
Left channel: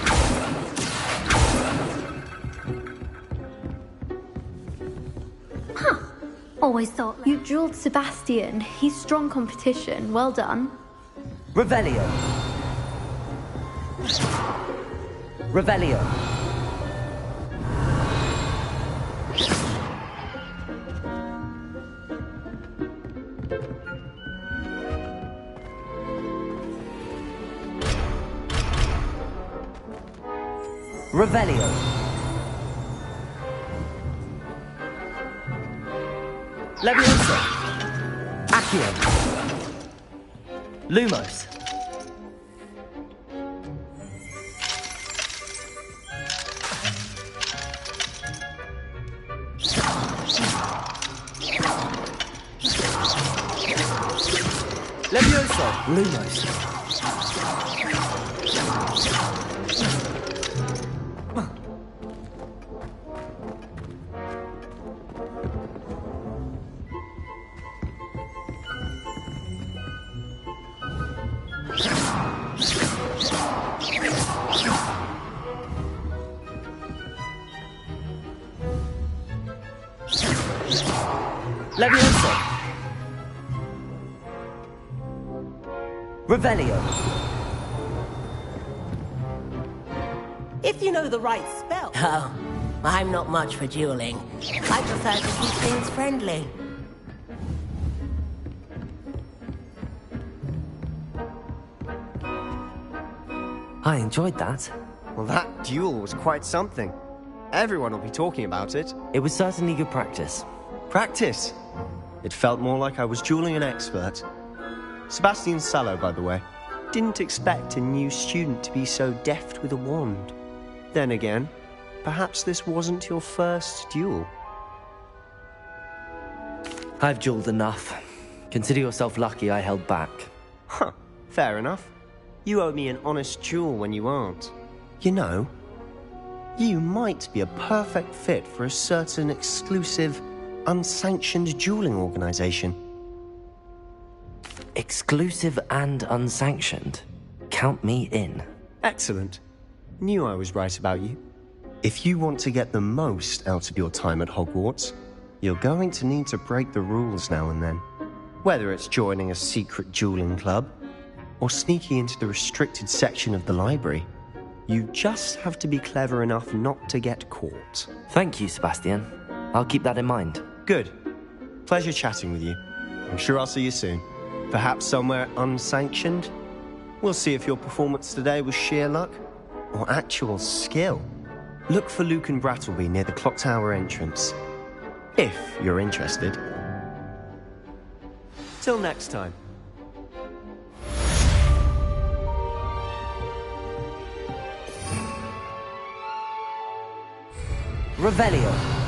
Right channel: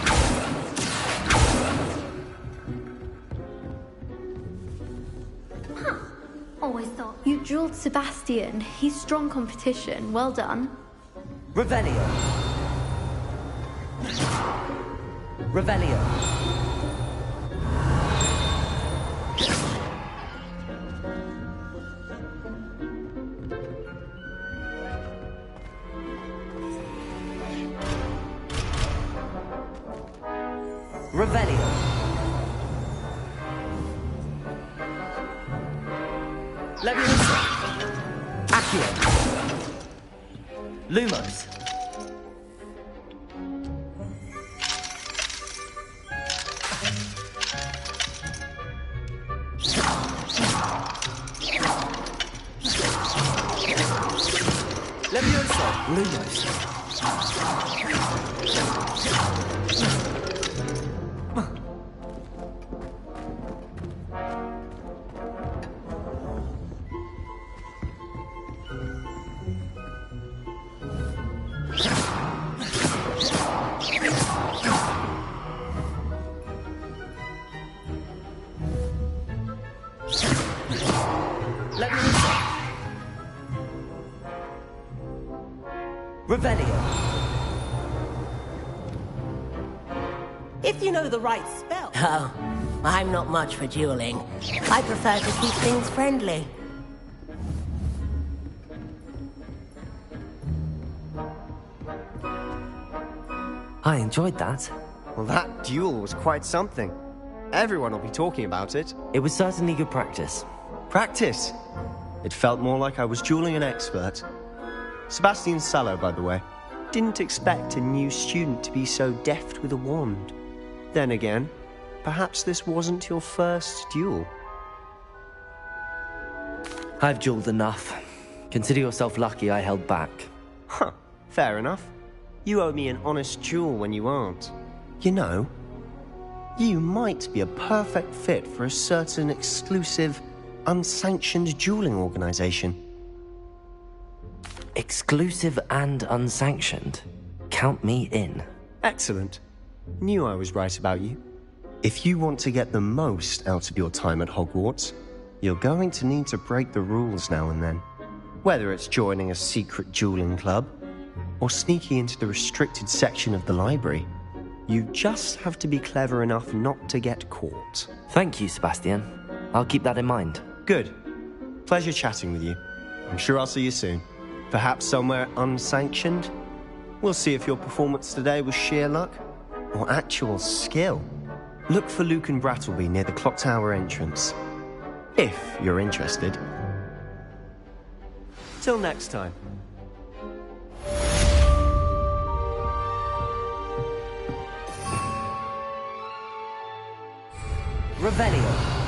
Always thought you drilled Sebastian. He's strong competition. Well done. Revelio! Revelio! Revelio! Leviosa! Accio! Lumos! Leviosa! Lumos! Leviosa! Revelio. If you know the right spell. Oh, I'm not much for dueling. I prefer to keep things friendly. I enjoyed that. Well, that duel was quite something. Everyone will be talking about it. It was certainly good practice. Practice? It felt more like I was dueling an expert. Sebastian Sallow, by the way. Didn't expect a new student to be so deft with a wand. Then again, perhaps this wasn't your first duel. I've dueled enough. Consider yourself lucky I held back. Huh, fair enough. You owe me an honest duel when you aren't. You know, you might be a perfect fit for a certain exclusive, unsanctioned dueling organization. Exclusive and unsanctioned? Count me in. Excellent. Knew I was right about you. If you want to get the most out of your time at Hogwarts, you're going to need to break the rules now and then. Whether it's joining a secret dueling club, or sneaking into the restricted section of the library, you just have to be clever enough not to get caught. Thank you, Sebastian. I'll keep that in mind. Good. Pleasure chatting with you. I'm sure I'll see you soon. Perhaps somewhere unsanctioned? We'll see if your performance today was sheer luck or actual skill. Look for Luke and Brattleby near the clock tower entrance. If you're interested. Till next time. Revelio.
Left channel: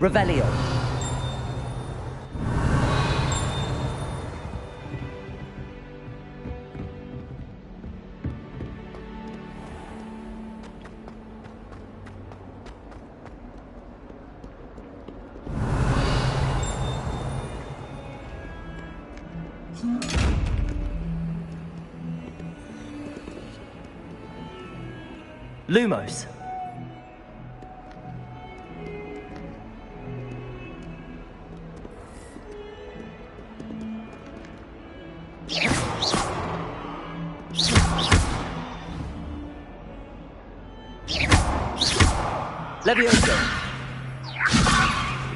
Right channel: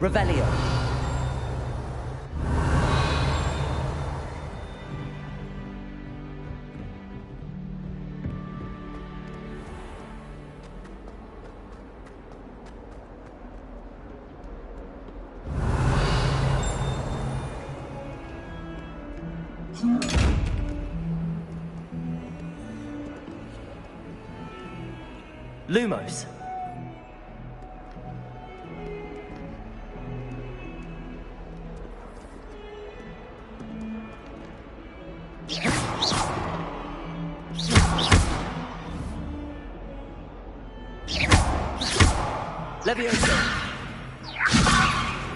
Revelio. Lumos. Levioso.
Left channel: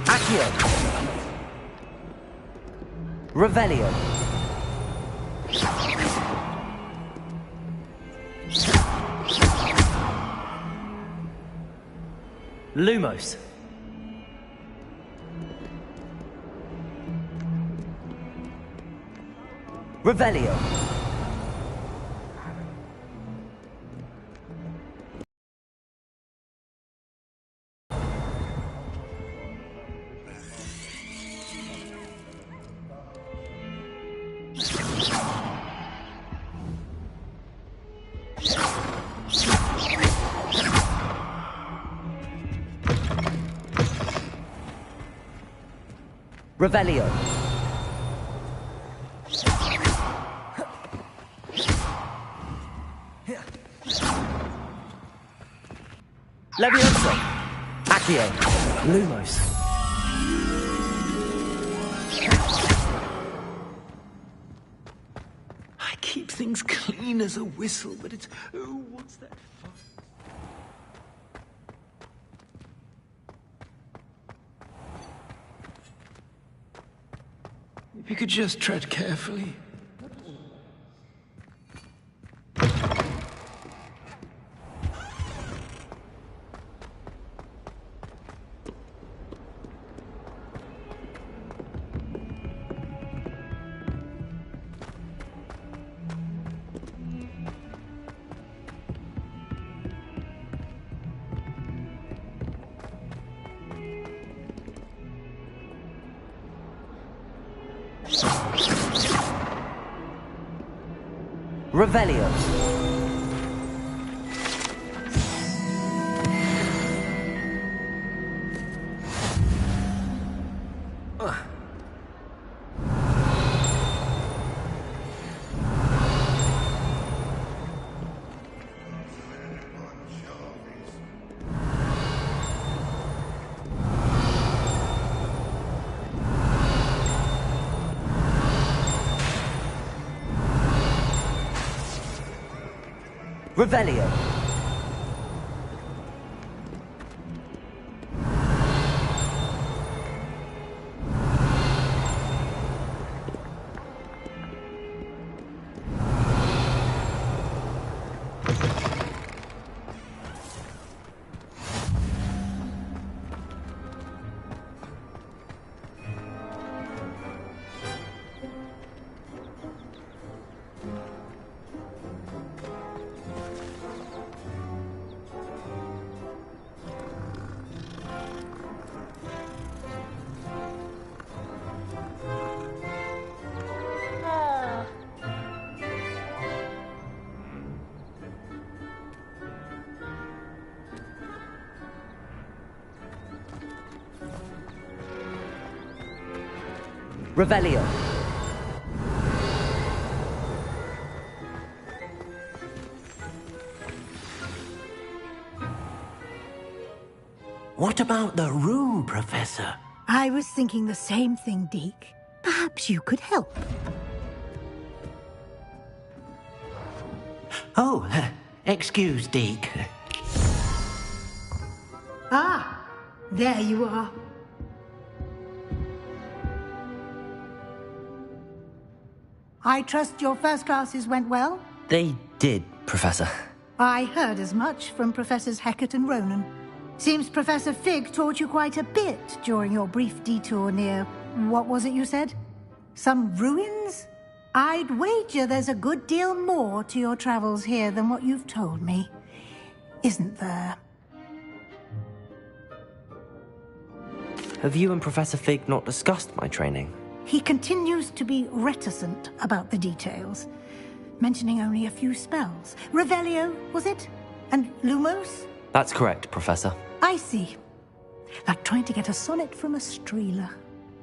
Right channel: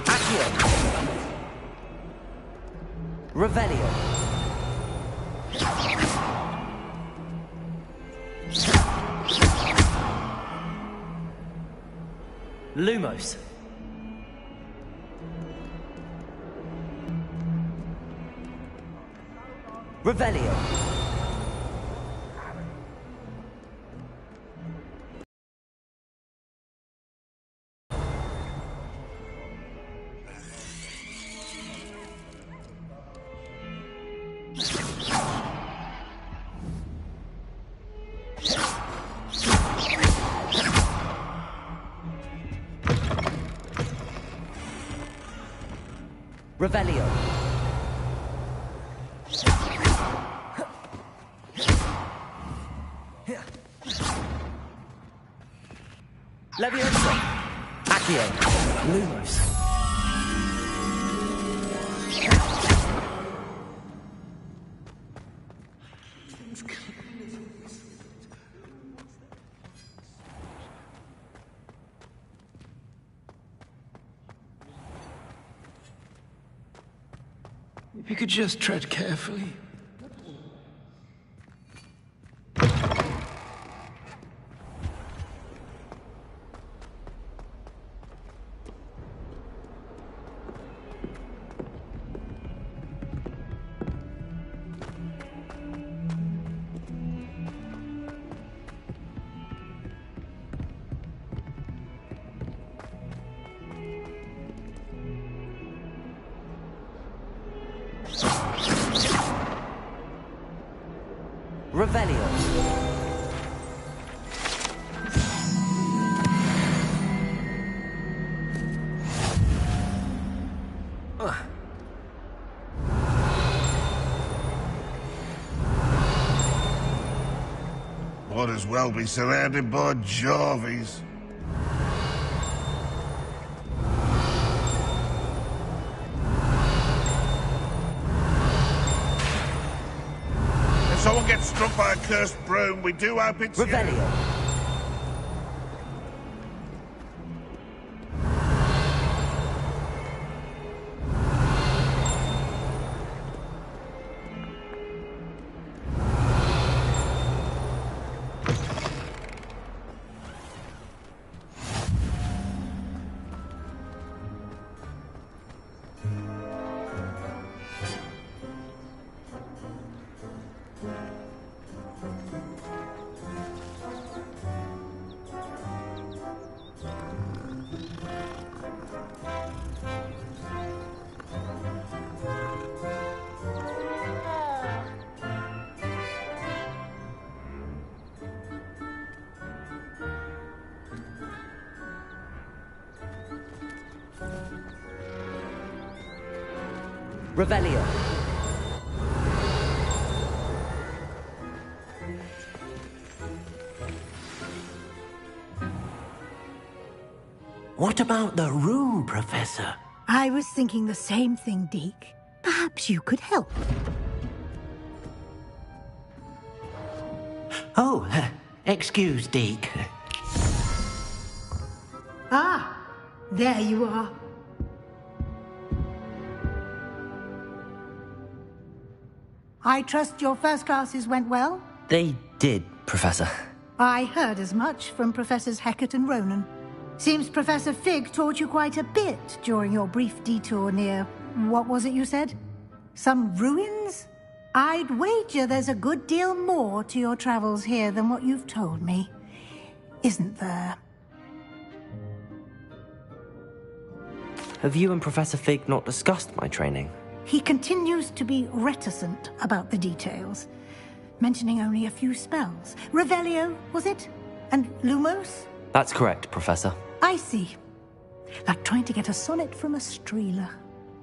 Accio. Revelio. Lumos. Revelio. Revelio. Levioso. Accio. Lumos. I keep things clean as a whistle, but it's... Oh, what's that? If you could just tread carefully. Revelio. Might as well be surrounded by Jarvies. If someone gets struck by a cursed broom, we do hope it's... Revelio. Revelio. What about the room, Professor? I was thinking the same thing, Deke. Perhaps you could help. Oh, excuse, Deke. Ah, there you are. I trust your first classes went well? They did, Professor. I heard as much from Professors Hecat and Ronan. Seems Professor Fig taught you quite a bit during your brief detour near... what was it you said? Some ruins? I'd wager there's a good deal more to your travels here than what you've told me. Isn't there? Have you and Professor Fig not discussed my training? He continues to be reticent about the details, mentioning only a few spells. Revelio, was it? And Lumos? That's correct, Professor. I see. Like trying to get a sonnet from a streeler.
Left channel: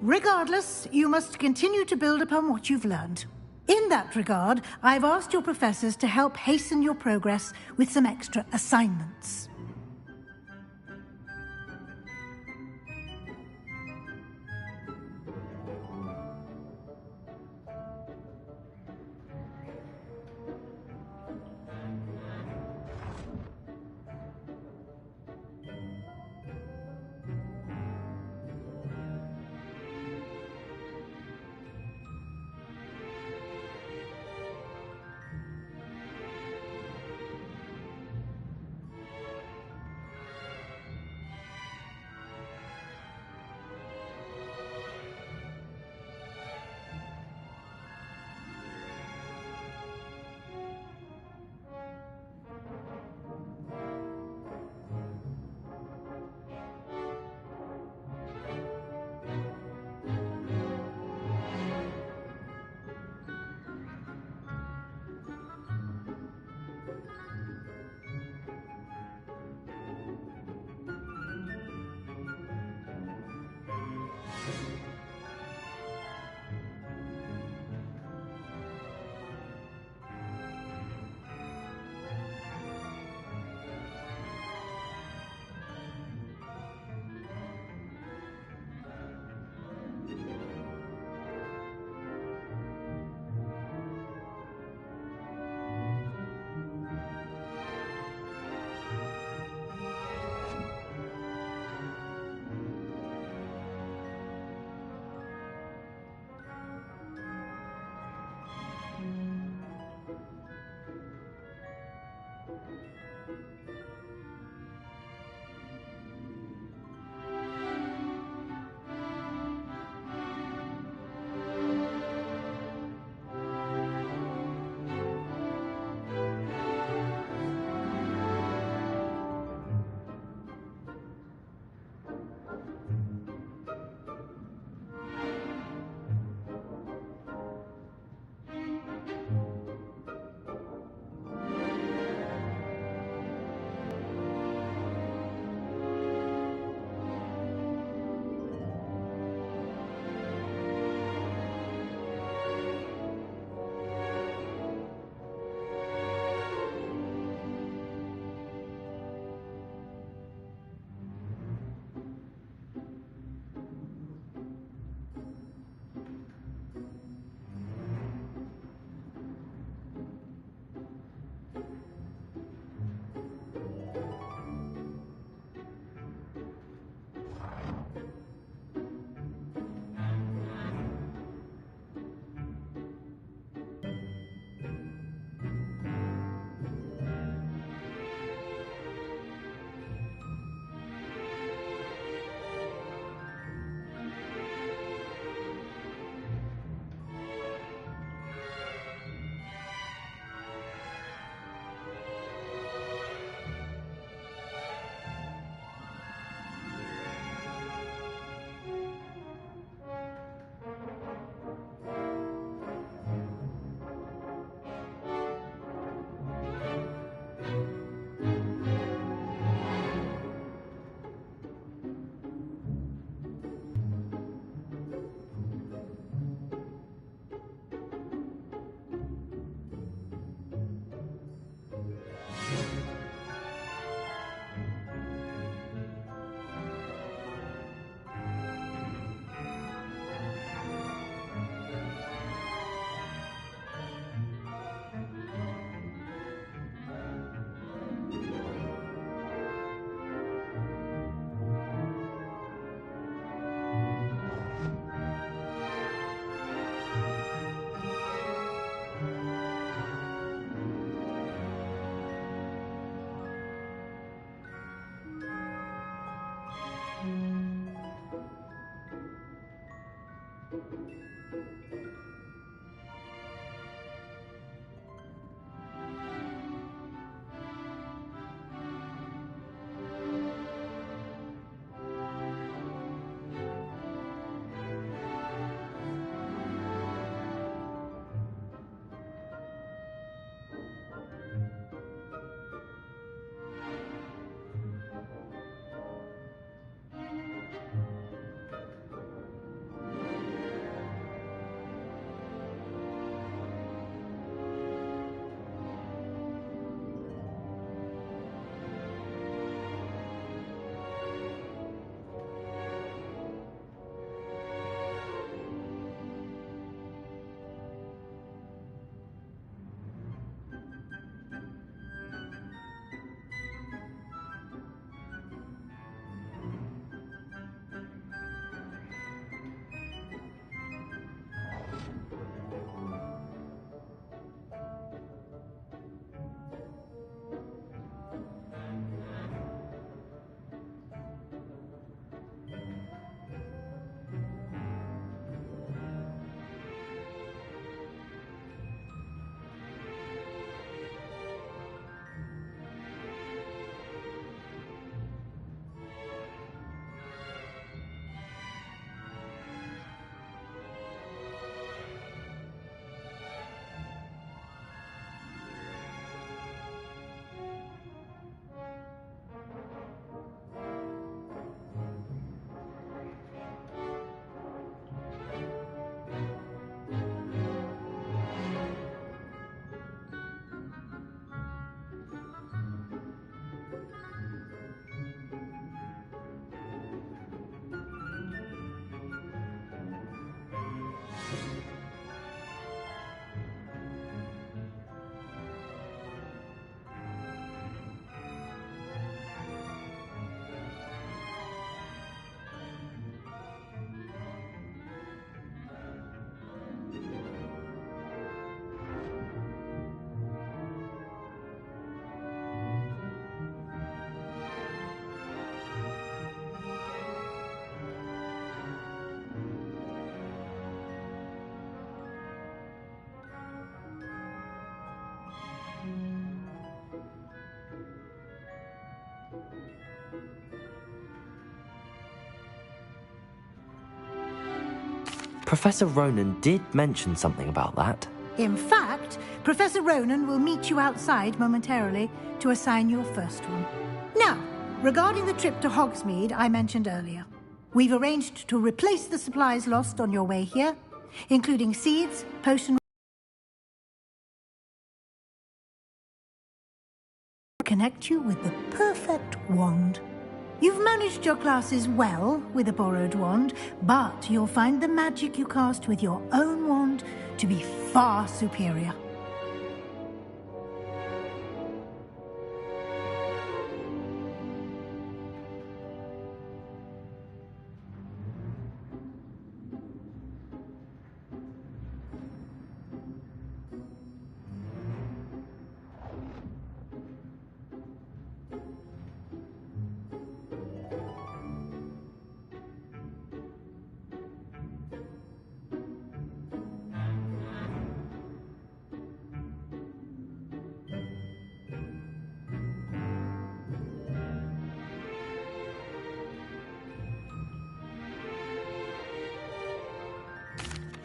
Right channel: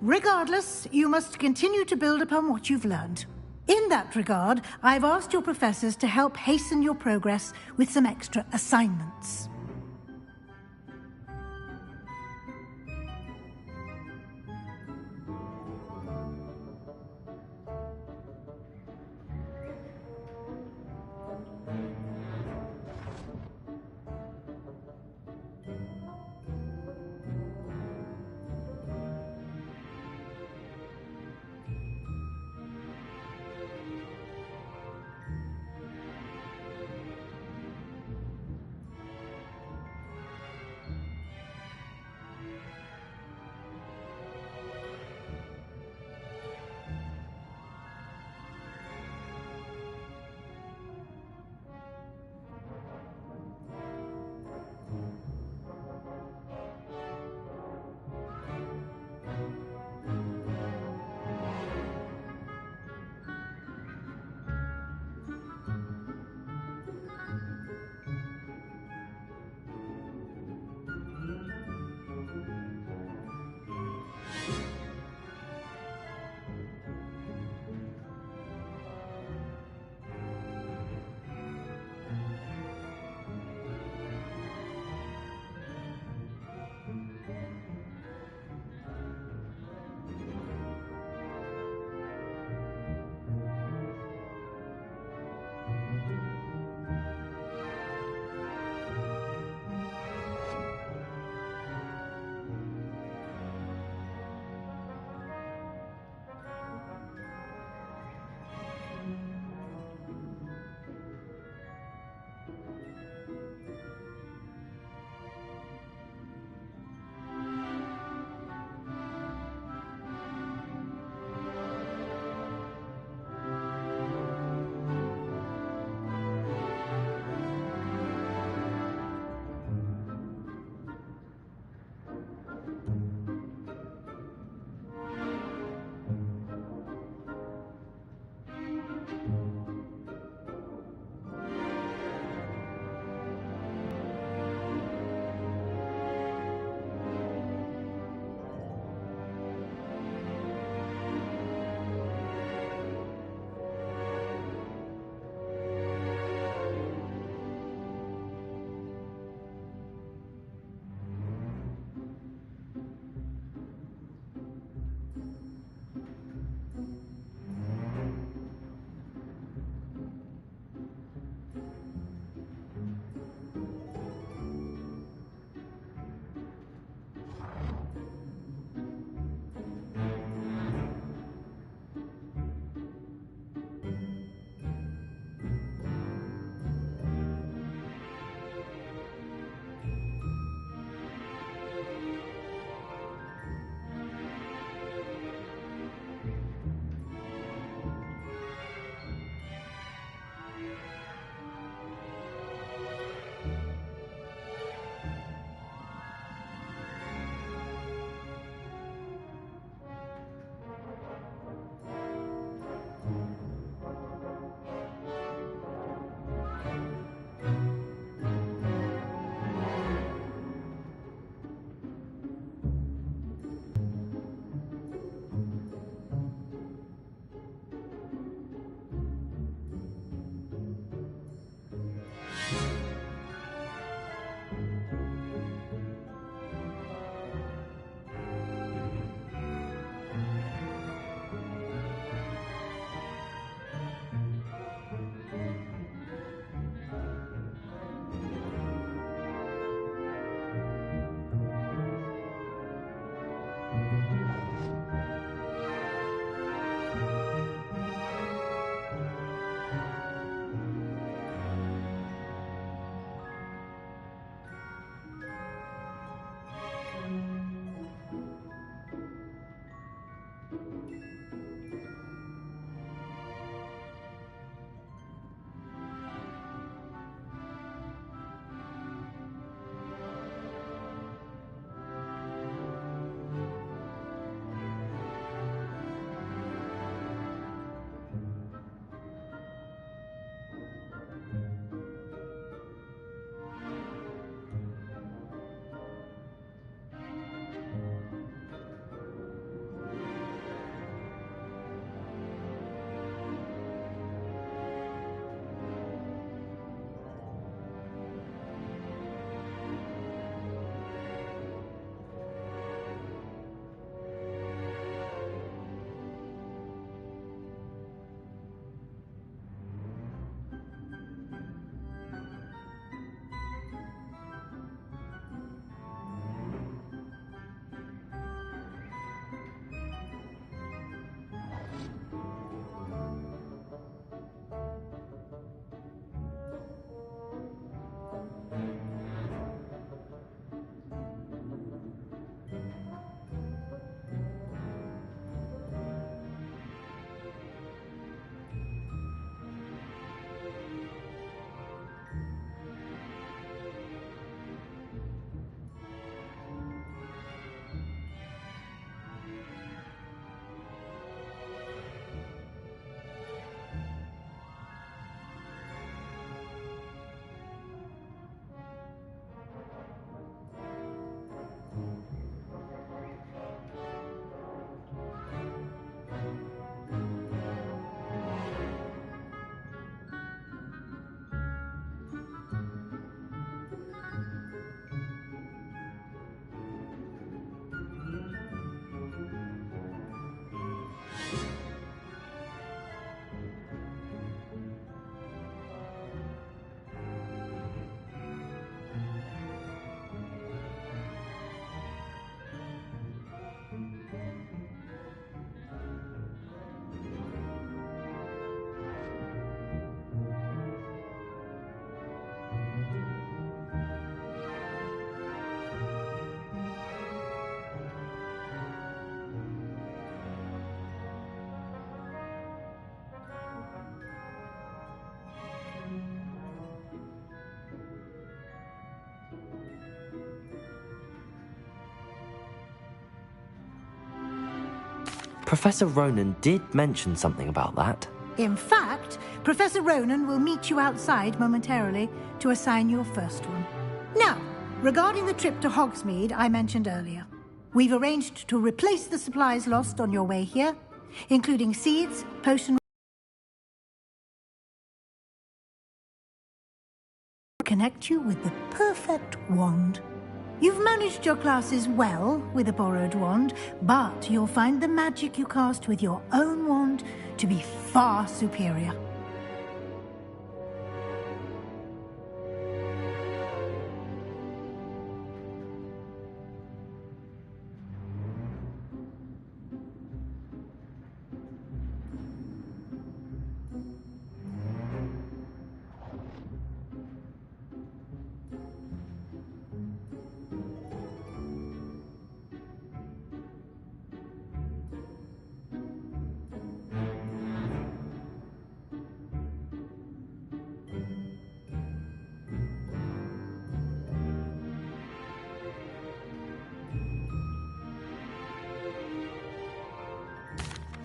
Regardless, you must continue to build upon what you've learned. In that regard, I've asked your professors to help hasten your progress with some extra assignments. Professor Ronan did mention something about that. In fact, Professor Ronan will meet you outside momentarily to assign your first one. Now, regarding the trip to Hogsmeade I mentioned earlier, we've arranged to replace the supplies lost on your way here, including seeds, potion... connect you with the perfect wand. You've managed your classes well with a borrowed wand, but you'll find the magic you cast with your own wand to be far superior.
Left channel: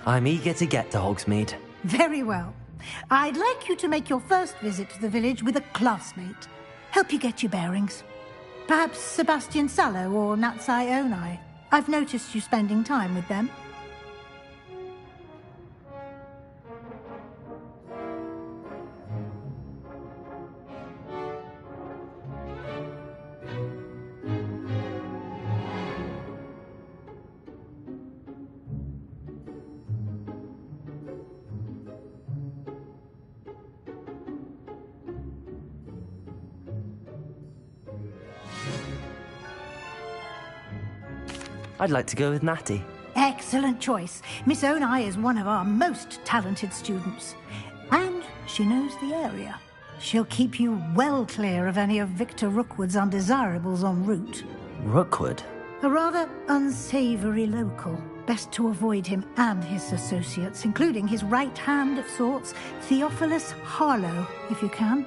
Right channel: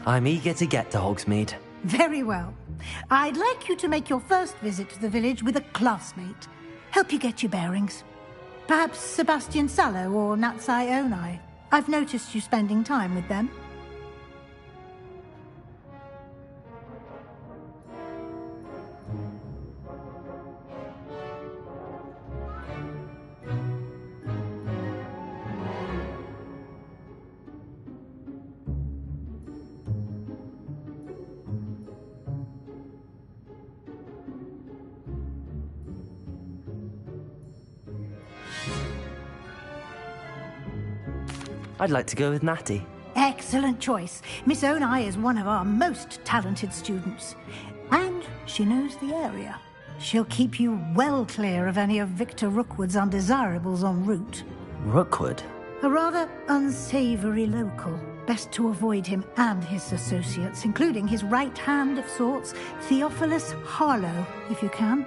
I'm eager to get to Hogsmeade. Very well. I'd like you to make your first visit to the village with a classmate. Help you get your bearings. Perhaps Sebastian Sallow or Natsai Onai. I've noticed you spending time with them. I'd like to go with Natty. Excellent choice. Miss Onai is one of our most talented students. And she knows the area. She'll keep you well clear of any of Victor Rookwood's undesirables en route. Rookwood? A rather unsavory local. Best to avoid him and his associates, including his right hand of sorts, Theophilus Harlow, if you can.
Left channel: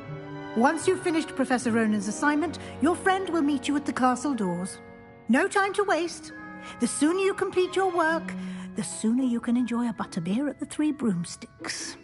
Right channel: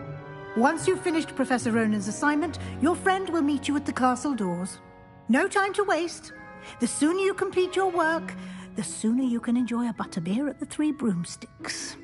Once you've finished Professor Ronan's assignment, your friend will meet you at the castle doors. No time to waste. The sooner you complete your work, the sooner you can enjoy a butterbeer at the Three Broomsticks.